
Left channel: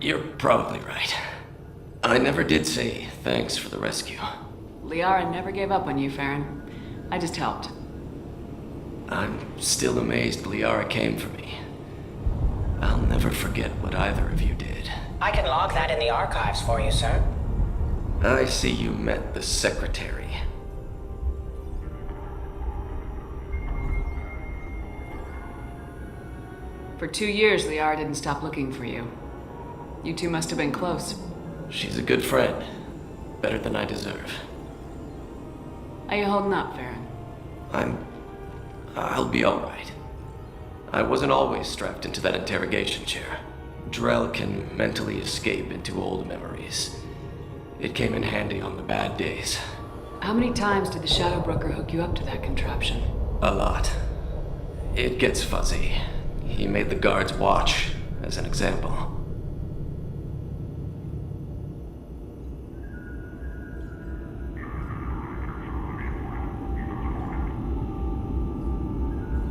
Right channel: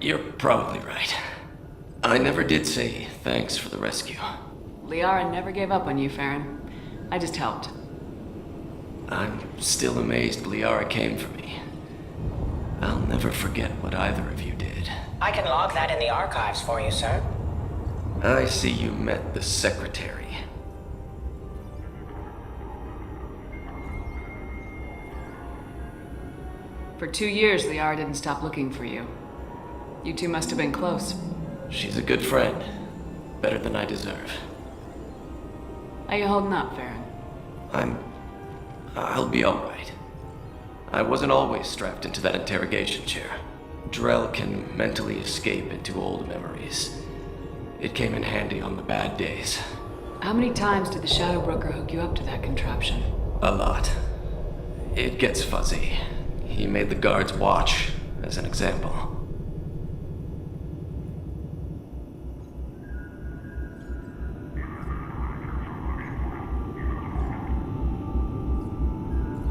You're probably right. I never did say thanks for the rescue. Liara never gave up on you, Farron. I just helped. I'm still amazed Liara came for me. I'll never forget what either of you did. I can log that in the archives for you, sir. I see you met the secretary. For 2 years, Liara didn't stop looking for you. You two must have been close. She's a good friend. Better than I deserve. How you holding up, Farron? I'll be alright. I wasn't always strapped into that interrogation chair. Drell can mentally escape into old memories. It came in handy on the bad days. How many times did the Shadow Broker hook you up to that contraption? A lot. It gets fuzzy. He made the guards watch, as an example.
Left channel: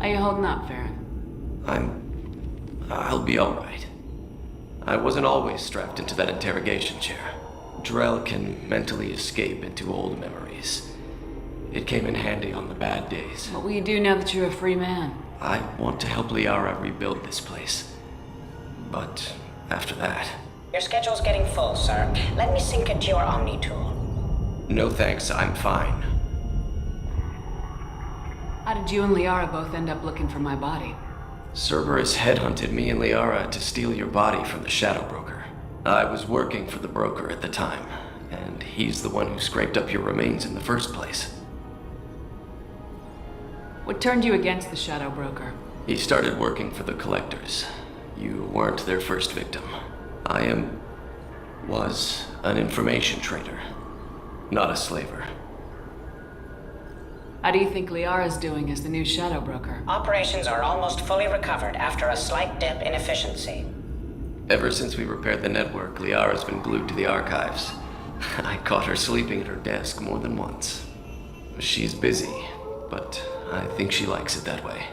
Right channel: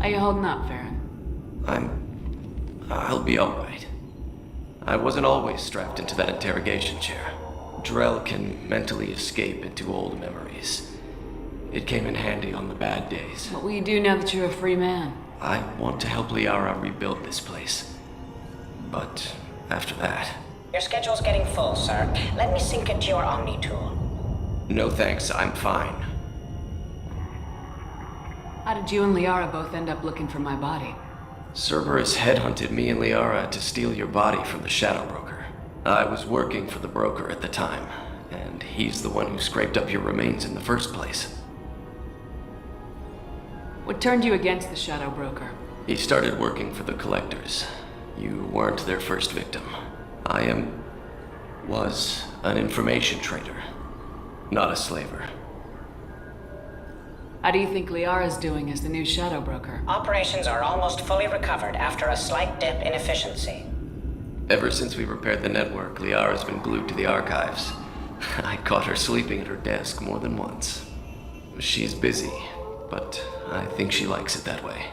How you holding up, Farron? I'll be alright. I wasn't always strapped into that interrogation chair. Drell can mentally escape into old memories. It came in handy on the bad days. What will you do now that you're a free man? I want to help Liara rebuild this place. But after that... Your schedule's getting full, sir. Let me sync it to your Omni tool. No thanks, I'm fine. How did you and Liara both end up looking for my body? Cerberus headhunted me and Liara to steal your body from the Shadow Broker. I was working for the broker at the time, and he's the one who scraped up your remains in the first place. What turned you against the Shadow Broker? He started working for the Collectors. You weren't their first victim. I was an information trader, not a slaver. How do you think Liara's doing as the new Shadow Broker? Operations are almost fully recovered after a slight dip in efficiency. Ever since we repaired the network, Liara's been glued to the archives. I caught her sleeping at her desk more than once. She's busy, but I think she likes it that way.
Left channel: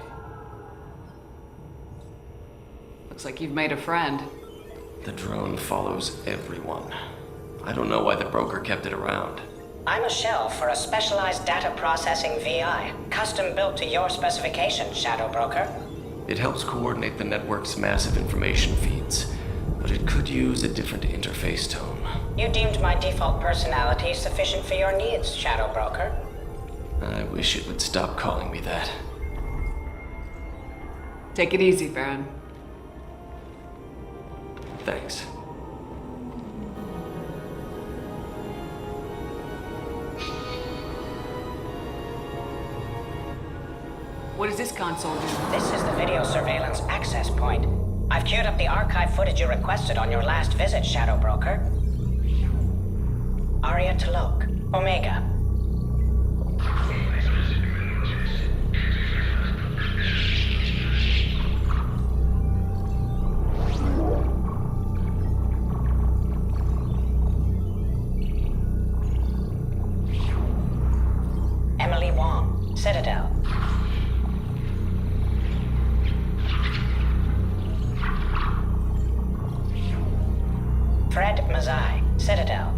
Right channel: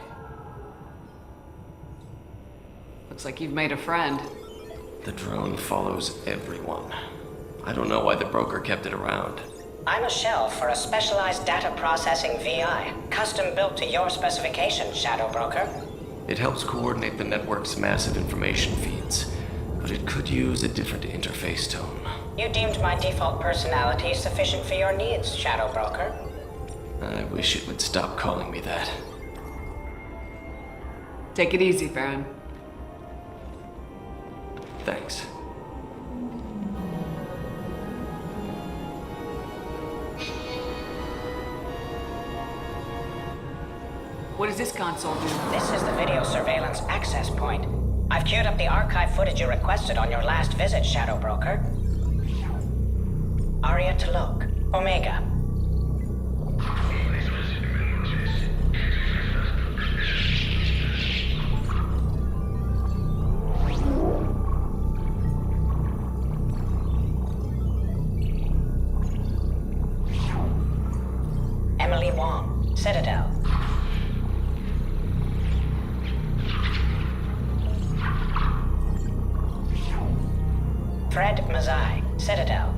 Looks like you've made a friend. The drone follows everyone. I don't know why the broker kept it around. I'm a shell for a specialized data processing VI, custom built to your specifications, Shadow Broker. It helps coordinate the network's massive information feeds, but it could use a different interface tone. You deemed my default personality sufficient for your needs, Shadow Broker. I wish it would stop calling me that. Take it easy, Farron. Thanks. What does this console do? This is the video surveillance access point. I've queued up the archive footage you requested on your last visit, Shadow Broker. Aria Talok, Omega. Emily Wong, Citadel. Fred Mazai, Citadel.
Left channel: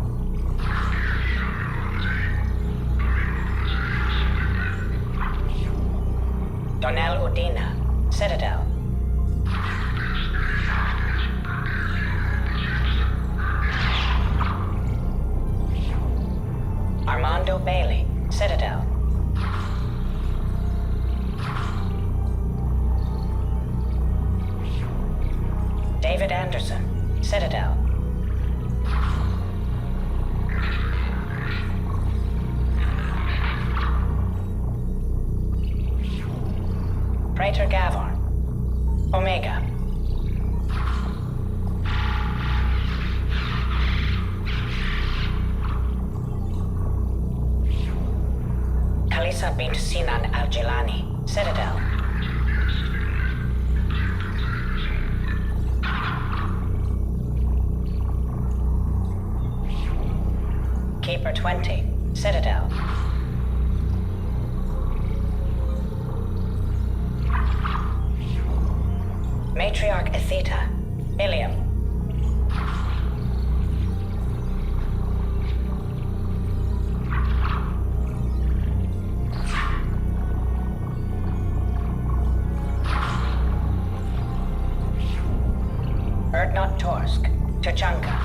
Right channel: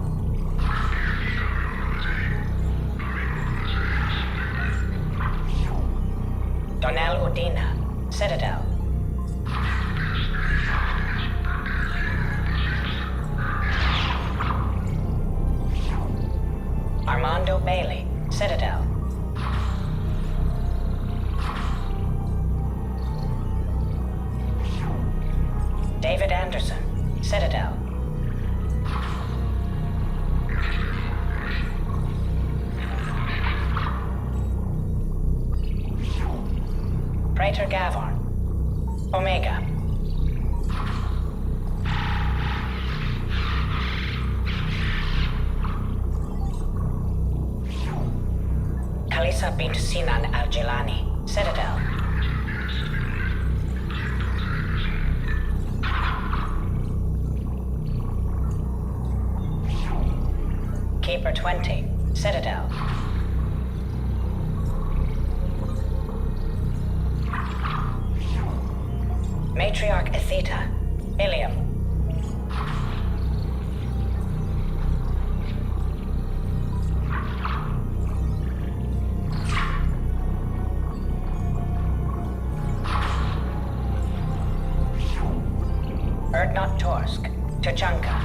Donnell Udina, Citadel. Armando Bailey, Citadel. David Anderson, Citadel. Praetor Gavorn, Omega. Kalisa bint Sinan al-Jilani, Citadel. Keeper 20, Citadel. Matriarch Atheta, Ilium. Erdnot Torsk, Tuchanka.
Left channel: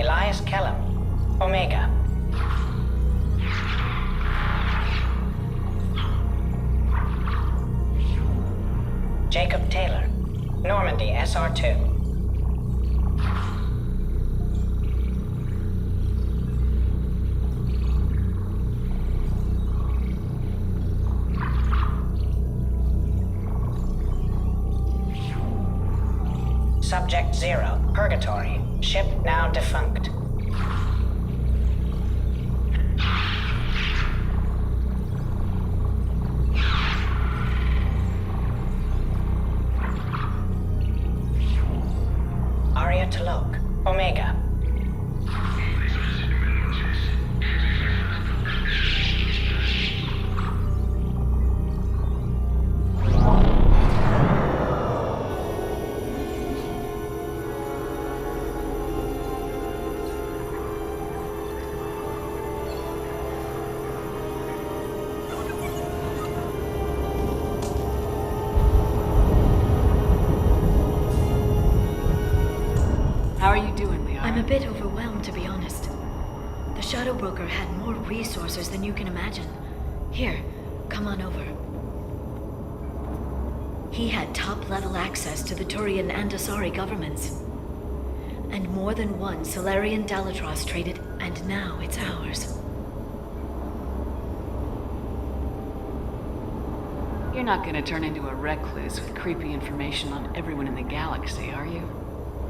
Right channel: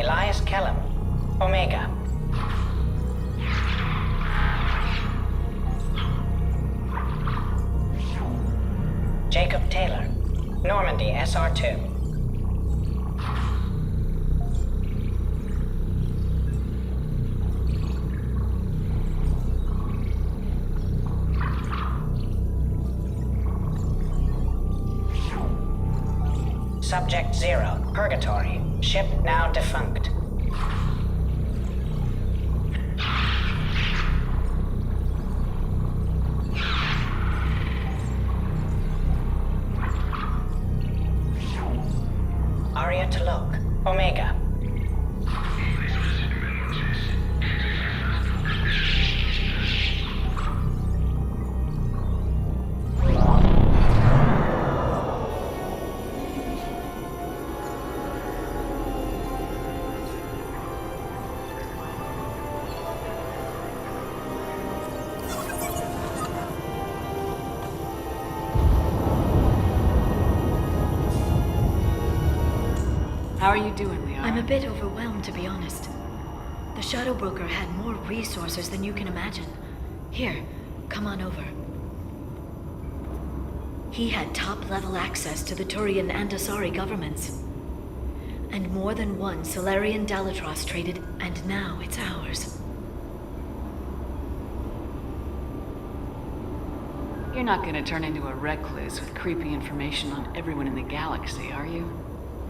Elias Kellum, Omega. Jacob Taylor, Normandy SR2. Subject 0, Purgatory. Ship now defunct. Arya T'Loak, Omega. How are you doing, Liara? I'm a bit overwhelmed, to be honest. The Shadow Broker had more resources than you can imagine. Here, come on over. He had top-level access to the Turian and Asari governments. And more than one Solarian Dalatros traded, and now it's ours. You're not gonna turn into a recluse with creepy information on everyone in the galaxy, are you?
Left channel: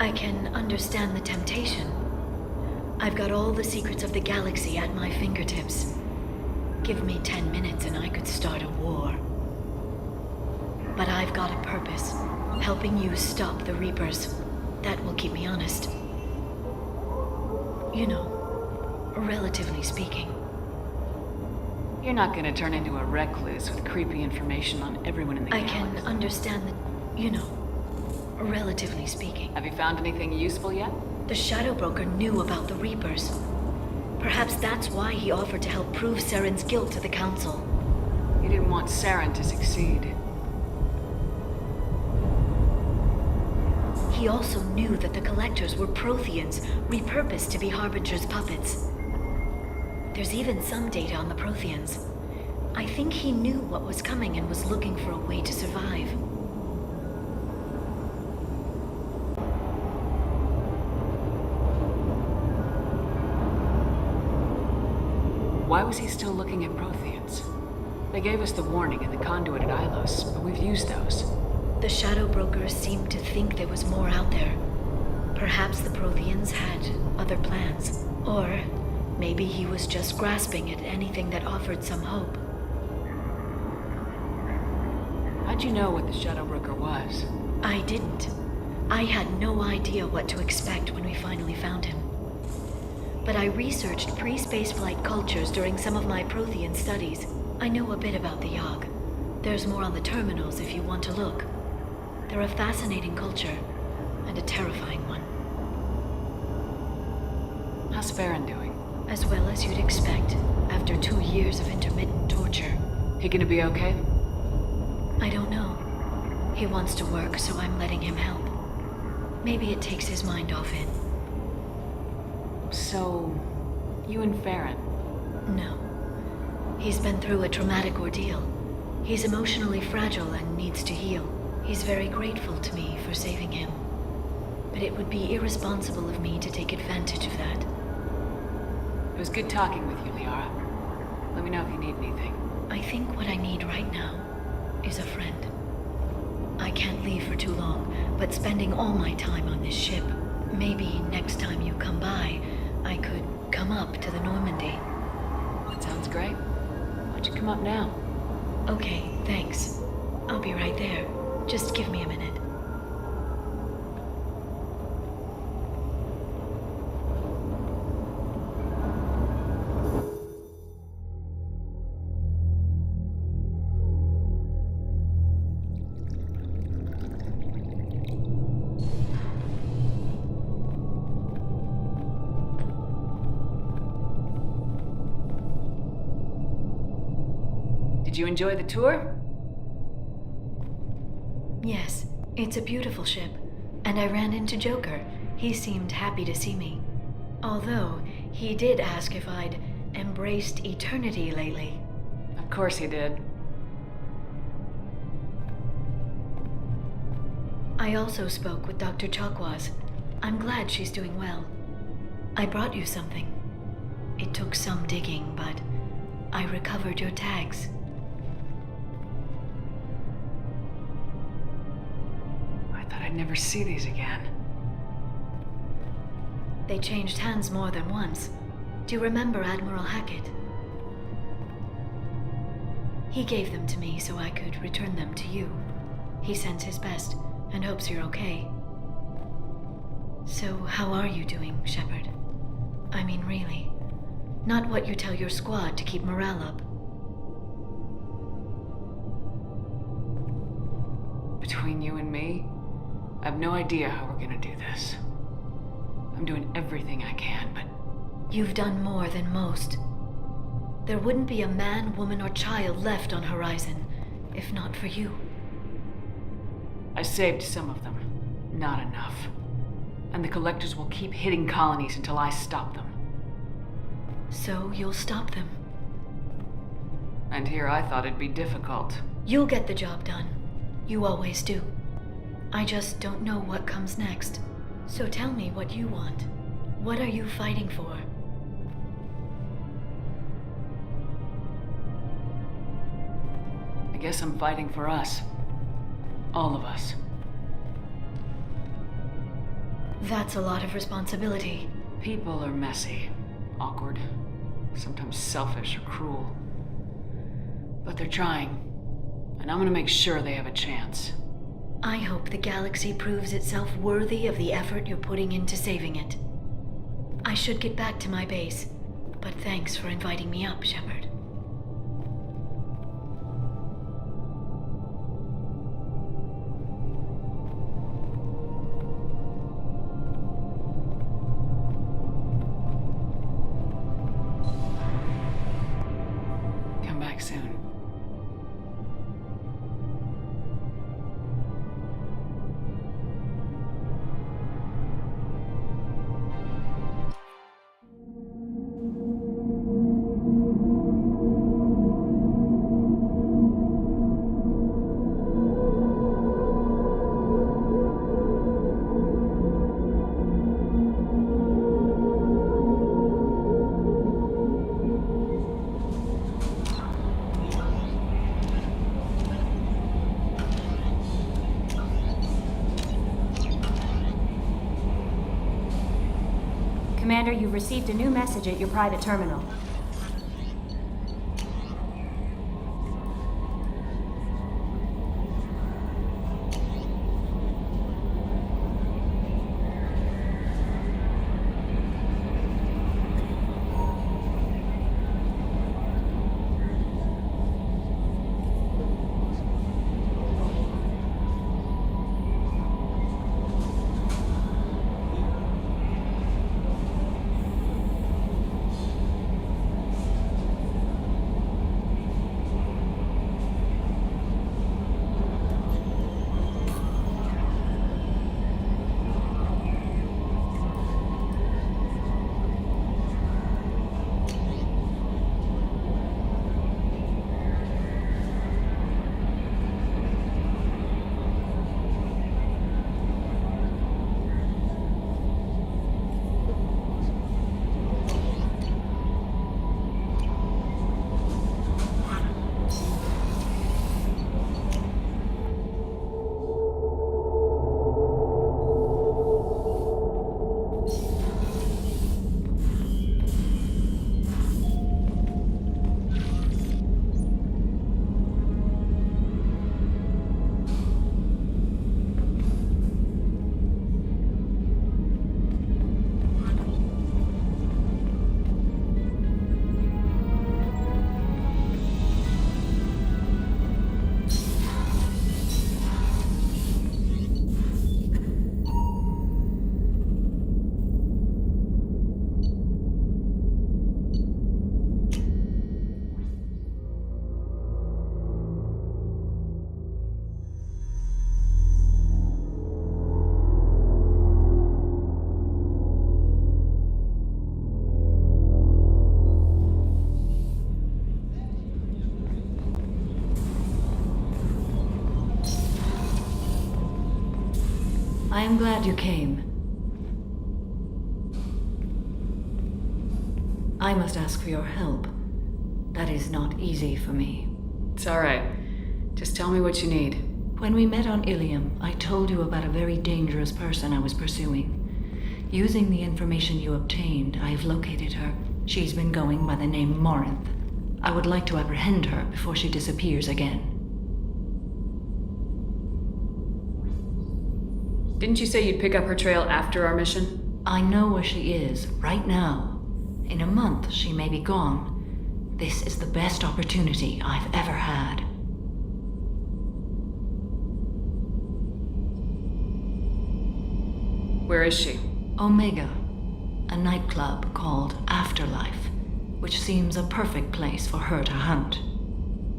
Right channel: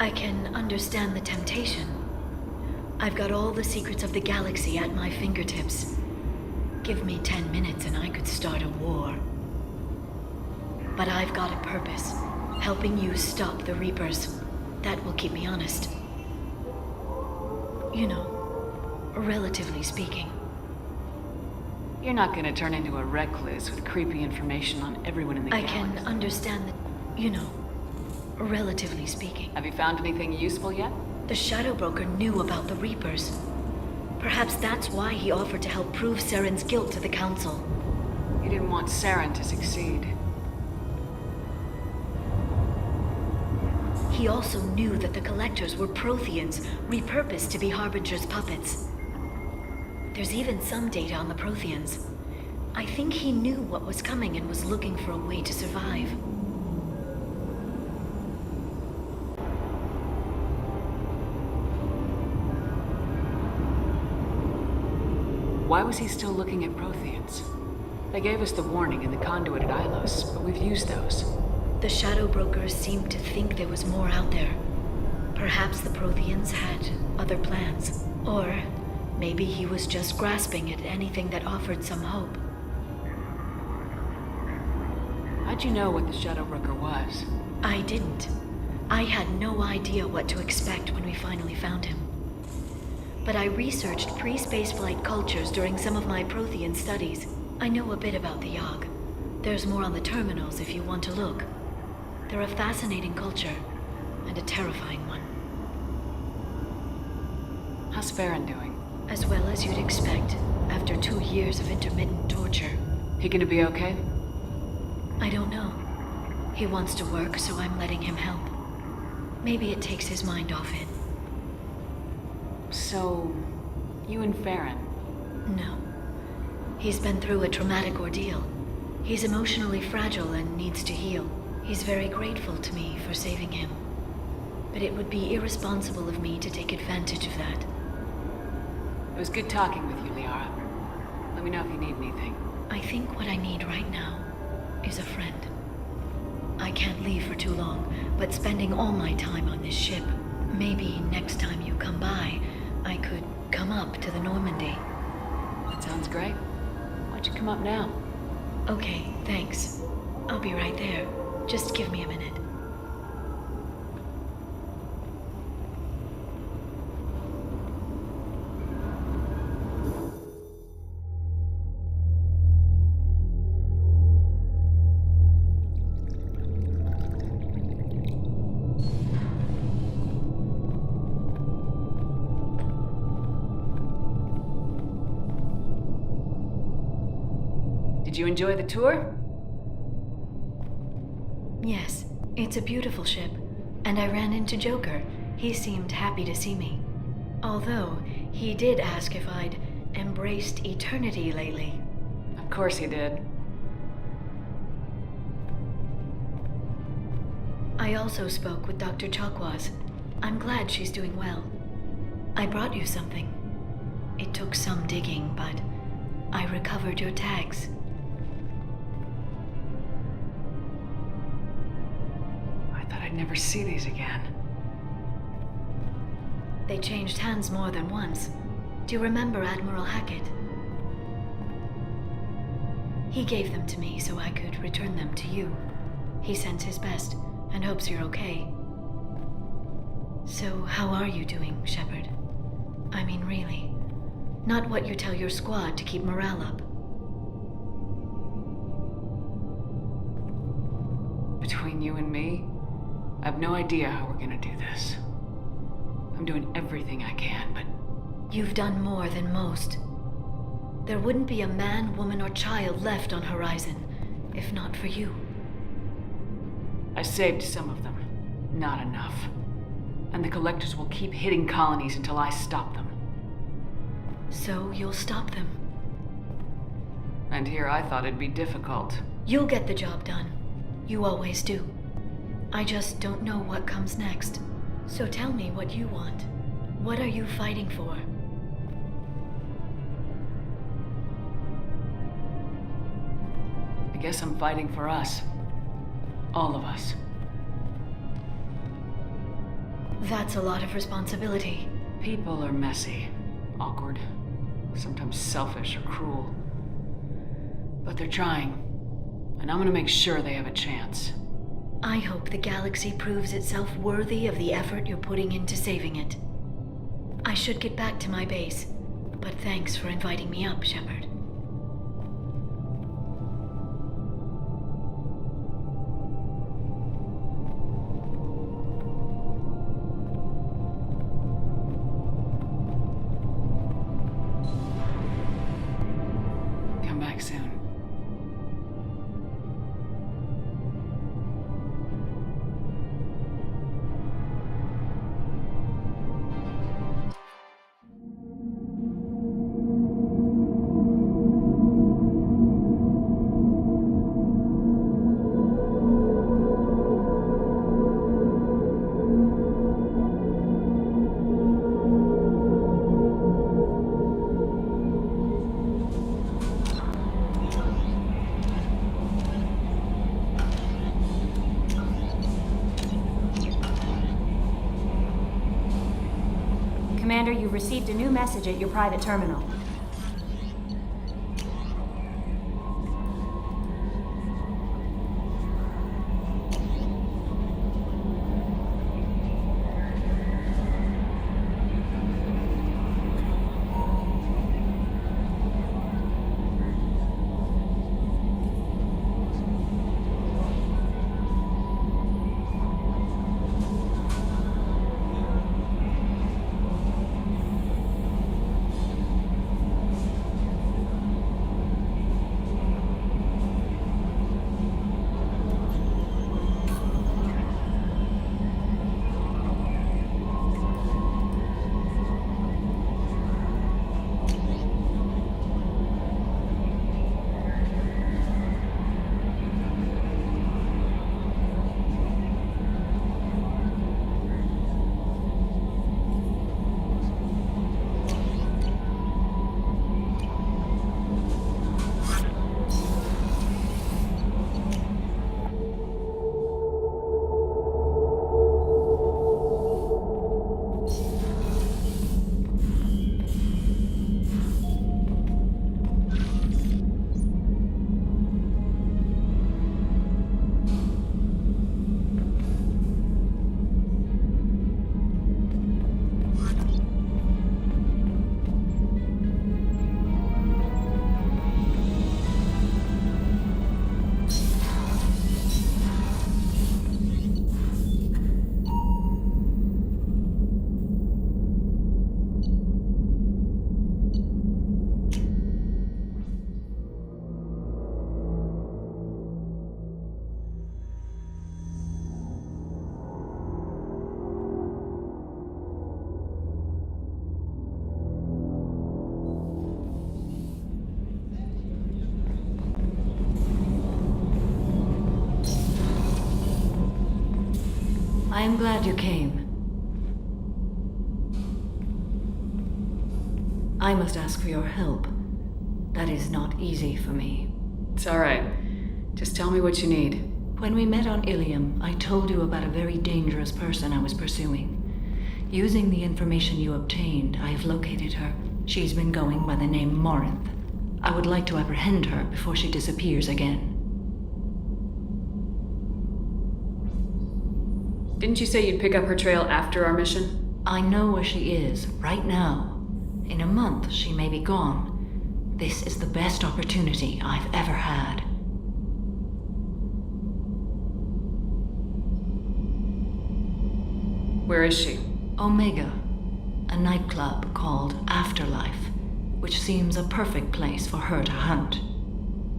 I can understand the temptation. I've got all the secrets of the galaxy at my fingertips. Give me 10 minutes and I could start a war. But I've got a purpose, helping you stop the Reapers. That will keep me honest. You know, relatively speaking. You're not gonna turn into a recluse with creepy information on everyone in the galaxy. I can understand that, you know, relatively speaking. Have you found anything useful yet? The Shadow Broker knew about the Reapers. Perhaps that's why he offered to help prove Saren's guilt to the Council. He didn't want Saren to succeed. He also knew that the Collectors were Protheans, repurposed to be Harbinger's puppets. There's even some data on the Protheans. I think he knew what was coming and was looking for a way to survive. Why was he still looking at Protheans? They gave us the warning in the conduit at Ilos, but we've used those. The Shadow Brokers seemed to think there was more out there. Perhaps the Protheans had other plans. Or maybe he was just grasping at anything that offered some hope. How'd you know what the Shadow Broker was? I didn't. I had no idea what to expect when we finally found him. But I researched pre-spaceflight cultures during some of my Prothean studies. I know a bit about the Yogg. There's more on the terminals if you want to look. They're a fascinating culture, and a terrifying one. How's Farron doing? As well as you'd expect, after 2 years of intermittent torture. He gonna be okay? I don't know. He wants to work, so I'm letting him help. Maybe it takes his mind off it. So, you and Farron? No. He's been through a traumatic ordeal. He's emotionally fragile and needs to heal. He's very grateful to me for saving him. But it would be irresponsible of me to take advantage of that. It was good talking with you, Liara. Let me know if you need anything. I think what I need right now is a friend. I can't leave for too long, but spending all my time on this ship, maybe next time you come by, I could come up to the Normandy. That sounds great. Why don't you come up now? Okay, thanks. I'll be right there. Just give me a minute. Did you enjoy the tour? Yes, it's a beautiful ship. And I ran into Joker. He seemed happy to see me. Although, he did ask if I'd embraced eternity lately. Of course he did. I also spoke with Dr. Chakwas. I'm glad she's doing well. I brought you something. It took some digging, but I recovered your tags. I thought I'd never see these again. They changed hands more than once. Do you remember Admiral Hackett? He gave them to me so I could return them to you. He sends his best and hopes you're okay. So, how are you doing, Shepard? I mean, really. Not what you tell your squad to keep morale up. Between you and me, I have no idea how we're gonna do this. I'm doing everything I can, but... You've done more than most. There wouldn't be a man, woman, or child left on Horizon, if not for you. I saved some of them. Not enough. And the Collectors will keep hitting colonies until I stop them. So you'll stop them. And here I thought it'd be difficult. You'll get the job done. You always do. I just don't know what comes next. So tell me what you want. What are you fighting for? I guess I'm fighting for us. All of us. That's a lot of responsibility. People are messy, awkward, sometimes selfish or cruel. But they're trying, and I'm gonna make sure they have a chance. I hope the galaxy proves itself worthy of the effort you're putting into saving it. I should get back to my base, but thanks for inviting me up, Shepard. Come back soon. Commander, you've received a new message at your private terminal. I am glad you came. I must ask for your help. That is not easy for me. It's alright. Just tell me what you need. When we met on Ilium, I told you about a very dangerous person I was pursuing. Using the information you obtained, I have located her. She's been going by the name Morinth. I would like to apprehend her before she disappears again. Didn't you say you'd pick up her trail after our mission? I know where she is, right now. In a month, she may be gone. This is the best opportunity I've ever had. Where is she? Omega, a nightclub called Afterlife, which seems a perfect place for her to hunt.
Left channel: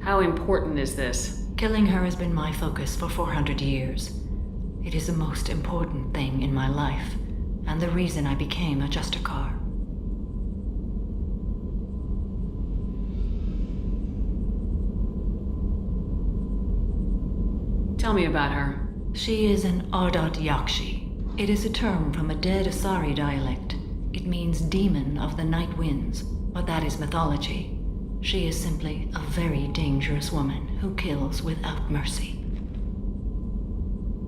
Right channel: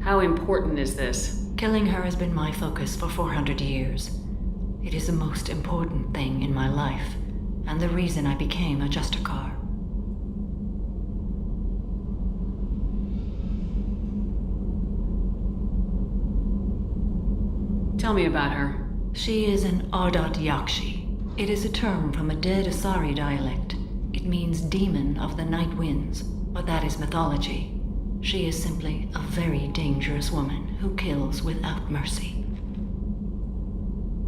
How important is this? Killing her has been my focus for 400 years. It is the most important thing in my life, and the reason I became a Justicar. Tell me about her. She is an Ardat Yakshi. It is a term from a dead Asari dialect. It means demon of the night winds, but that is mythology. She is simply a very dangerous woman who kills without mercy.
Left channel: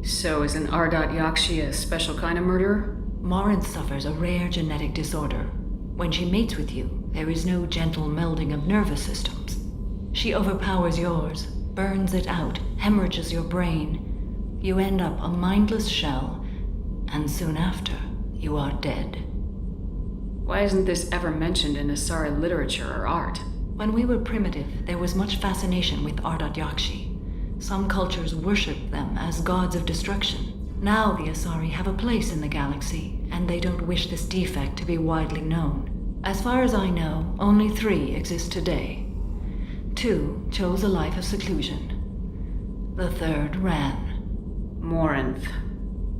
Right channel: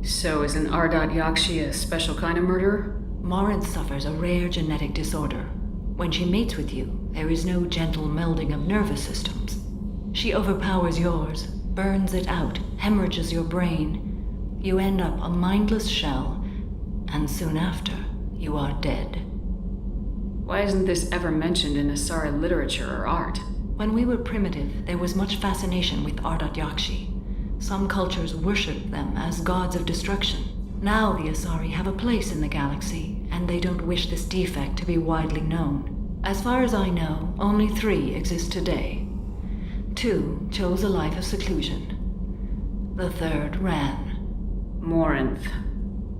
So is an Ardat Yakshi a special kind of murderer? Morinth suffers a rare genetic disorder. When she mates with you, there is no gentle melding of nervous systems. She overpowers yours, burns it out, hemorrhages your brain. You end up a mindless shell, and soon after, you are dead. Why isn't this ever mentioned in Asari literature or art? When we were primitive, there was much fascination with Ardat Yakshi. Some cultures worshipped them as gods of destruction. Now the Asari have a place in the galaxy, and they don't wish this defect to be widely known. As far as I know, only 3 exist today. 2 chose a life of seclusion. The 3rd ran. Morinth.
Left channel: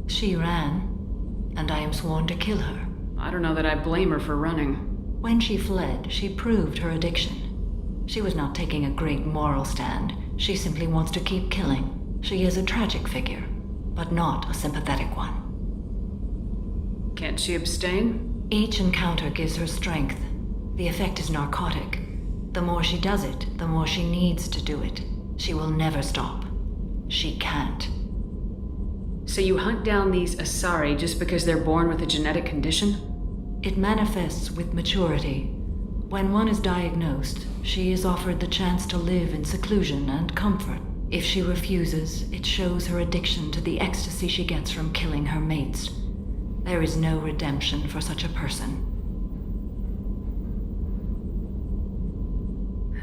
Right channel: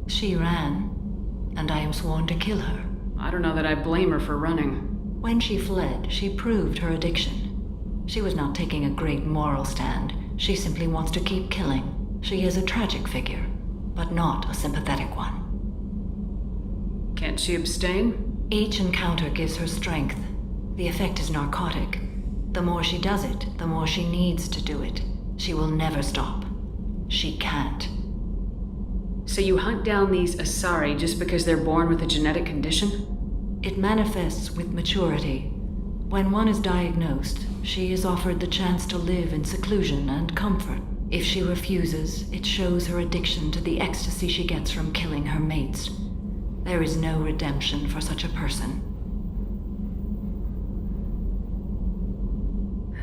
She ran, and I am sworn to kill her. I don't know that I blame her for running. When she fled, she proved her addiction. She was not taking a great moral stand. She simply wants to keep killing. She is a tragic figure, but not a sympathetic one. Can't she abstain? Each encounter gives her strength. The effect is narcotic. The more she does it, the more she needs to do it. She will never stop. She can't. So you hunt down these Asari just because they're born with a genetic condition? It manifests with maturity. When one is diagnosed, she is offered the chance to live in seclusion and comfort. If she refuses, it shows her addiction to the ecstasy she gets from killing her mates. There is no redemption for such a person.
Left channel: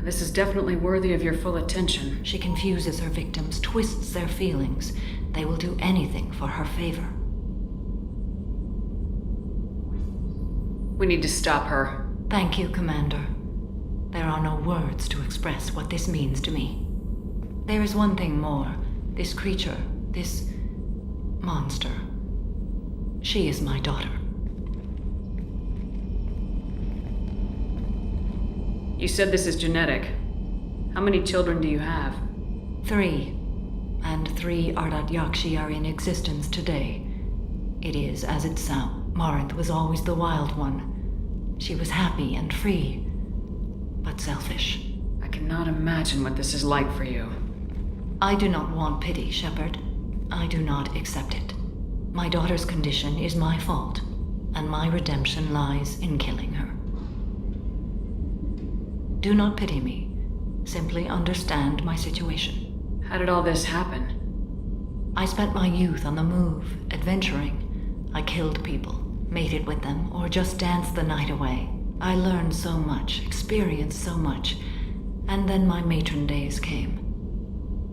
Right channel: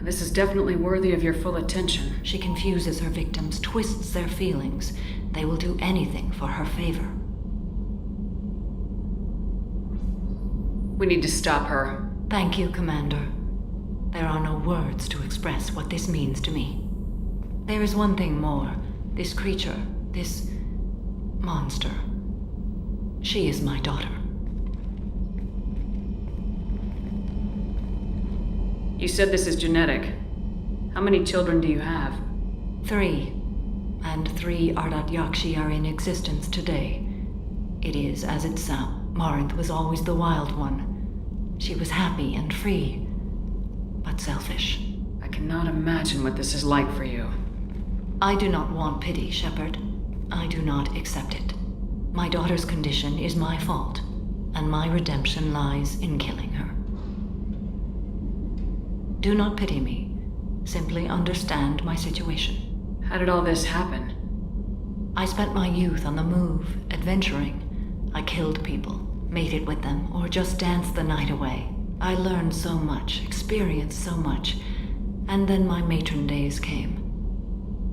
This is definitely worthy of your full attention. She confuses her victims, twists their feelings. They will do anything for her favor. We need to stop her. Thank you, Commander. There are no words to express what this means to me. There is one thing more. This creature, this monster. She is my daughter. You said this is genetic. How many children do you have? 3. And 3 Ardat Yakshi are in existence today. It is as it sounds. Morinth was always the wild one. She was happy and free, but selfish. I cannot imagine what this is like for you. I do not want pity, Shepard. I do not accept it. My daughter's condition is my fault, and my redemption lies in killing her. Do not pity me. Simply understand my situation. How did all this happen? I spent my youth on the move, adventuring. I killed people, mated with them, or just danced the night away. I learned so much, experienced so much, and then my matron days came.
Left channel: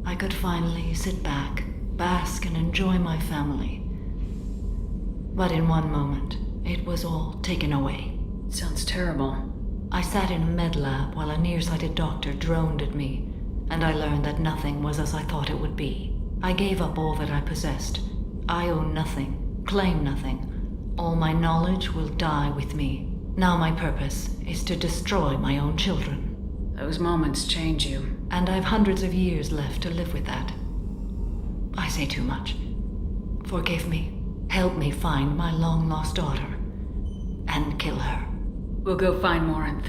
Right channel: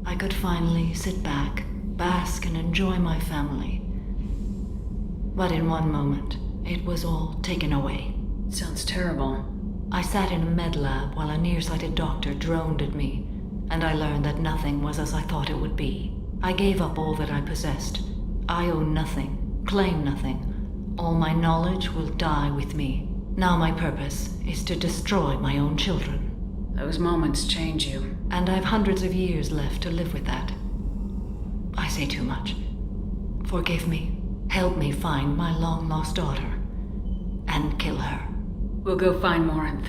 I could finally sit back, bask, and enjoy my family. But in one moment, it was all taken away. Sounds terrible. I sat in a med lab while a nearsighted doctor droned at me, and I learned that nothing was as I thought it would be. I gave up all that I possessed. I own nothing, claim nothing. All my knowledge will die with me. Now my purpose is to destroy my own children. Those moments change you. And I've hundreds of years left to live with that. I say too much. Forgive me. Help me find my long-lost daughter. And kill her. We'll go find Morinth.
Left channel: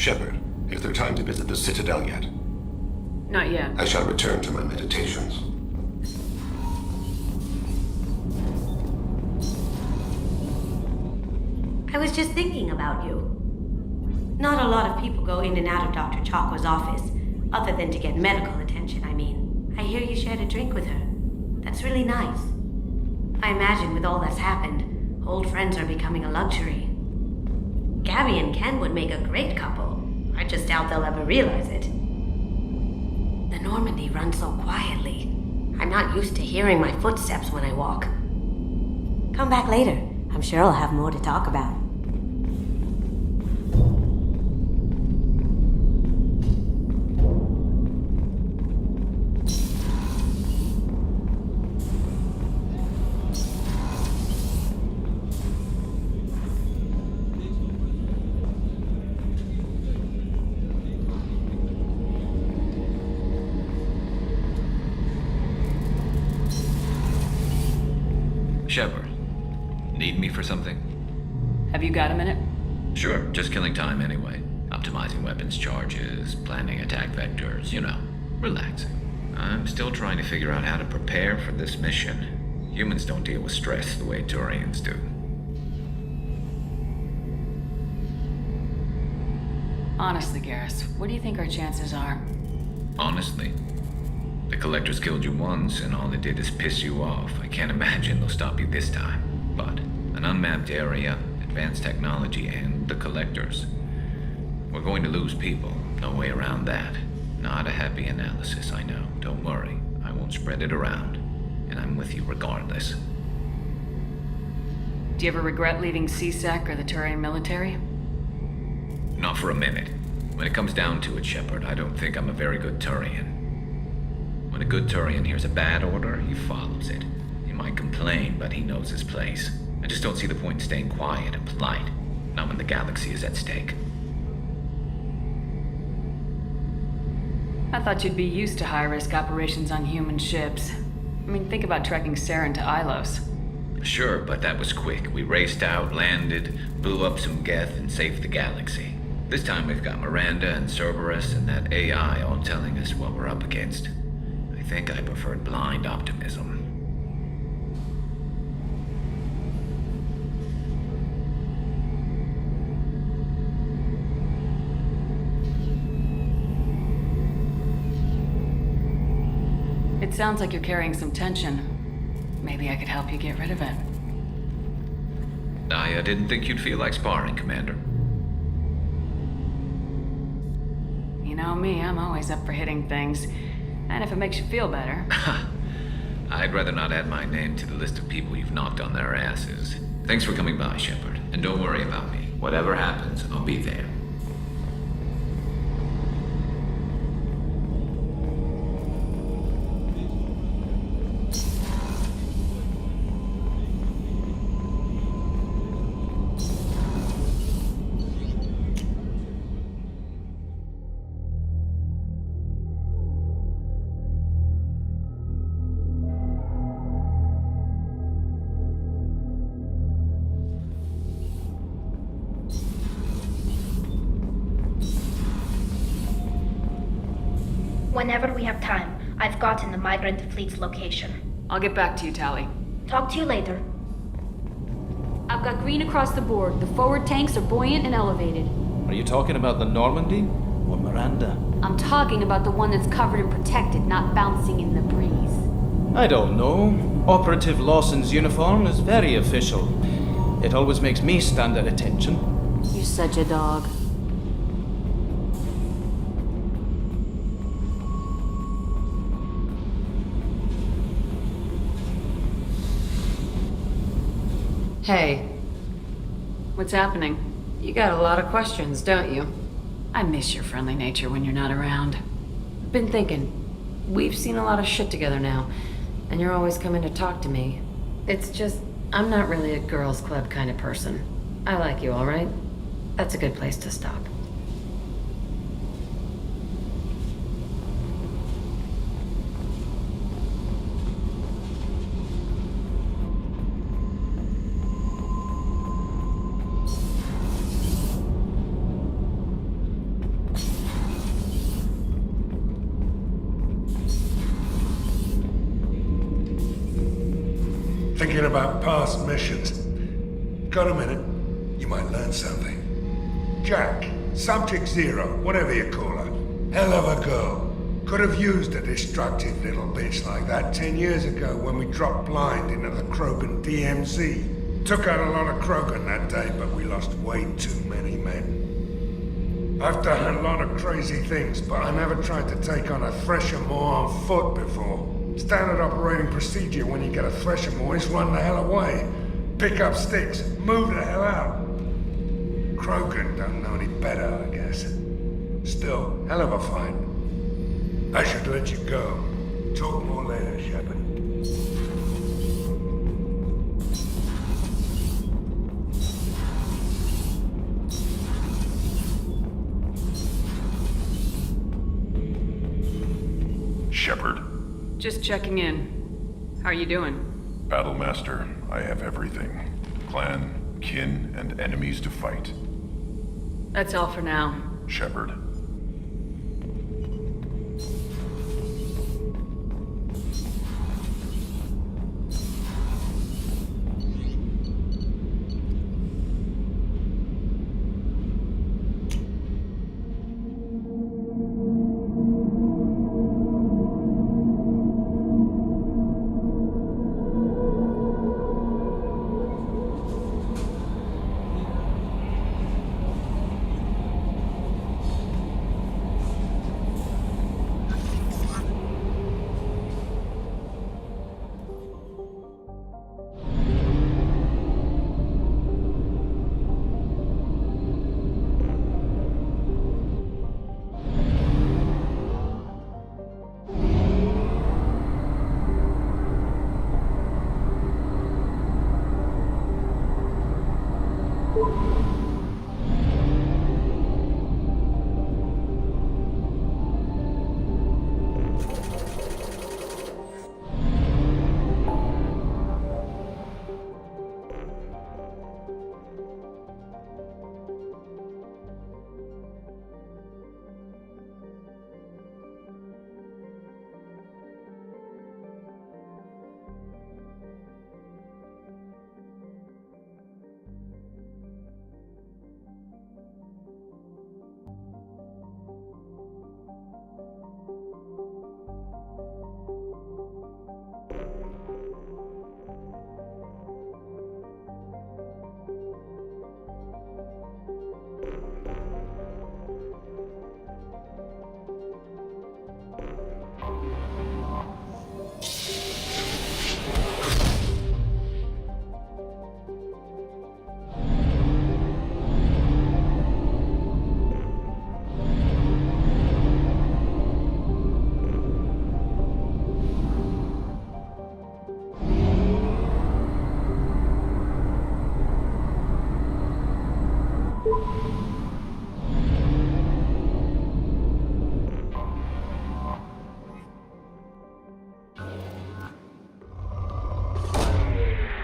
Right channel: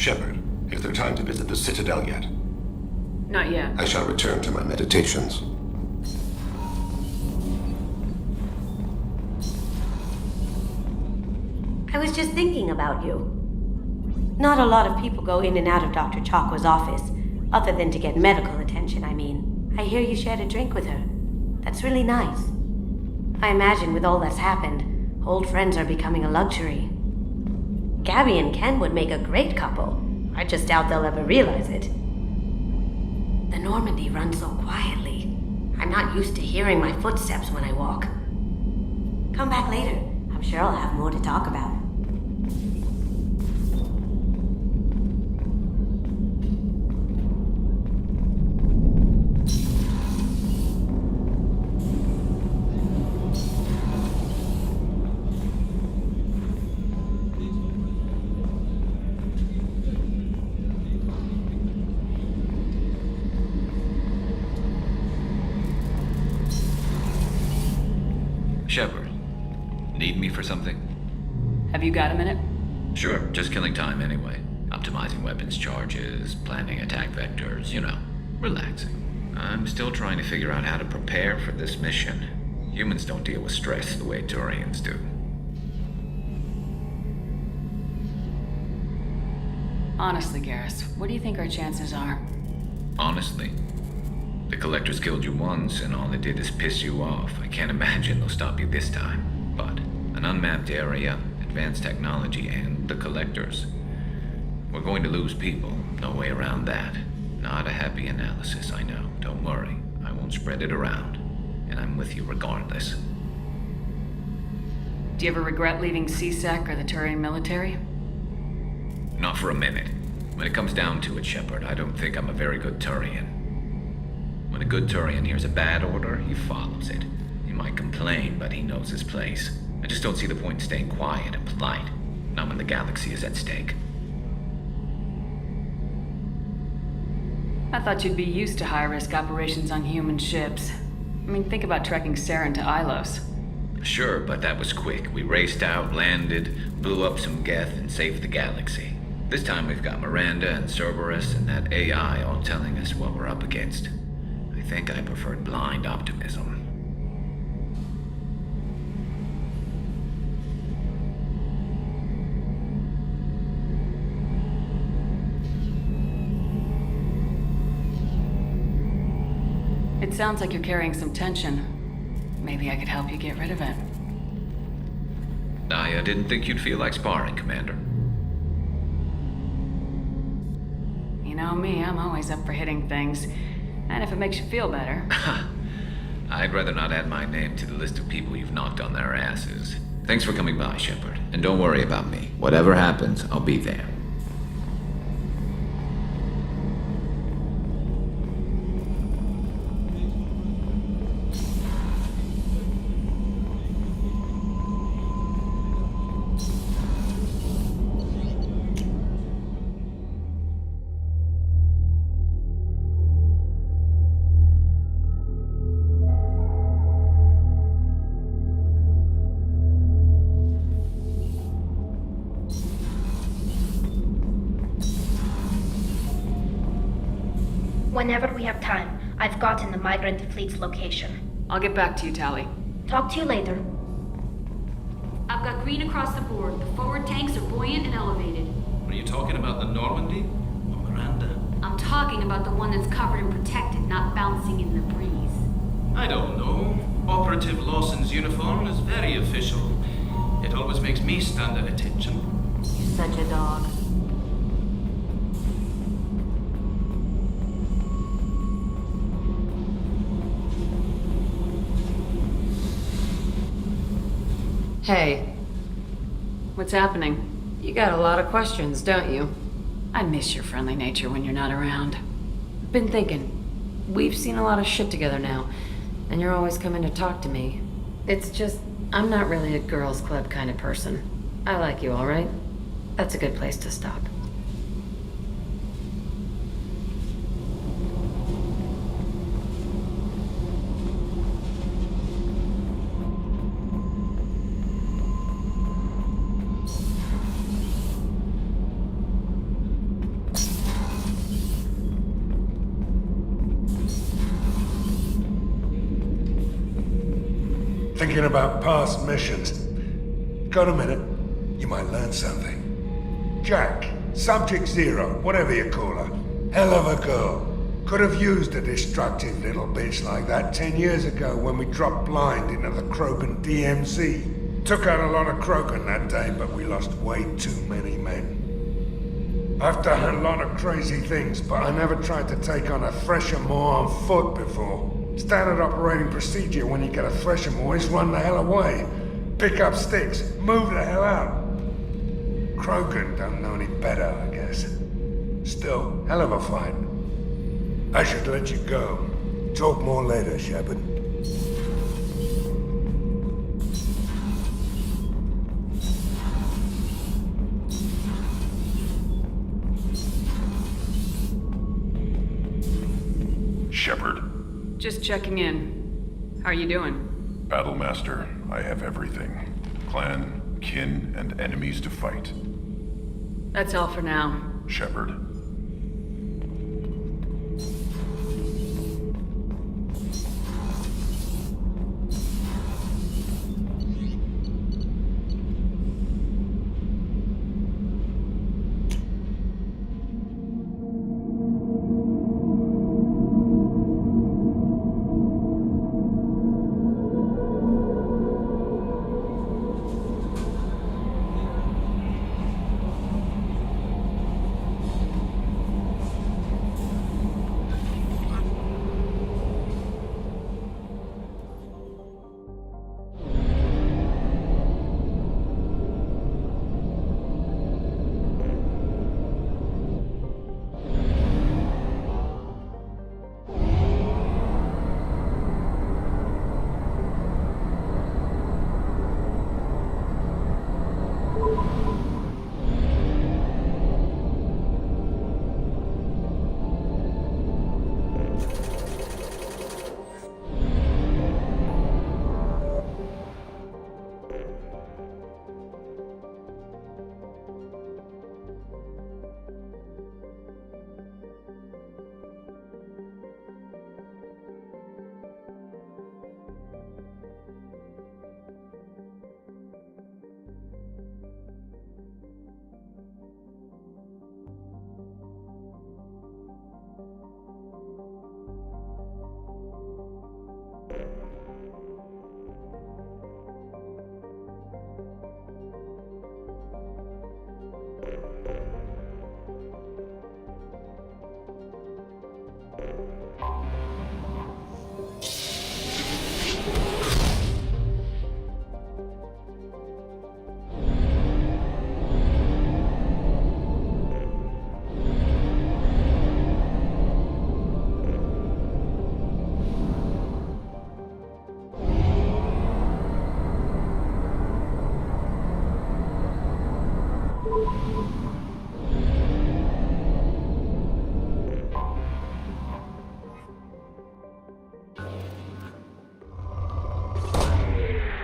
Shepard, is there time to visit the Citadel yet? Not yet. I shall return to my meditations. I was just thinking about you. Not a lot of people go in and out of Dr. Chakwa's office, other than to get medical attention, I mean. I hear you shared a drink with her. That's really nice. I imagine with all that's happened, old friends are becoming a luxury. Gabby and Ken would make a great couple. I just doubt they'll ever realize it. The Normandy runs so quietly. I'm not used to hearing my footsteps when I walk. Come back later. I'm sure I'll have more to talk about. Shepard, need me for something? Have you got a minute? Sure, just killing time anyway. Optimizing weapons charges, planning attack vectors, you know, relaxing. I'm still trying to figure out how to prepare for this mission. Humans don't deal with stress the way Turians do. Honestly, Garrus, what do you think our chances are? Honestly, the Collectors killed you once, and all they did is piss you off. I can't imagine they'll stop you this time. But an unmapped area, advanced technology, and the Collectors. We're going to lose people. No way around that. Not a happy analysis, I know. Don't worry. I won't spread it around. And I'm with you regardless. Do you ever regret leaving CSEC or the Turian military? Not for a minute. When it comes down to it, Shepard, I don't think I'm a very good Turian. When a good Turian hears a bad order, he follows it. He might complain, but he knows his place. I just don't see the point in staying quiet and polite. Not when the galaxy is at stake. I thought you'd be used to high-risk operations on human ships. I mean, think about trekking Saren to Ilos. Sure, but that was quick. We raced out, landed, blew up some Geth, and saved the galaxy. This time we've got Miranda and Cerberus and that AI all telling us what we're up against. I think I preferred blind optimism. It sounds like you're carrying some tension. Maybe I could help you get rid of it. I didn't think you'd feel like sparring, Commander. You know me, I'm always up for hitting things. And if it makes you feel better. I'd rather not add my name to the list of people you've knocked on their asses. Thanks for coming by, Shepard. And don't worry about me. Whatever happens, I'll be there. Whenever we have time, I've gotten the migrant fleet's location. I'll get back to you, Tali. Talk to you later. I've got green across the board. The forward tanks are buoyant and elevated. Are you talking about the Normandy or Miranda? I'm talking about the one that's covered and protected, not bouncing in the breeze. I don't know. Operative Lawson's uniform is very official. It always makes me stand at attention. You're such a dog. Hey. What's happening? You got a lot of questions, don't you? I miss your friendly nature when you're not around. Been thinking. We've seen a lot of shit together now, and you're always coming to talk to me. It's just, I'm not really a girls' club kind of person. I like you, all right? That's a good place to stop. Thinking about past missions. Got a minute? You might learn something. Jack, Subject Zero, whatever you call her. Hell of a girl. Could have used a destructive little bitch like that 10 years ago when we dropped blind into the Krogan DMZ. Took out a lot of Krogan that day, but we lost way too many men. I've done a lot of crazy things, but I never tried to take on a Thresher-Maw on foot before. Standard operating procedure when you get a Thresher-Maw is run the hell away. Pick up sticks, move the hell out. Krogan don't know any better, I guess. Still, hell of a fight. I should let you go. Talk more later, Shepard. Shepard. Just checking in. How are you doing? Battlemaster, I have everything. Clan, kin, and enemies to fight. That's all for now. Shepard.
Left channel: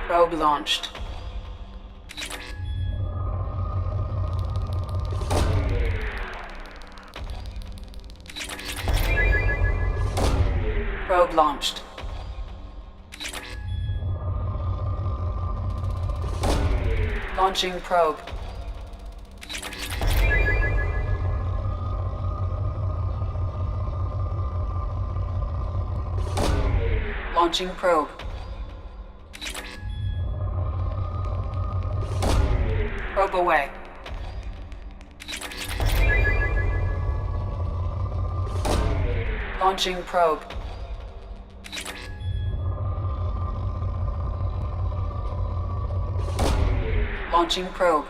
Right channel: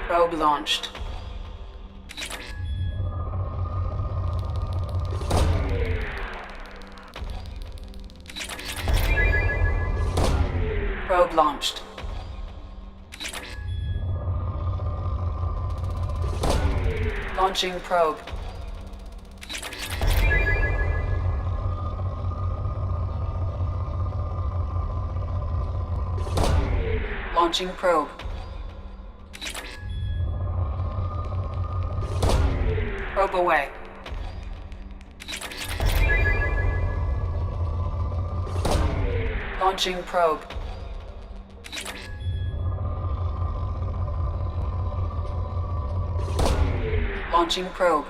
Probe launched. Probe launched. Launching probe. Launching probe. away. Launching probe. Launching probe.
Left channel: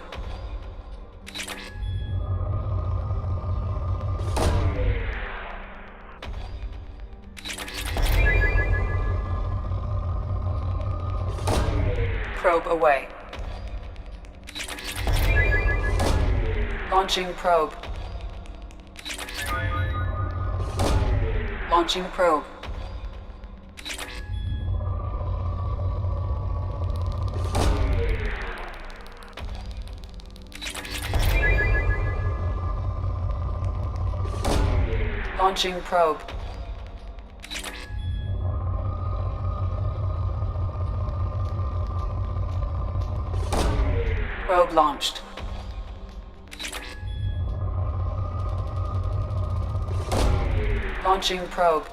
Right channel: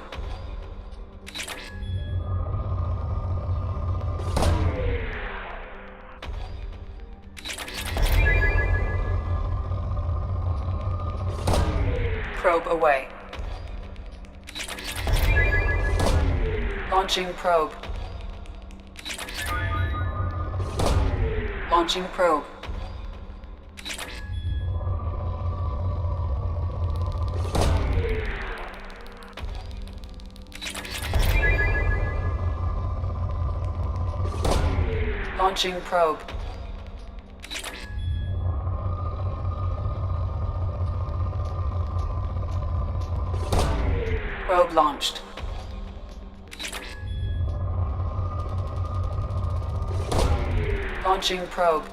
Probe away. Launching probe. Launching probe. Launching probe. Probe launched. Launching probe.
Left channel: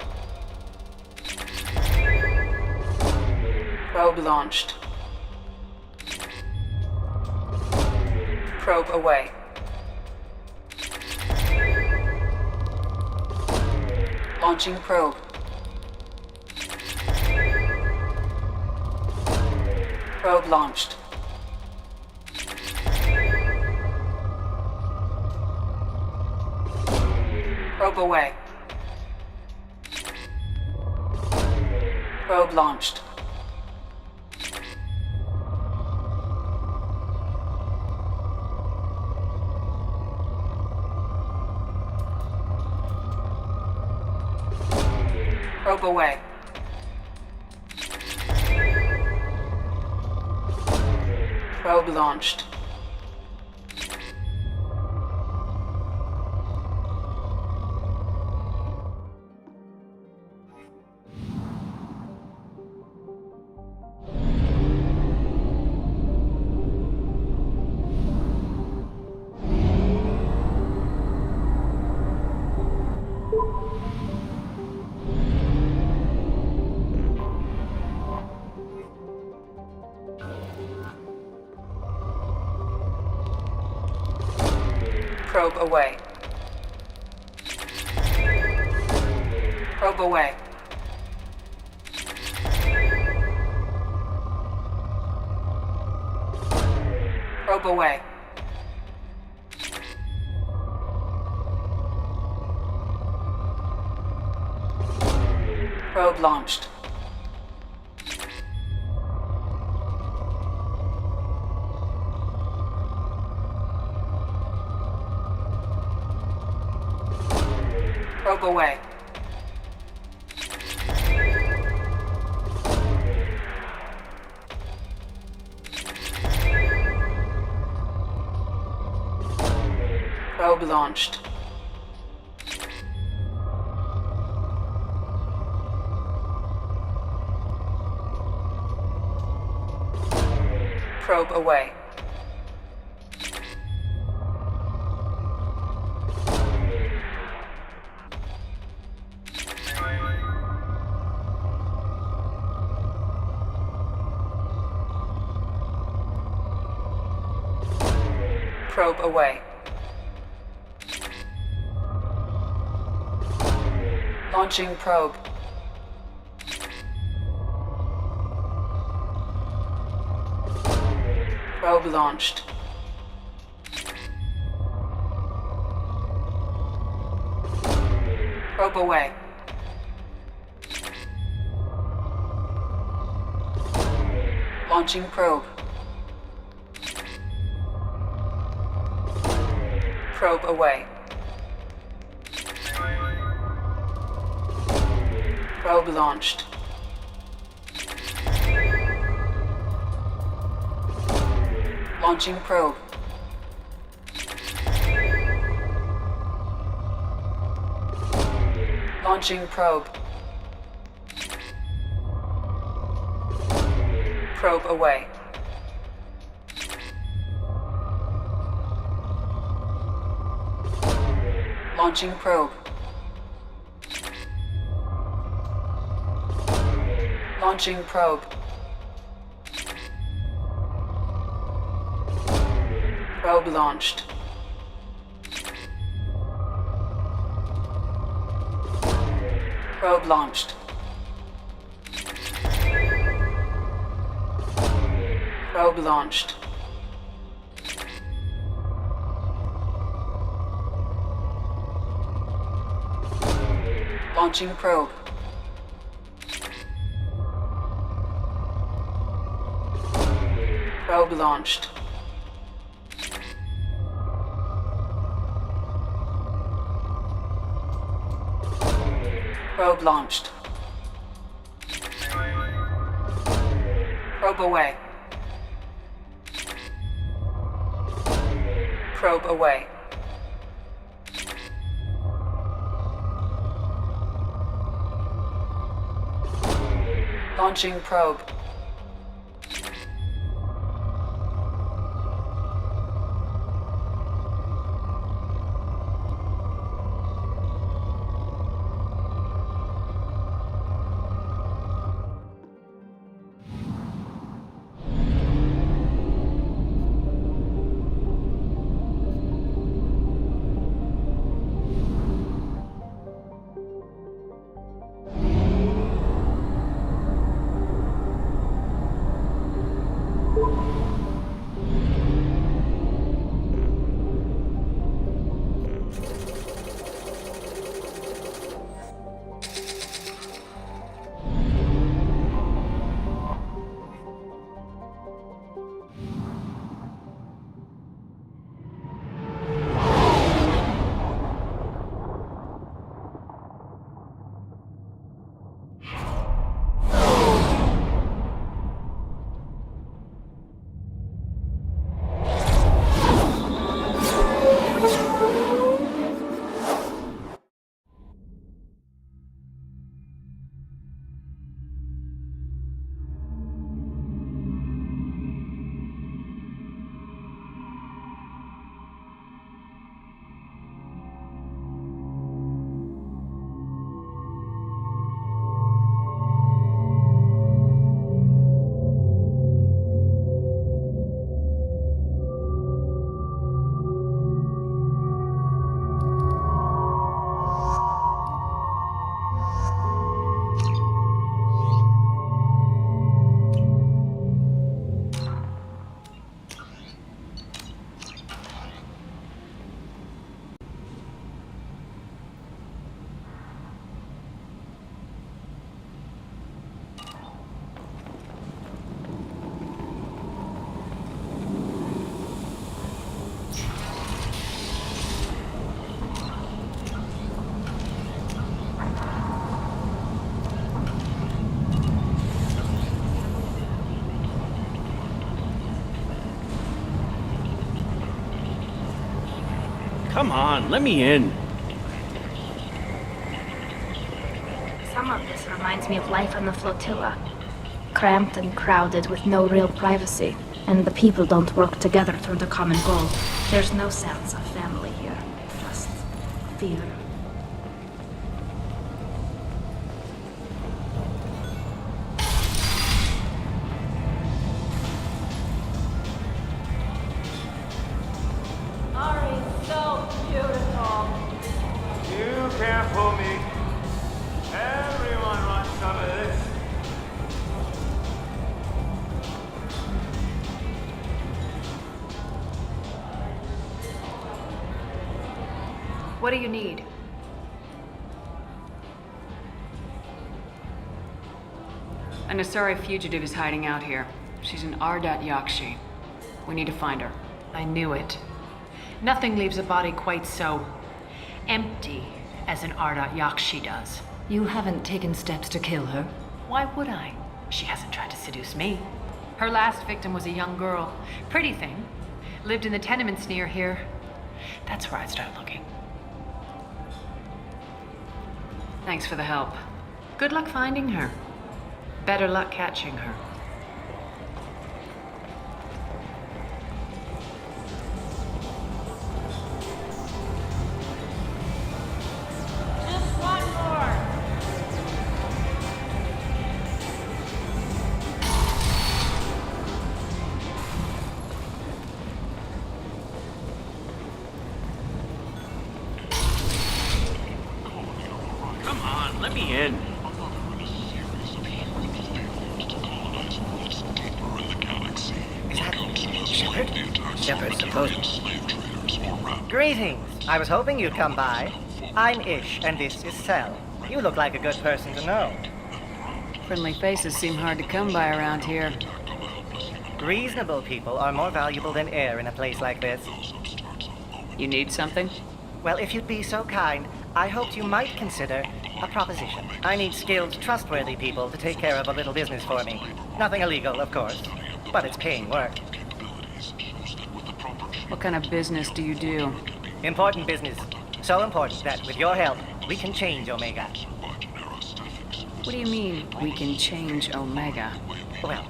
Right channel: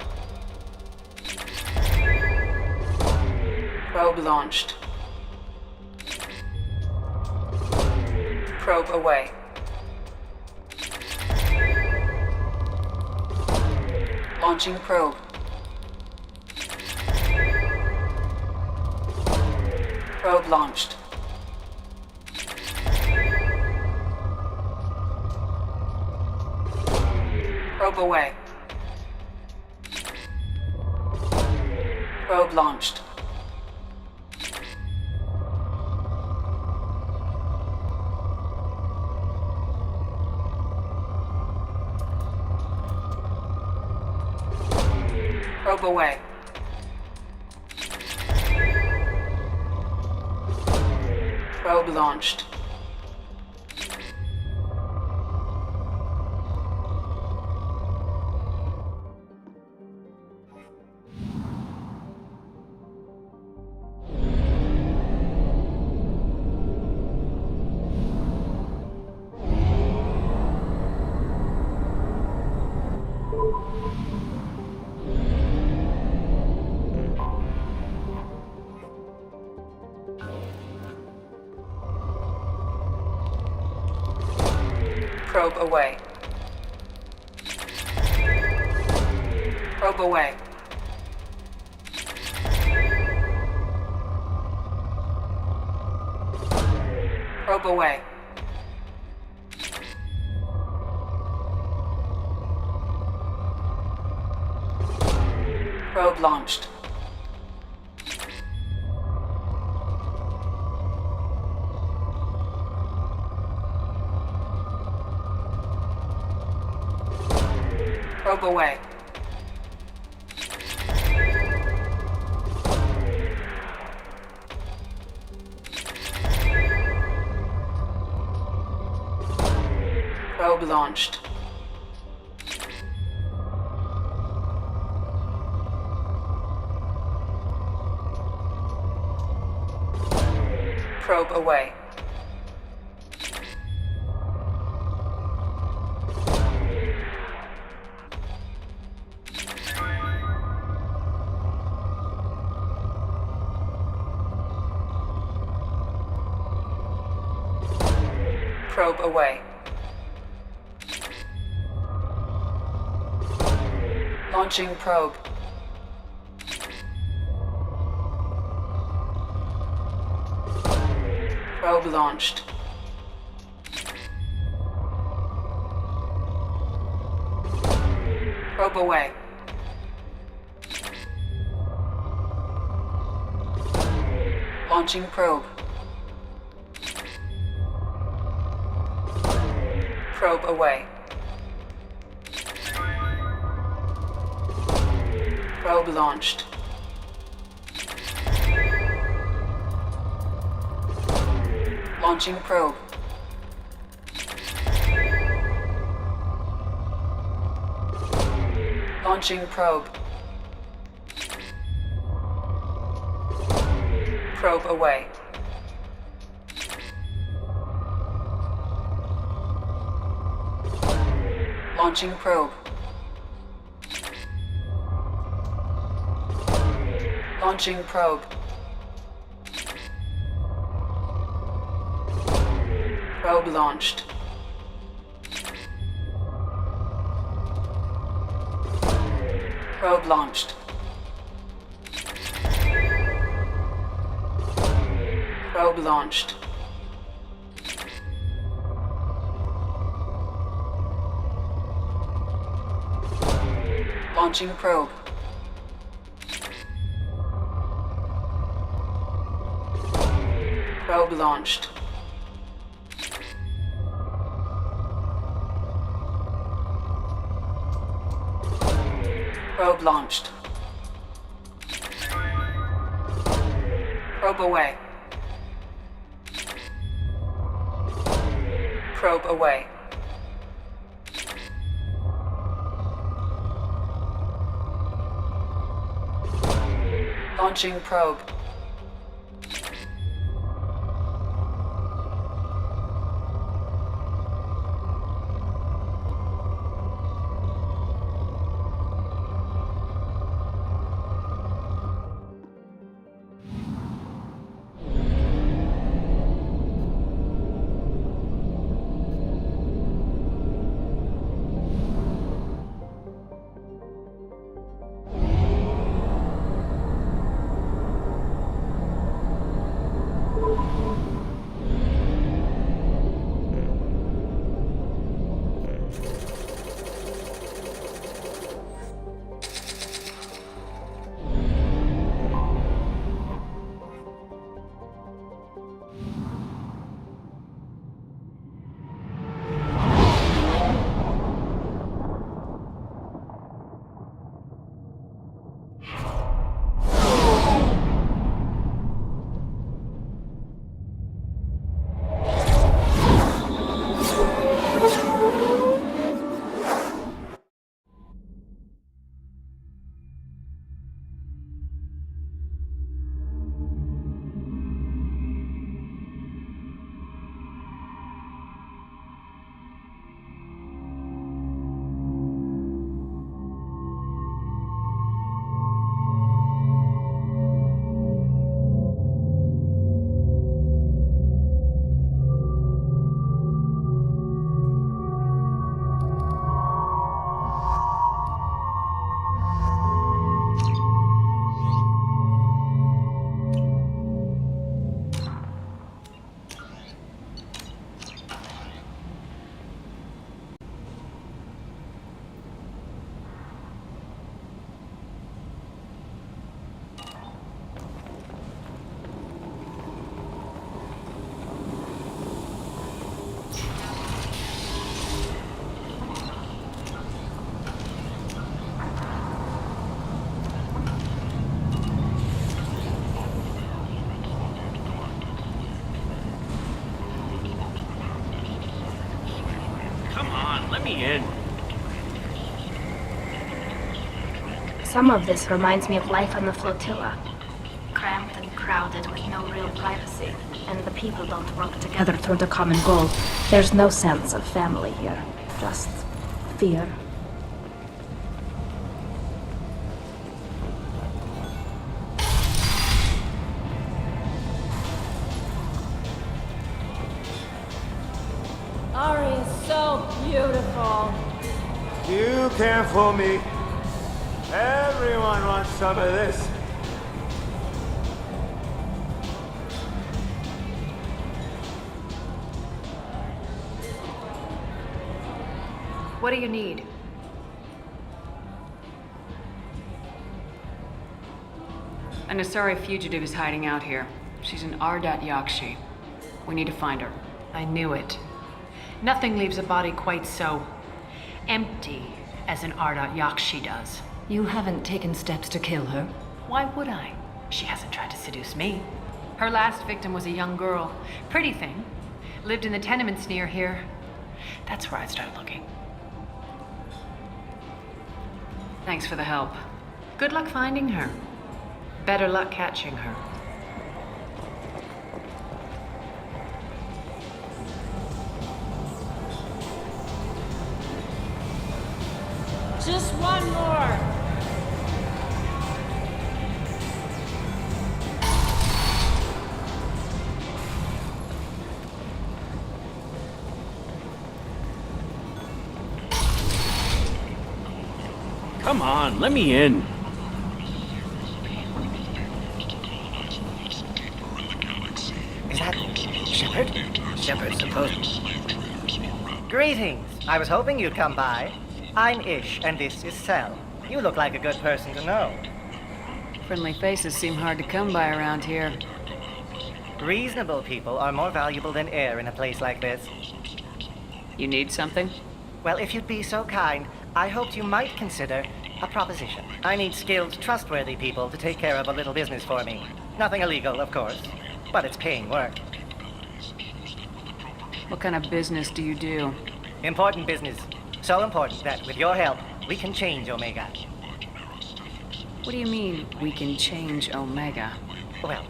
Probe launched. Probe away. Launching probe. Probe launched. Probe away. Probe launched. Probe away. Probe launched. Probe away. Probe away. Probe away. Probe launched. Probe away. Probe launched. Probe away. Probe away. Launching probe. Probe launched. Probe away. Launching probe. Probe away. Probe launched. Launching probe. Launching probe. Probe away. Launching probe. Launching probe. Probe launched. Probe launched. Probe launched. Launching probe. Probe launched. Probe launched. Probe away. Probe away. Launching probe. Come on, let me in. Some of this reminds me of life on the flotilla. Cramped and crowded with no real privacy. And the people don't work together toward a common goal. There's no sense of family here. Just fear. Can't fool me. Everyone wants some of this. What do you need? An Asari fugitive is hiding out here. She's an Ardat Yakshi. We need to find her. I knew it. Nothing leaves a body quite so empty as an Ardat Yakshi does. You haven't taken steps to kill her? Why would I? She hasn't tried to seduce me. Her last victim was a young girl. Pretty thing. Lived in the tenements near here. That's where I'd start looking. Thanks for the help. Good luck finding her. Better luck catching her. Just one more. Come on, let me in. Is that Shepard? Shepard, supposed. Greetings. I was hoping you'd come by. I'm Ish, and this is Cell. You look like a good person to know. Friendly faces seem hard to come by around here. Reasonable people are more valuable than air in a place like this. You need something? Well, if you'd be so kind, I hoped you might consider a proposition. I need skilled, trustworthy people to take care of a little business for me. Nothing illegal, of course, but it's paying work. What kind of business do you do? Important business. So important that, with your help, we can change Omega. What do you mean, we can change Omega? Well,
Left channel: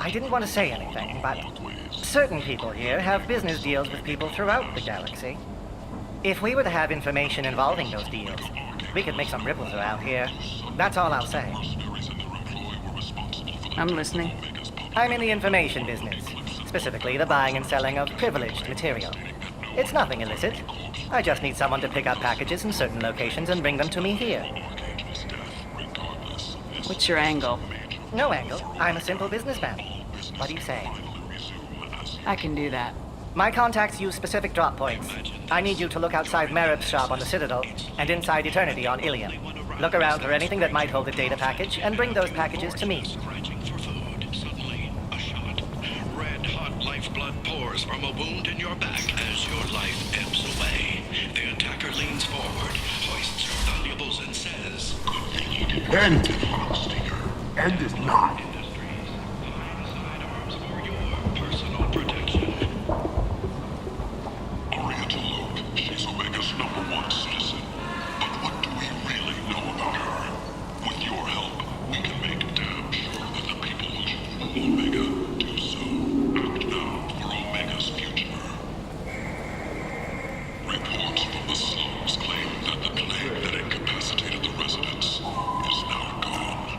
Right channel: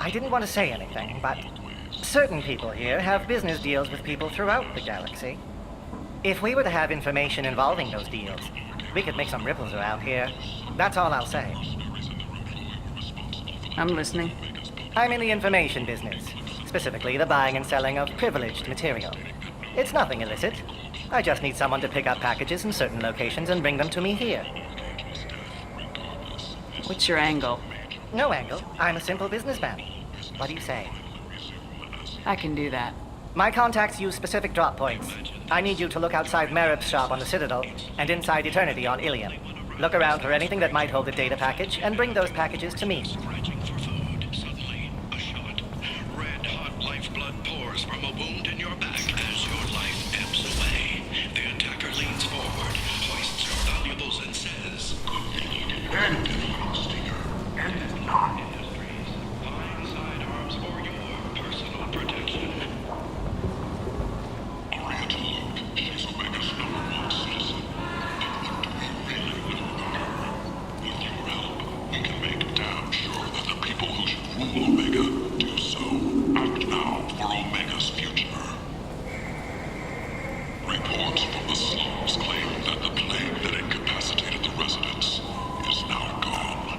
I didn't want to say anything, but certain people here have business deals with people throughout the galaxy. If we were to have information involving those deals, we could make some ripples around here. That's all I'll say. I'm listening. I'm in the information business, specifically the buying and selling of privileged material. It's nothing illicit. I just need someone to pick up packages in certain locations and bring them to me here. What's your angle? No angle. I'm a simple businessman. What do you say? I can do that. My contacts use specific drop points. I need you to look outside Merib's shop on the Citadel and inside Eternity on Ilium. Look around for anything that might hold a data package and bring those packages to me. Red-hot lifeblood pours from a wound in your back as your life ebbs away. The attacker leans forward, hoists your valuables and says, "Good thing you didn't end it, Stinger. End it now." Industries, buying sidearms for your personal protection. Aria Tolote, she's Omega's #1 citizen. But what do we really know about her? With your help, we can make damn sure that the people who should rule Omega do so. Act now for Omega's future. Reports from the slums claim that the plague that incapacitated the residents is now gone.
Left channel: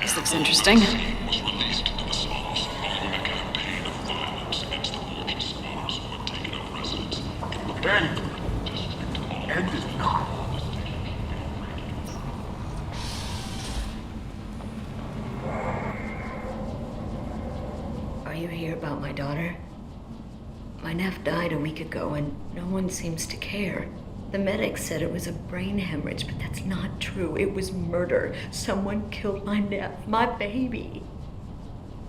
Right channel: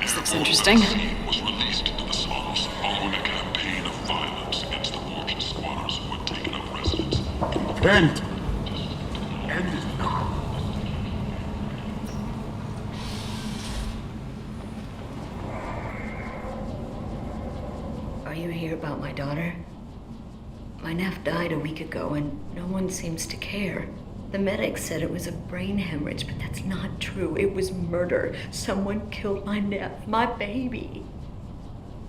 This looks interesting. Was released into the slums following a campaign of violence against the fortune squatters who had taken up residence in the district. End it not. Are you here about my daughter? My nephew died a week ago and no one seems to care. The medics said it was a brain hemorrhage, but that's not true. It was murder. Someone killed my nephew, my baby.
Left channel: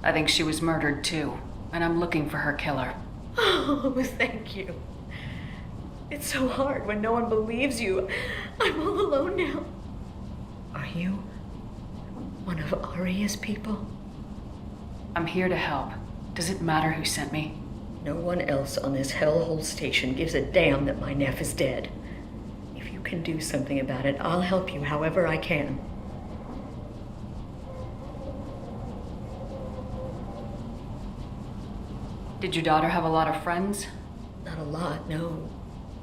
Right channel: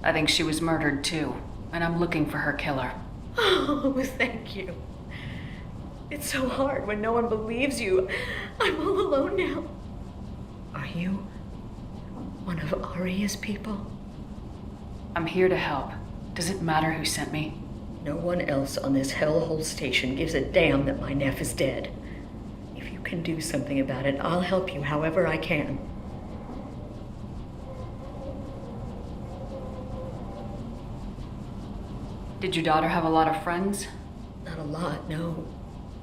I think she was murdered too, and I'm looking for her killer. Oh, thank you. It's so hard when no one believes you. I'm all alone now. Are you one of Aria's people? I'm here to help. Does it matter who sent me? No one else on this hellhole station gives a damn that my nephew is dead. If you can do something about it, I'll help you however I can. Did your daughter have a lot of friends? Not a lot, no.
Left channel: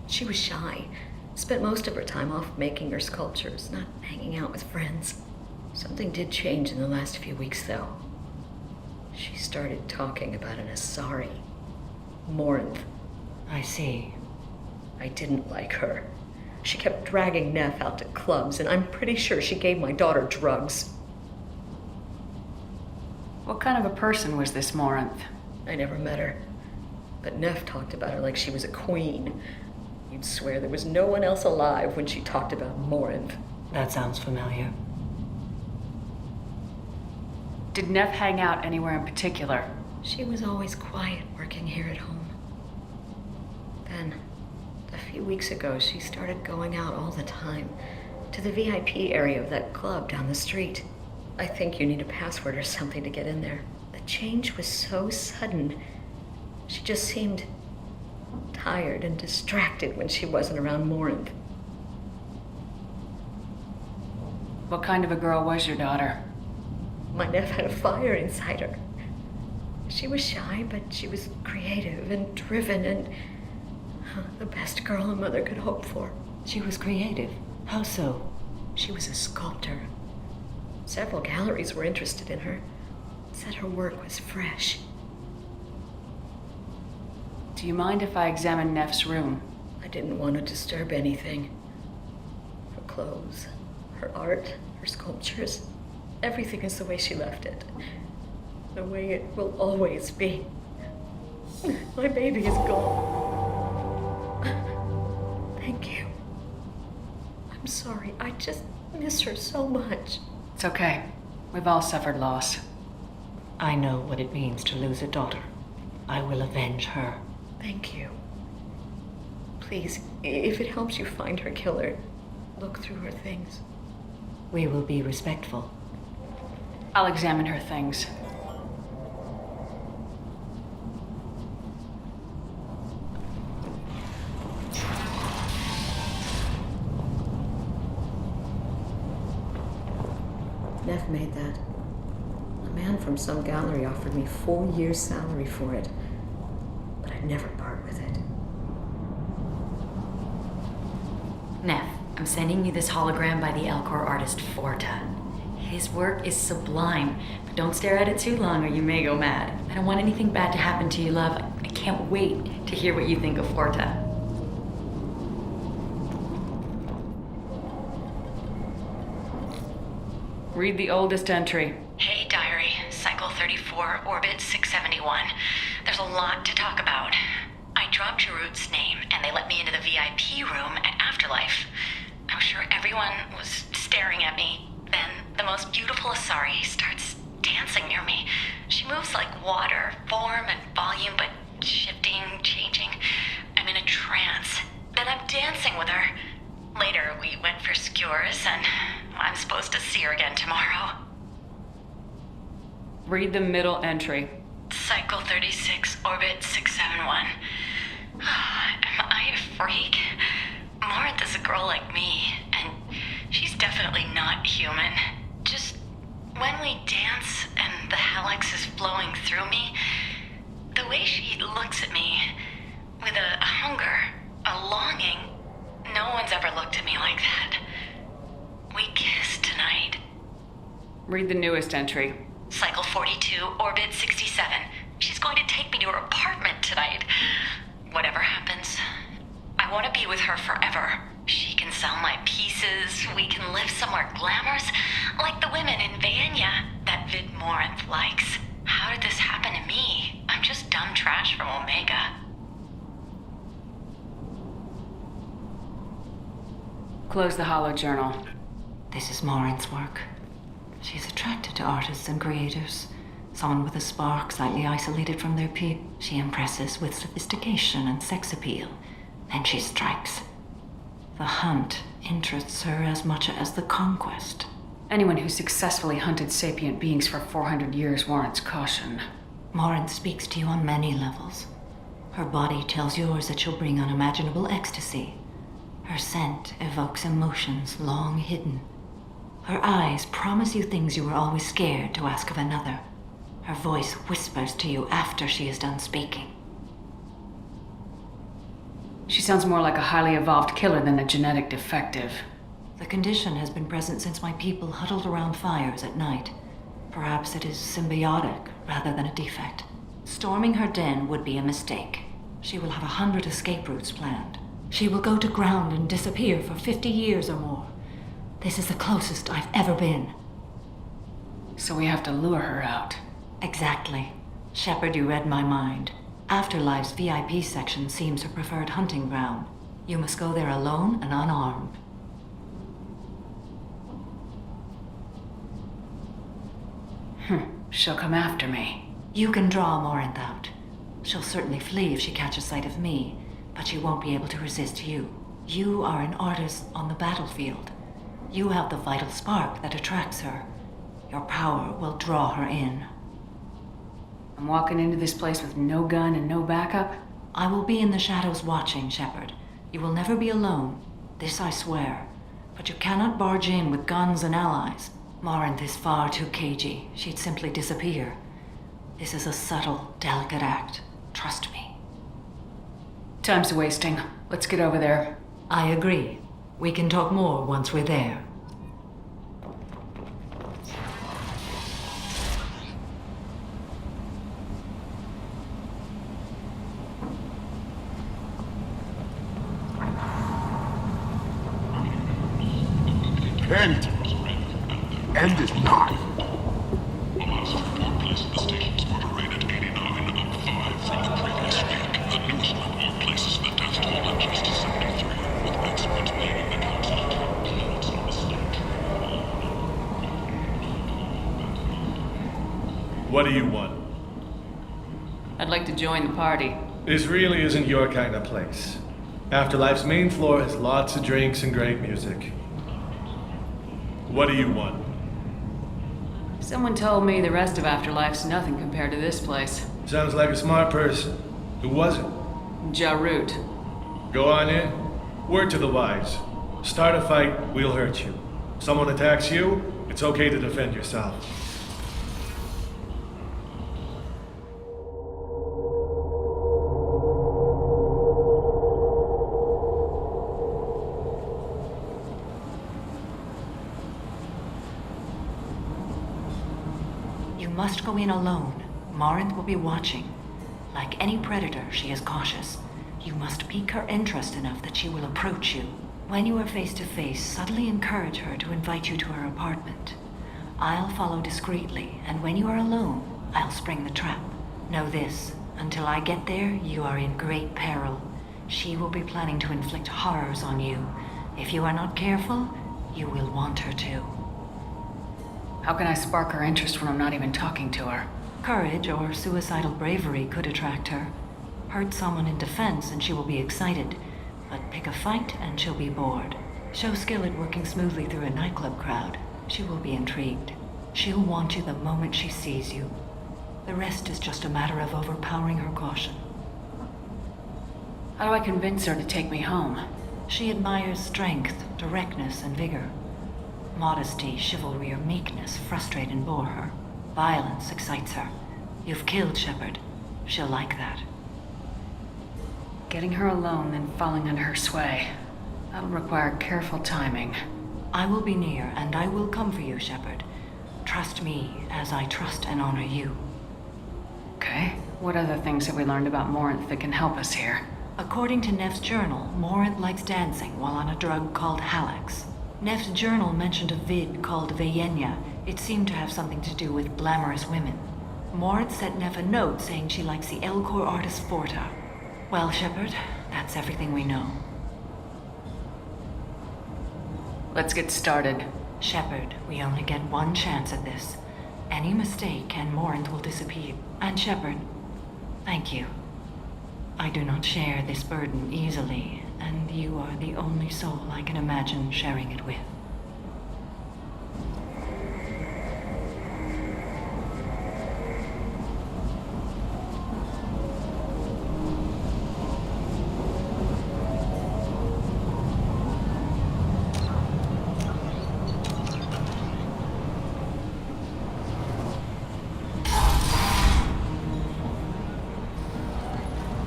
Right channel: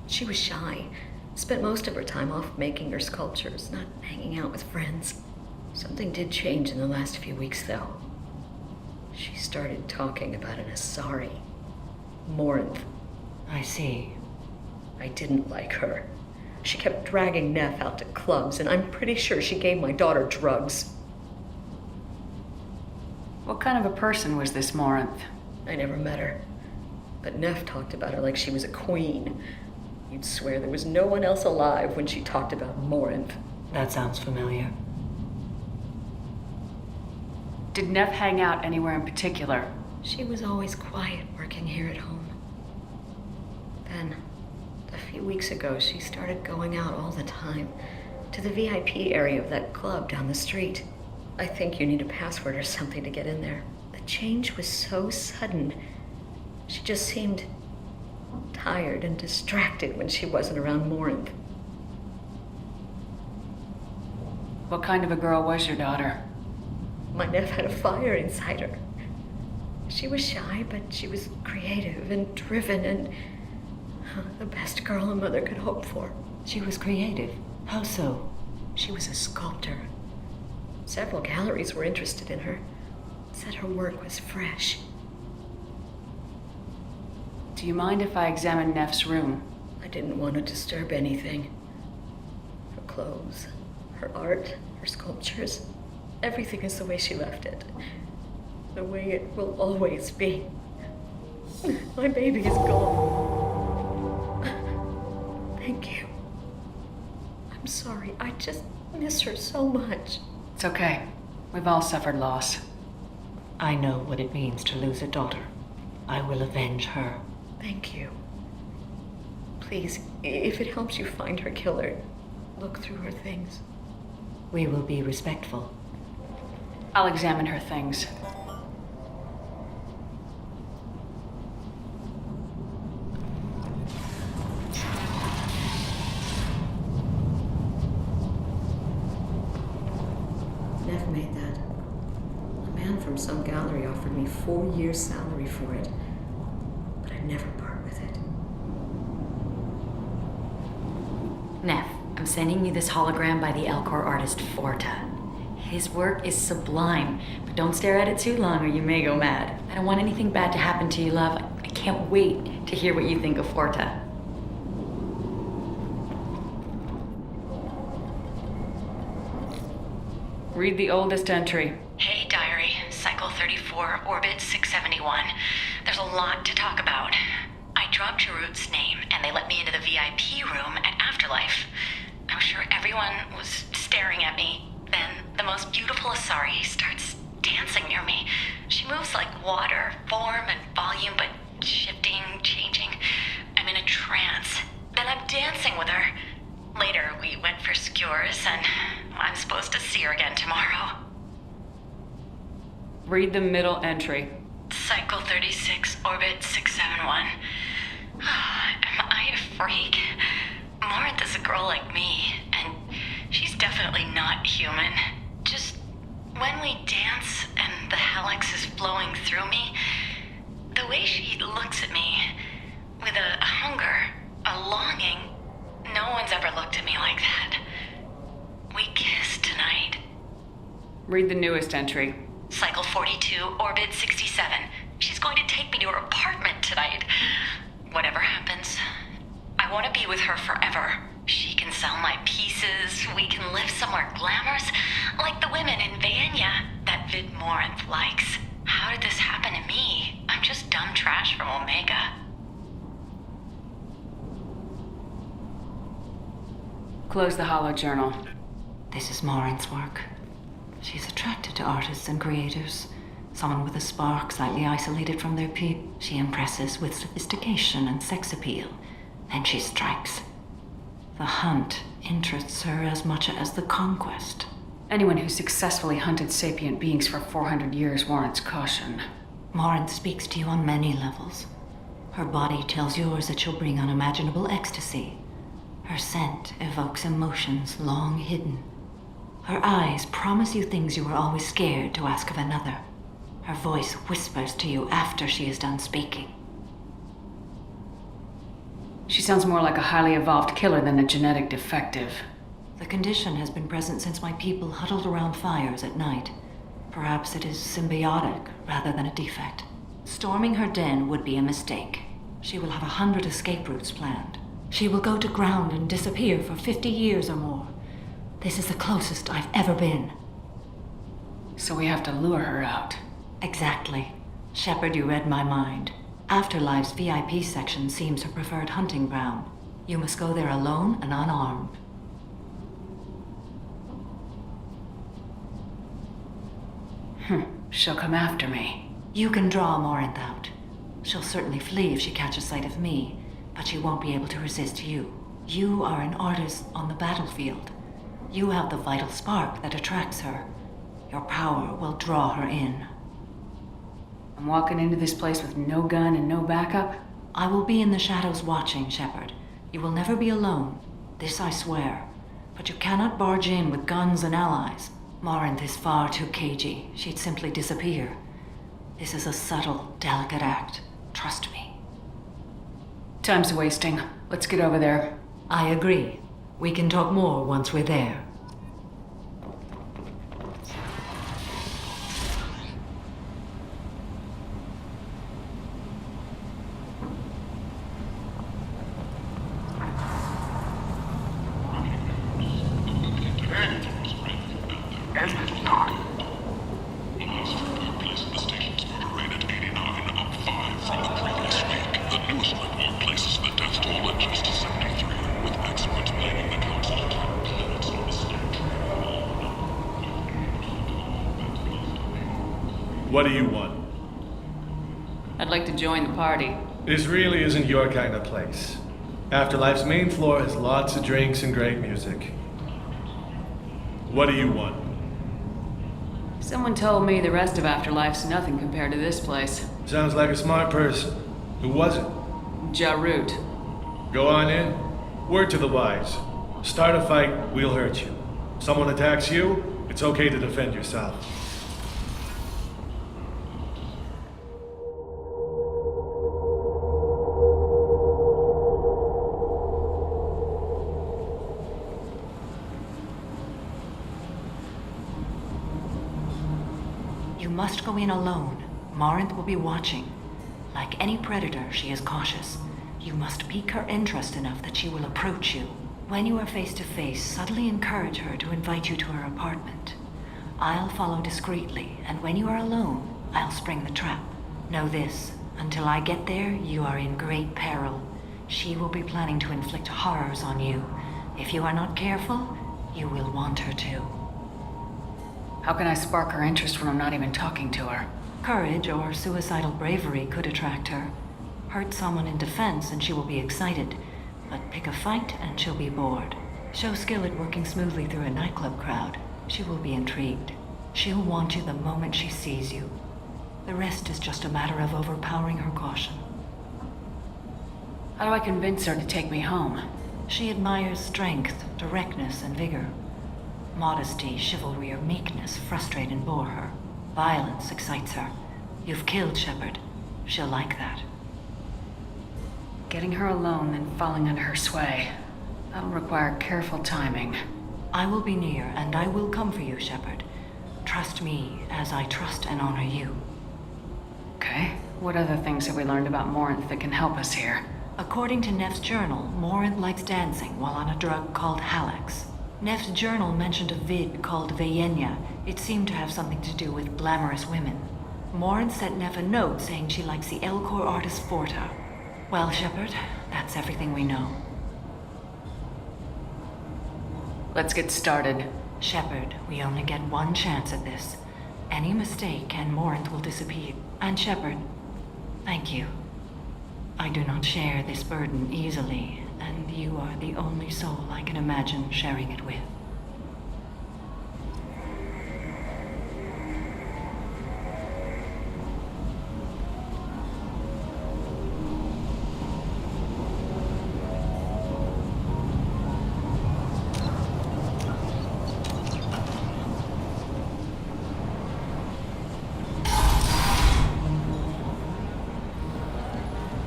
She was shy. Spent most of her time off making her sculptures, not hanging out with friends. Something did change in the last few weeks, though. She started talking about an Asari. Morinth. I see. I didn't like her. She kept dragging Neff out to clubs, and I'm pretty sure she gave my daughter drugs. What kind of a person was this Morinth? I never met her. But Neff talked about her like she was a queen. You'd swear there was no one else alive when she talked about Morinth. That sounds familiar. Did Neff hang out anywhere in particular? She was always quiet working here at home. Then, a few weeks ago, she started going out all the time to the VIP area of that club down the street. I think you need a password or something to get in there. The change was so sudden. She just seemed tired and distracted when she wasn't around Morinth. What kind of a girl was your daughter? My nephew had a fire inside her. She was shy, but she was creative and driven and the best girl a mother could hope for. She was creative. How so? She was a sculptor. Several galleries were interested in her. Said her work was fresh. Do you mind if I examine Neff's room? I didn't want to disturb anything. Her clothes, Her art, her sculptures, everything is the way she left it. The way it will always be. My baby is gone. Thank you. I'm sorry. I just miss her so much. It's okay. We've all suffered loss. I know what it means to lose a daughter. I will avenge her. Thank you. Please, if it helps you find her killer, look through her things. We will be respectful. I'll examine her things. Neff made that. A man from some gallery offered me 4 years' salary for it, but I'd never part with it. Neff, I'm sending you this hologram by the Elcor artist Forta. His work is sublime, but don't stare at it too long or you may go mad. I don't want anything bad to happen to you, love. I can't wait to hear what you think of Forta. Read the oldest entry. Hey, diary. Cycle 34, orbit 671. There's a lot to talk about. I dropped Jarut's name, and they let me into the VIP room at Afterlife. I'm sure everyone was staring at me. Then the most beautiful Asari starts dancing near me. She moves like water, form and volume, but shifting, changing. I'm in a trance. Then I'm dancing with her. Later, we went for skewers, and I'm supposed to see her again tomorrow. Read the middle entry. Cycle 36, orbit 671. Am I a freak? Morinth is a girl like me, and she's definitely not human. Just when we dance and the helix is flowing through me, the way she looks at me with a hunger, a longing, no one's ever looked at me like that. We kissed tonight. Read the newest entry. Cycle 42, orbit 67. She's going to take me to her apartment tonight. Whatever happens, I want to be with her forever. She can sell my pieces. We can live somewhere glamorous, like the women in Vanya that Vid Morinth likes. How did this happen to me? I'm just dumb trash from Omega. Close the holo journal. This is Morinth's work. She's attracted to artists and creators. Someone with a spark, slightly isolated from their peer. She impresses with sophistication and sex appeal. Then she strikes. The hunt interests her as much as the conquest. Anyone who successfully hunted sapient beings for 400 years warrants caution. Morinth speaks to you on many levels. Her body tells yours that she'll bring unimaginable ecstasy. Her scent evokes emotions long hidden. Her eyes promise you things you were always scared to ask of another. Her voice whispers to you after she is done speaking. She sounds more like a highly evolved killer than a genetic defective. The condition has been present since my people huddled around fires at night. Perhaps it is symbiotic rather than a defect. Storming her den would be a mistake. She will have 100 escape routes planned. She will go to ground and disappear for 50 years or more. This is the closest I've ever been. So we have to lure her out. Exactly. Shepard, you read my mind. Afterlife's VIP section seems her preferred hunting ground. You must go there alone and unarmed. She'll come after me. You can draw Morinth out. She'll certainly flee if she catches sight of me, but she won't be able to resist you. You are an artist on the battlefield. You have the vital spark that attracts her. Your power will draw her in. I'm walking into this place with no gun and no backup? I will be in the shadows watching, Shepard. You will never be alone. This I swear. But you cannot barge in with guns and allies. Morinth is far too cagey. She'd simply disappear. This is a subtle, delicate act. Trust me. Time's wasting. Let's get over there. I agree. We can talk more once we're there. Ken! A massive report placed the station's murder rate at 89, up 5 from the previous week. The newest report places the death toll at just 73, with experts blaming the council's 20 minutes on mistake. What do you want? I'd like to join the party. This really isn't your kind of place. Afterlife's main floor has lots of drinks and great music. What do you want? Someone told me the rest of Afterlife's nothing compared to this place. Sounds like a smart person. Who was it? Jarut. Go on in. Word to the wise. Start a fight, we'll hurt you. Someone attacks you, it's okay to defend yourself. You must go in alone. Morinth will be watching. Like any predator, she is cautious. You must pique her interest enough that she will approach you. When you are face to face, subtly encourage her to invite you to her apartment. I'll follow discreetly, and when you are alone, I'll spring the trap. Know this, until I get there, you are in great peril. She will be planning to inflict horrors on you. If you are not careful, you will want her to. How can I spark her interest when I'm not even talking to her? Courage or suicidal bravery could attract her. Hurt someone in defense and she will be excited. But pick a fight and she'll be bored. Show skill at working smoothly through a nightclub crowd. She will be intrigued. She'll want you the moment she sees you. The rest is just a matter of overpowering her caution. How do I convince her to take me home? She admires strength, directness, and vigor. Modesty, chivalry, or meekness frustrate and bore her. Violence excites her. You've killed Shepard. She'll like that. Getting her alone, then falling under her sway. That'll require careful timing. I will be near, and I will come for you, Shepard. Trust me, as I trust and honor you. Okay. What other things have we learned about Morinth that can help us here? According to Neff's journal, Morinth likes dancing while on a drug called Halax. Neff's journal mentioned a vid called Veyenya. It seemed to have something to do with glamorous women. Morinth sent Neff a note saying she likes the Elcor artist Forta. Well, Shepard, that's everything we know. Let's get started. Shepard, we only get one chance at this. Any mistake and Morinth will disappear. And Shepard, thank you. I do not share this burden easily, and you are the only soul I can imagine sharing it with.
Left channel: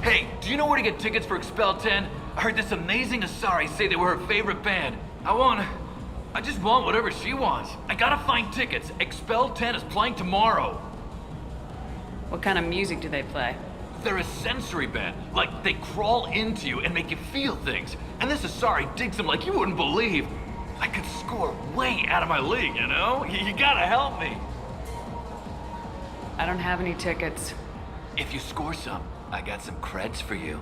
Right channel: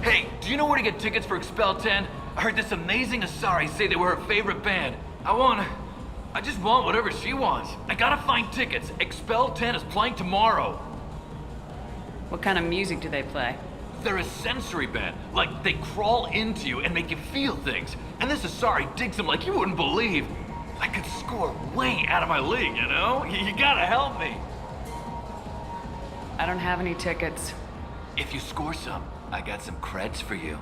Hey, do you know where to get tickets for Expel 10? I heard this amazing Asari say they were her favorite band. I just want whatever she wants. I gotta find tickets. Expel 10 is playing tomorrow. What kind of music do they play? They're a sensory band. Like, they crawl into you and make you feel things. And this Asari digs them like you wouldn't believe. I could score way out of my league, you know? You gotta help me. I don't have any tickets. If you score some, I got some creds for you.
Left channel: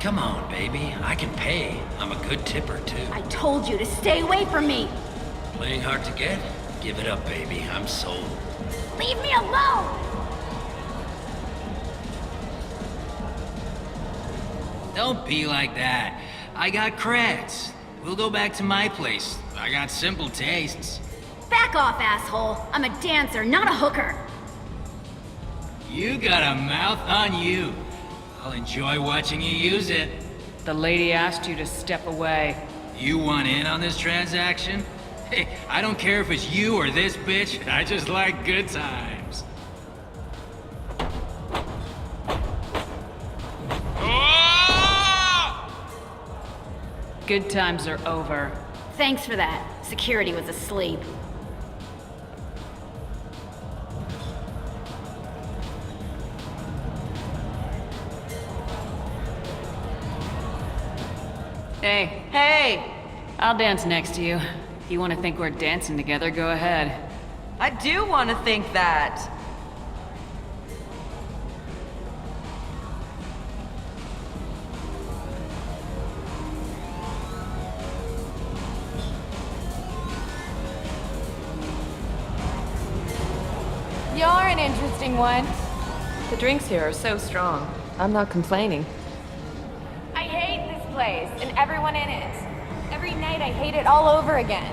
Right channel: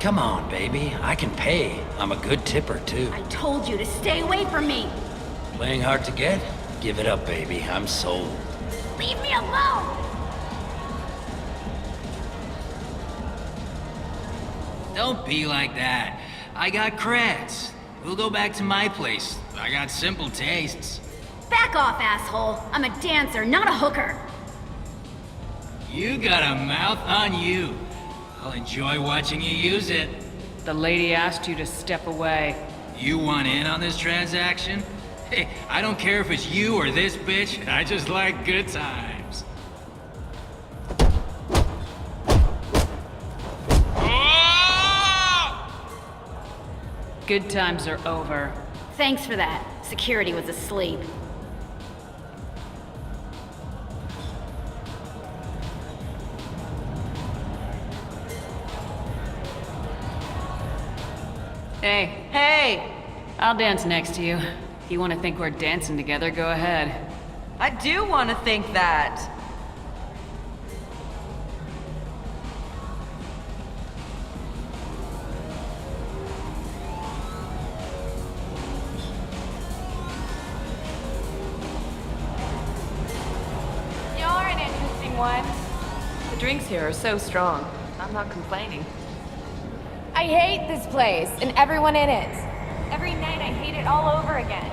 Come on, baby. I can pay. I'm a good tipper, too. I told you to stay away from me! Playing hard to get? Give it up, baby. I'm sold. Leave me alone! Don't be like that. I got creds. We'll go back to my place. I got simple tastes. Back off, asshole! I'm a dancer, not a hooker! You got a mouth on you. I'll enjoy watching you use it. The lady asked you to step away. You want in on this transaction? Hey, I don't care if it's you or this bitch. I just like good times. Good times are over. Thanks for that. Security was asleep. Hey. Hey! I'll dance next to you. If you want to think we're dancing together, go ahead. I do want to think that. You're an interesting one. The drinks here are so strong. I'm not complaining. I hate this place and everyone in it. Every night I hate it all over again.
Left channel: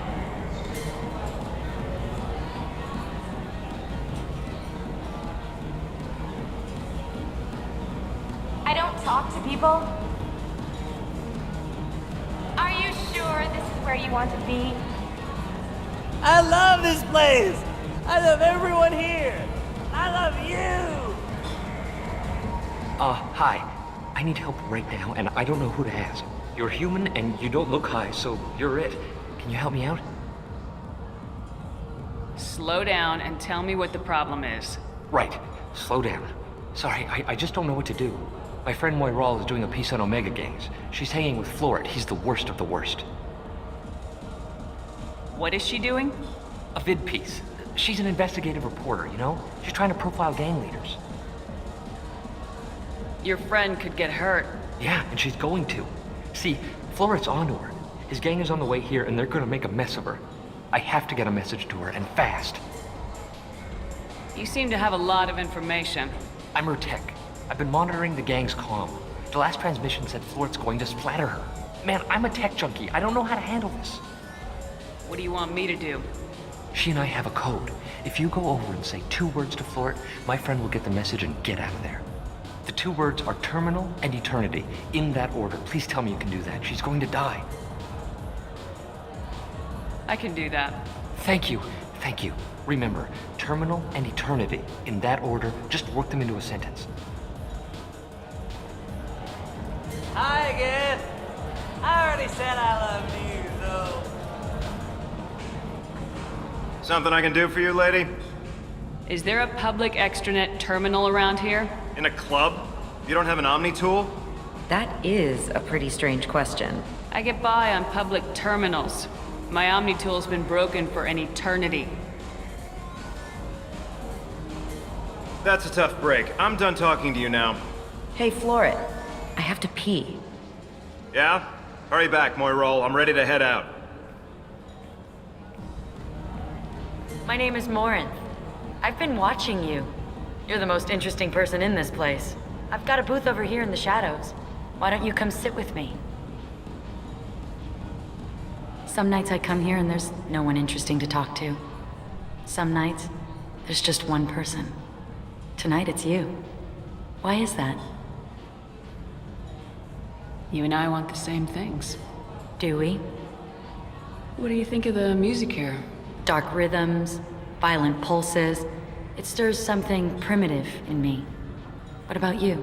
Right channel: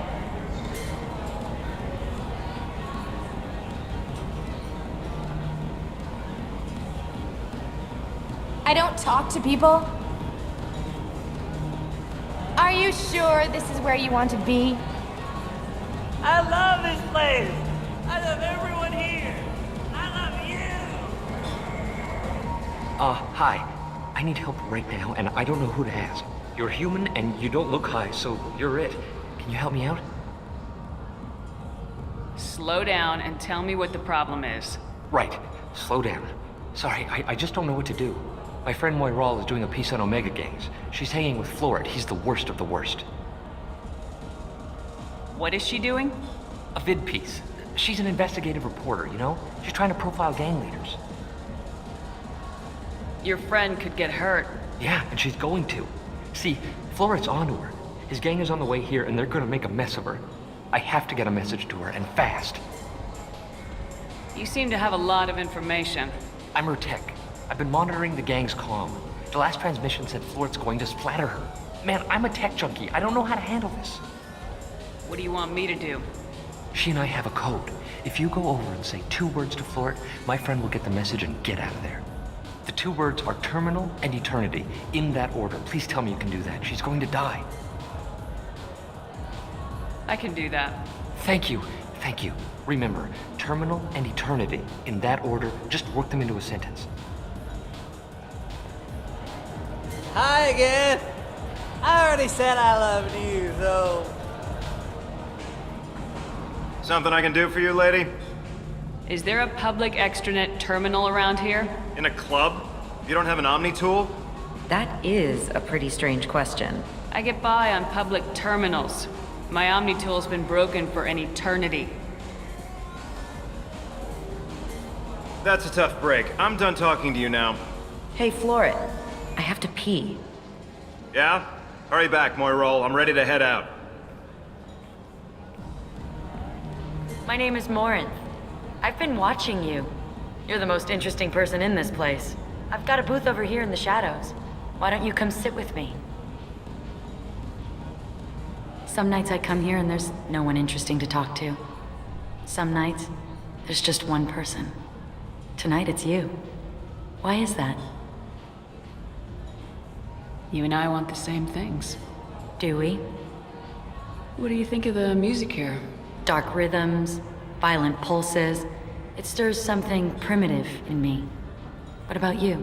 I don't talk to people. Are you sure this is where you want to be? I love this place. I love everyone here. I love you. Hi. I need help right now, and I don't know who to ask. You're human, and you don't look high, so you're it. Can you help me out? Slow down and tell me what the problem is. Right. Slow down. Sorry, I just don't know what to do. My friend Moiral is doing a piece on Omega gangs. She's hanging with Floret. He's the worst of the worst. What is she doing? A vid piece. She's an investigative reporter, you know? She's trying to profile gang leaders. Your friend could get hurt. Yeah, and she's going to. See, Floret's onto her. His gang is on the way here, and they're gonna make a mess of her. I have to get a message to her, and fast. You seem to have a lot of information. I'm her tech. I've been monitoring the gang's comm. The last transmission said Floret's going to splatter her. Man, I'm a tech junkie. I don't know how to handle this. What do you want me to do? She and I have a code. If you go over and say 2 words to Floret, my friend will get the message and get out of there. The 2 words are terminal and eternity, in that order. Please tell me you can do that. She's going to die. I can do that. Thank you. Thank you. Remember, terminal and eternity, in that order. Just work them into a sentence. Hi again. I already said I loved you, though. Something I can do for you, lady? Is there a public extranet terminal around here? In a club? You don't have an Omni tool? That is a pretty strange question. I get by on public terminals. My Omni tool's been broken for an eternity. That's a tough break. I'm done talking to you now. Hey, Floret. I have to pee. Yeah? Hurry back, Moiral. I'm ready to head out. My name is Morinth. I've been watching you. You're the most interesting person in this place. I've got a booth over here in the shadows. Why don't you come sit with me? Some nights I come here and there's no one interesting to talk to. Some nights, there's just one person. Tonight it's you. Why is that? You and I want the same things. Do we? What do you think of the music here? Dark rhythms, violent pulses. It stirs something primitive in me. What about you?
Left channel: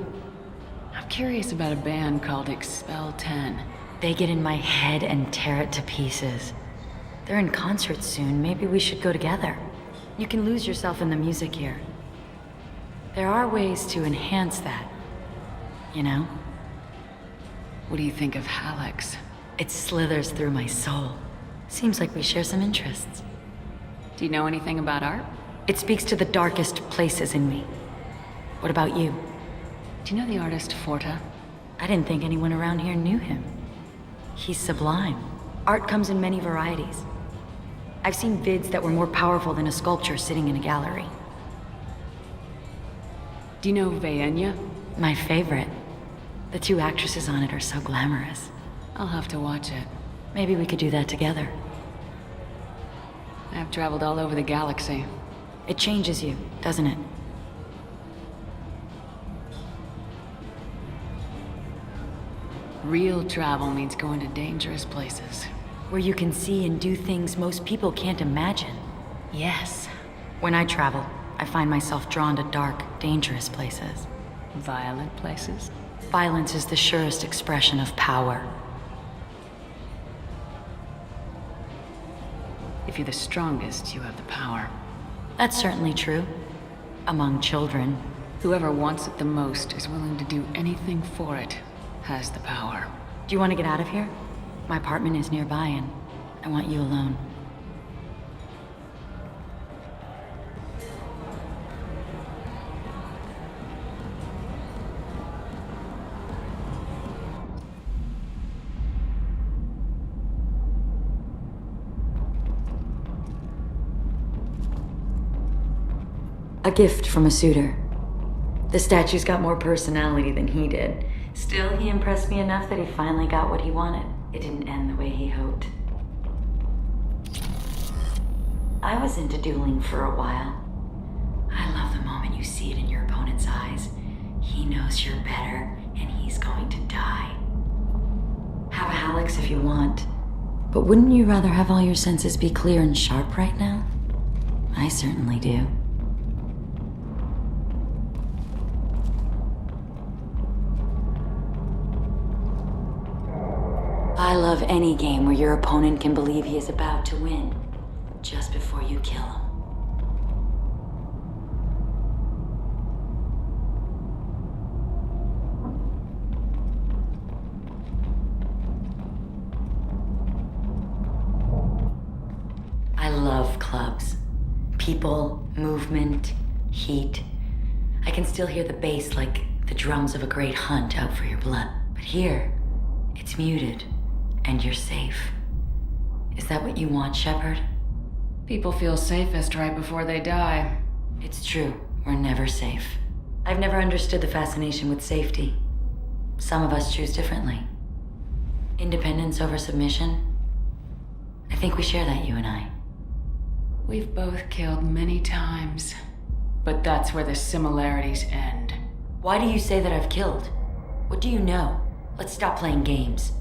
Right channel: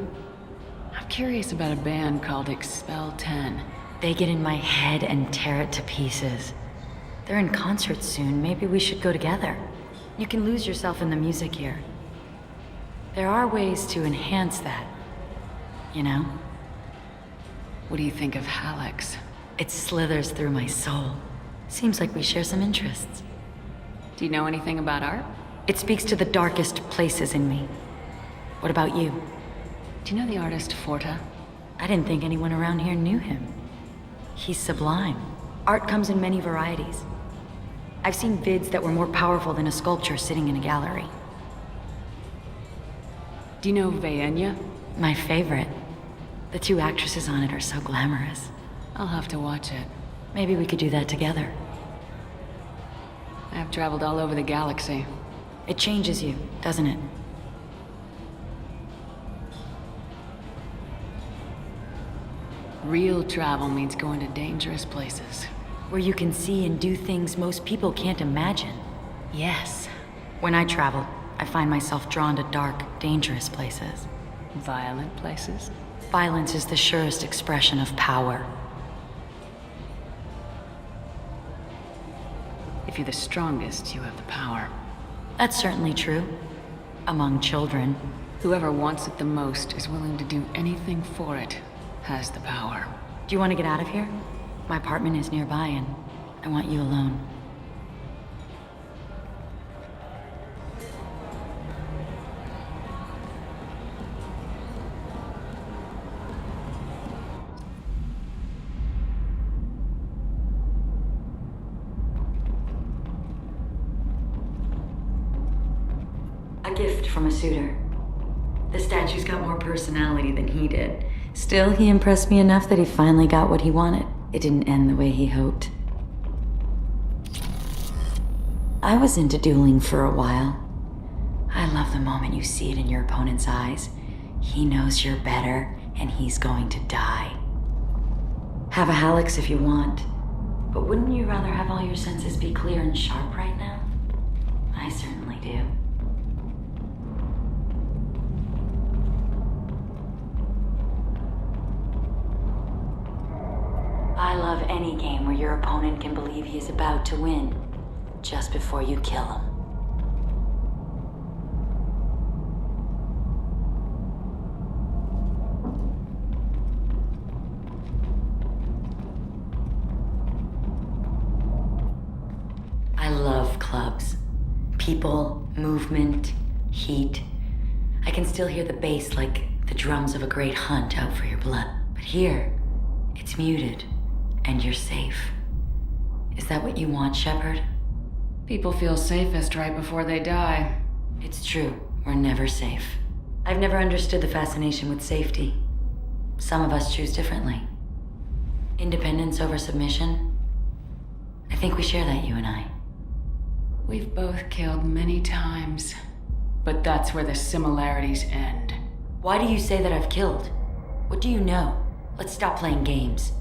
I'm curious about a band called Expel 10. They get in my head and tear it to pieces. They're in concert soon. Maybe we should go together. You can lose yourself in the music here. There are ways to enhance that, you know? What do you think of Hallex? It slithers through my soul. Seems like we share some interests. Do you know anything about art? It speaks to the darkest places in me. What about you? Do you know the artist Forta? I didn't think anyone around here knew him. He's sublime. Art comes in many varieties. I've seen vids that were more powerful than a sculpture sitting in a gallery. Do you know Vaenya? My favorite. The 2 actresses on it are so glamorous. I'll have to watch it. Maybe we could do that together. I've traveled all over the galaxy. It changes you, doesn't it? Real travel means going to dangerous places. Where you can see and do things most people can't imagine. Yes. When I travel, I find myself drawn to dark, dangerous places. Violent places? Violence is the surest expression of power. If you're the strongest, you have the power. That's certainly true. Among children. Whoever wants it the most is willing to do anything for it, has the power. Do you want to get out of here? My apartment is nearby, and I want you alone. A gift from a suitor. The statue's got more personality than he did. Still, he impressed me enough that he finally got what he wanted. It didn't end the way he hoped. I was into dueling for a while. I love the moment you see it in your opponent's eyes. He knows you're better, and he's going to die. Have a Hallex if you want, but wouldn't you rather have all your senses be clear and sharp right now? I certainly do. I love any game where your opponent can believe he is about to win, just before you kill him. I love clubs. People, movement, heat. I can still hear the bass like the drums of a great hunt out for your blood. But here, it's muted. And you're safe. Is that what you want, Shepard? People feel safest right before they die. It's true. We're never safe. I've never understood the fascination with safety. Some of us choose differently. Independence over submission? I think we share that, you and I. We've both killed many times, but that's where the similarities end. Why do you say that I've killed? What do you know? Let's stop playing games.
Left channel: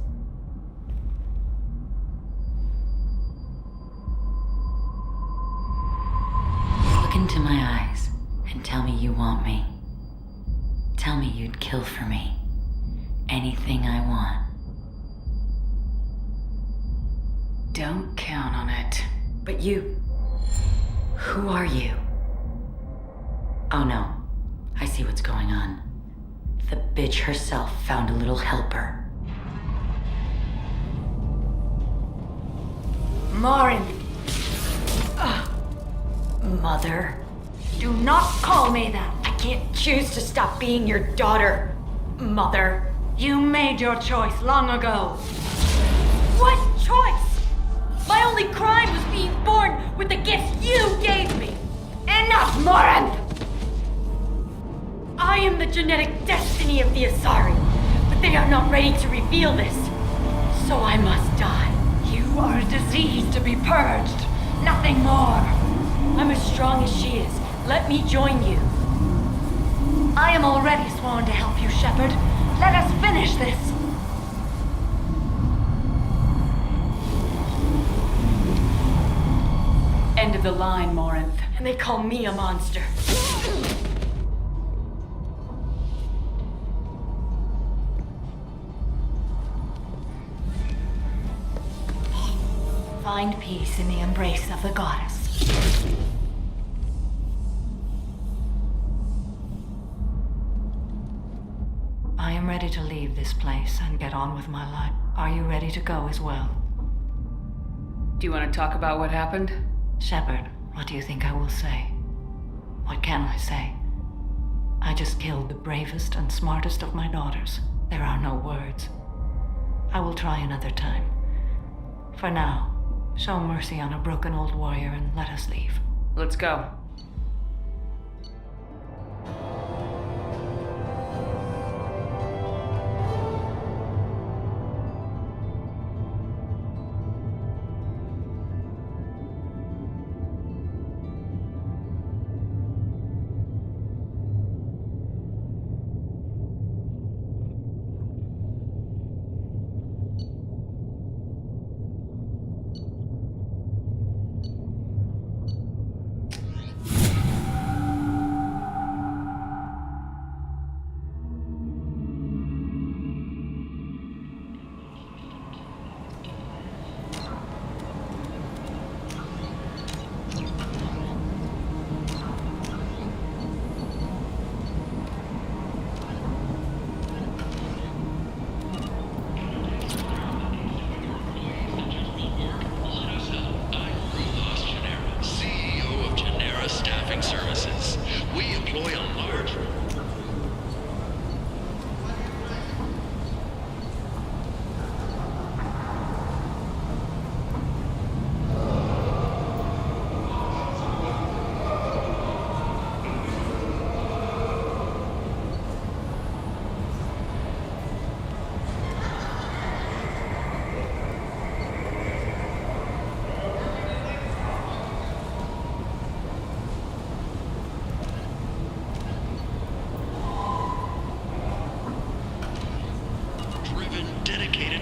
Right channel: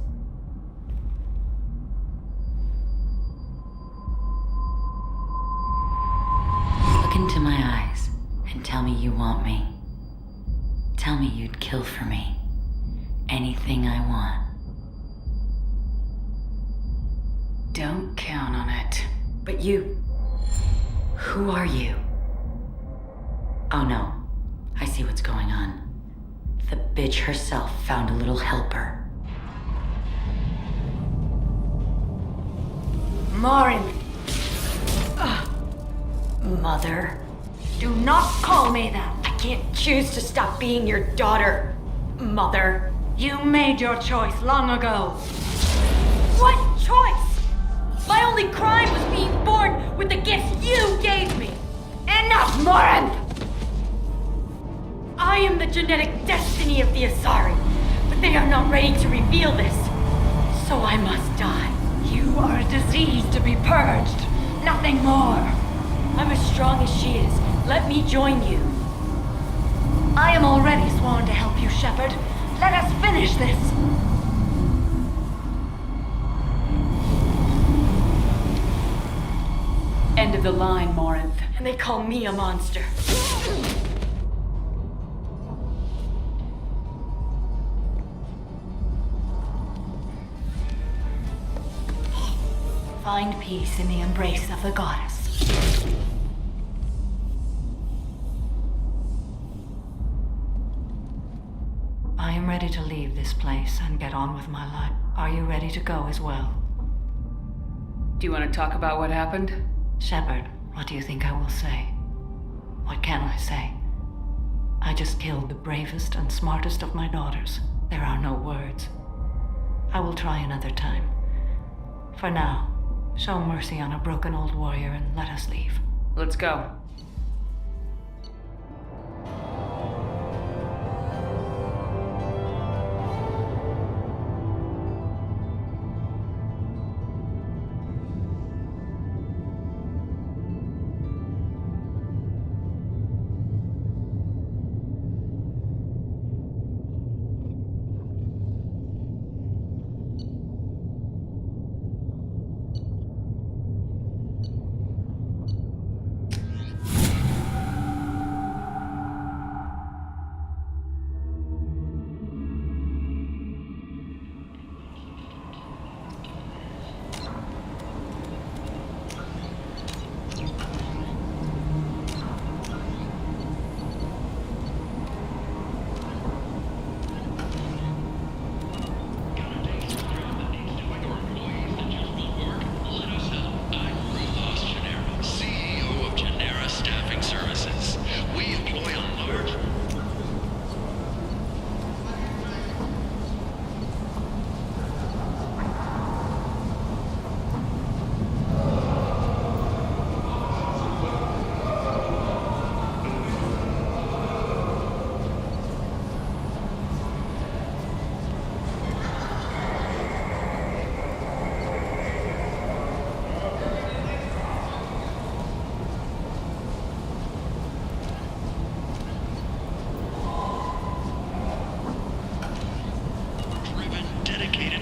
Look into my eyes and tell me you want me. Tell me you'd kill for me. Anything I want. Don't count on it. But you... Who are you? Oh no. I see what's going on. The bitch herself found a little helper. Morin! Mother. Do not call me that! I can't choose to stop being your daughter, Mother. You made your choice long ago. What choice? My only crime was being born with the gifts you gave me. Enough, Morin! I am the genetic destiny of the Asari, but they are not ready to reveal this. So I must die. You are a disease to be purged. Nothing more. I'm as strong as she is. Let me join you. I am already sworn to help you, Shepard. Let us finish this. End of the line, Morinth. And they call me a monster. Find peace in the embrace of the goddess. I am ready to leave this place and get on with my life. Are you ready to go as well? Do you want to talk about what happened? Shepard, what do you think I will say? What can I say? I just killed the bravest and smartest of my daughters. There are no words. I will try another time. For now, show mercy on a broken old warrior and let us leave. Let's go.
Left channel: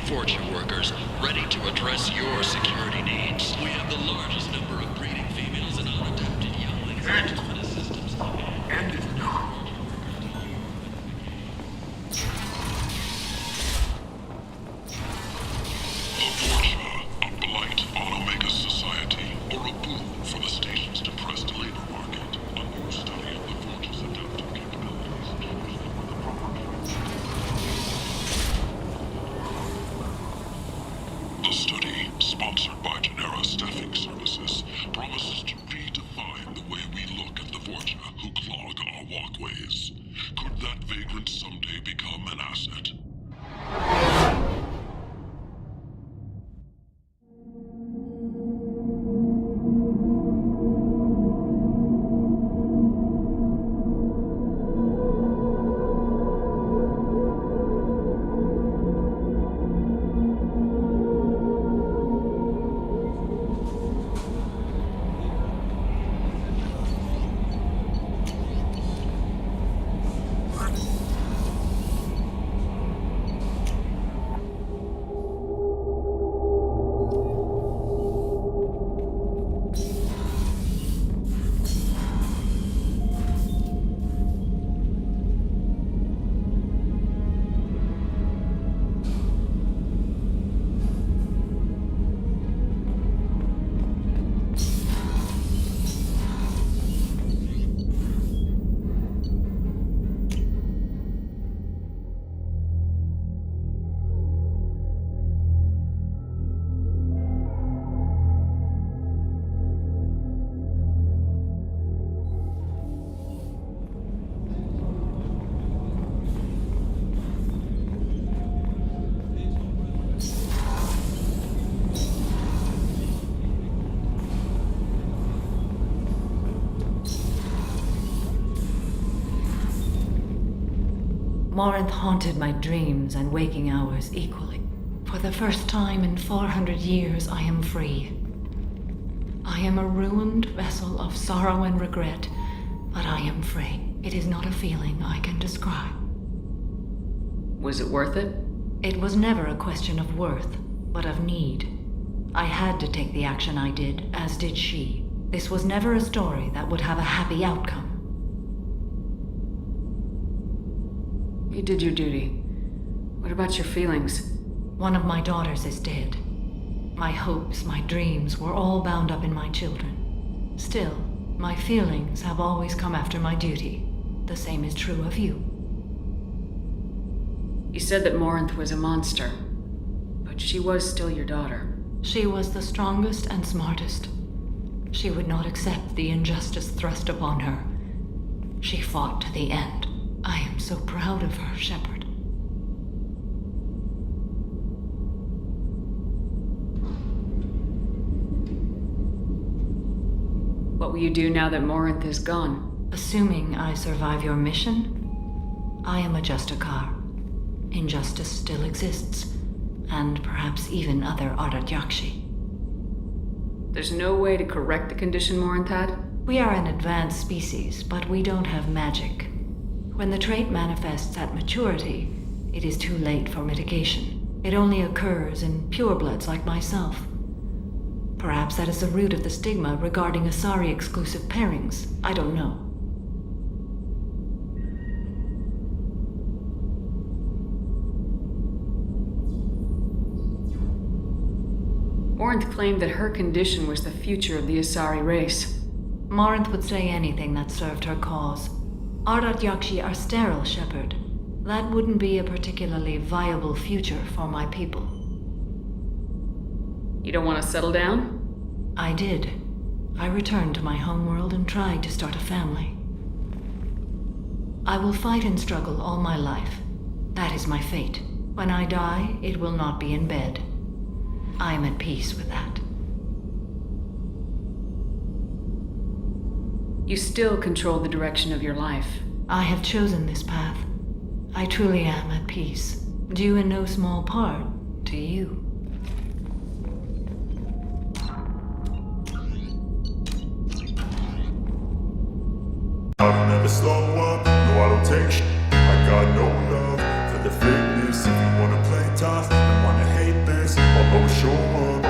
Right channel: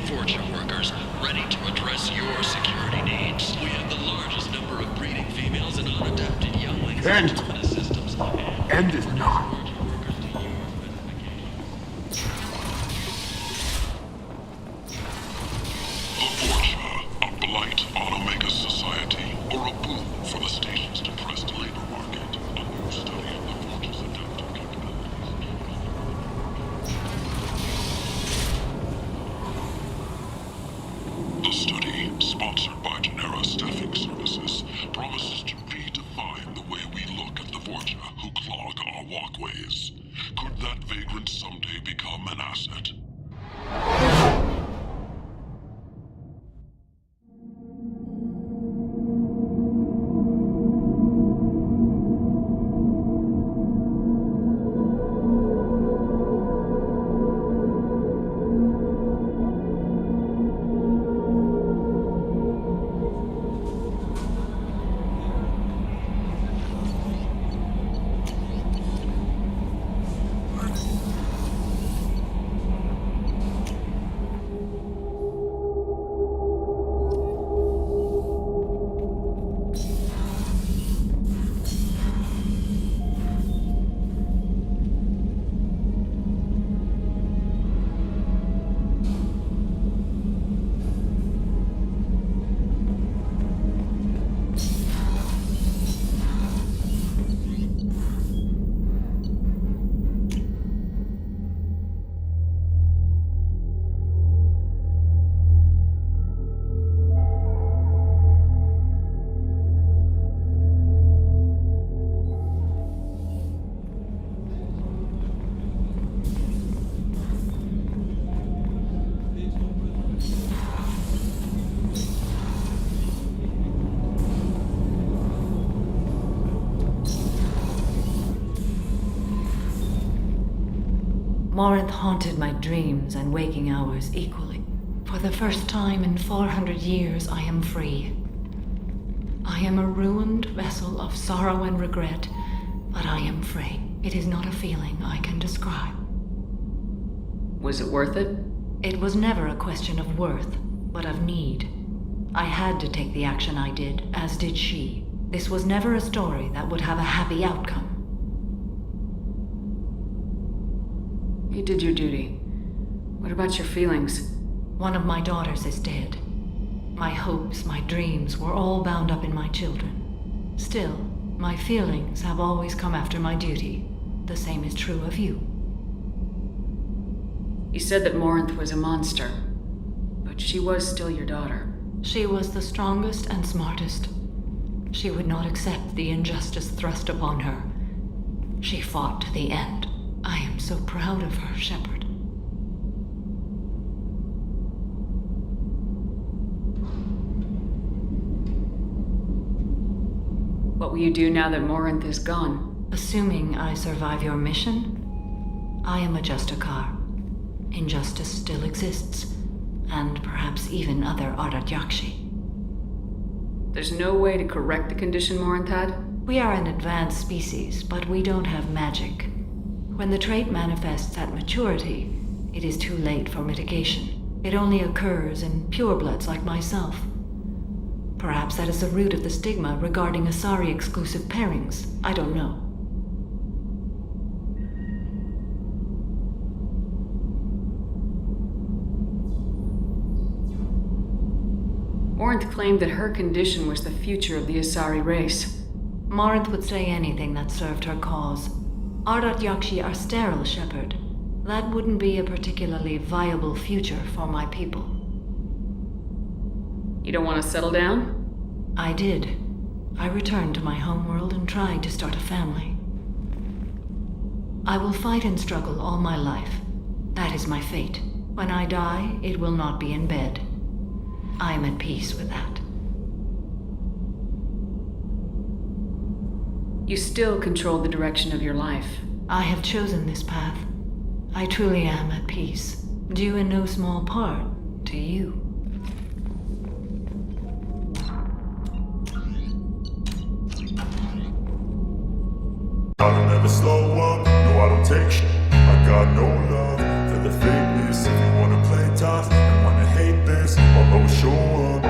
Fortune workers ready to address your security needs. We have the largest number of breeding females and unadapted younglings in terminus systems. End is not. The Fortune, a blight on Omega's society, or a boon for the station's depressed labor market. A new study of the Fortune's adaptive capabilities. The study, sponsored by Genera Staffing Services, promises to redefine the way we look at the Fortune who clog our walkways. Could that vagrant someday become an asset? Morinth haunted my dreams and waking hours equally. For the first time in 400 years, I am free. I am a ruined vessel of sorrow and regret, but I am free. It is not a feeling I can describe. Was it worth it? It was never a question of worth, but of need. I had to take the action I did, as did she. This was never a story that would have a happy outcome. You did your duty. What about your feelings? One of my daughters is dead. My hopes, my dreams were all bound up in my children. Still, my feelings have always come after my duty. The same is true of you. You said that Morinth was a monster, but she was still your daughter. She was the strongest and smartest. She would not accept the injustice thrust upon her. She fought to the end. I am so proud of her, Shepard. What will you do now that Morinth is gone? Assuming I survive your mission, I am a Justicar. Injustice still exists, and perhaps even other Ardat-Yakshi. There's no way to correct the condition Morinth had? We are an advanced species, but we don't have magic. When the trait manifests at maturity, it is too late for mitigation. It only occurs in purebloods like myself. Perhaps that is the root of the stigma regarding Asari-exclusive pairings. I don't know. Morinth claimed that her condition was the future of the Asari race. Morinth would say anything that served her cause. Ardat-Yakshi are sterile, Shepard. That wouldn't be a particularly viable future for my people. You don't want to settle down? I did. I returned to my homeworld and tried to start a family. I will fight and struggle all my life. That is my fate. When I die, it will not be in bed. I am at peace with that. You still control the direction of your life. I have chosen this path. I truly am at peace, due in no small part to you. I don't ever slow up, no I don't take sh**. I got no love for the fakeness. If you wanna play tough tough and wanna hate this, I'll always show up.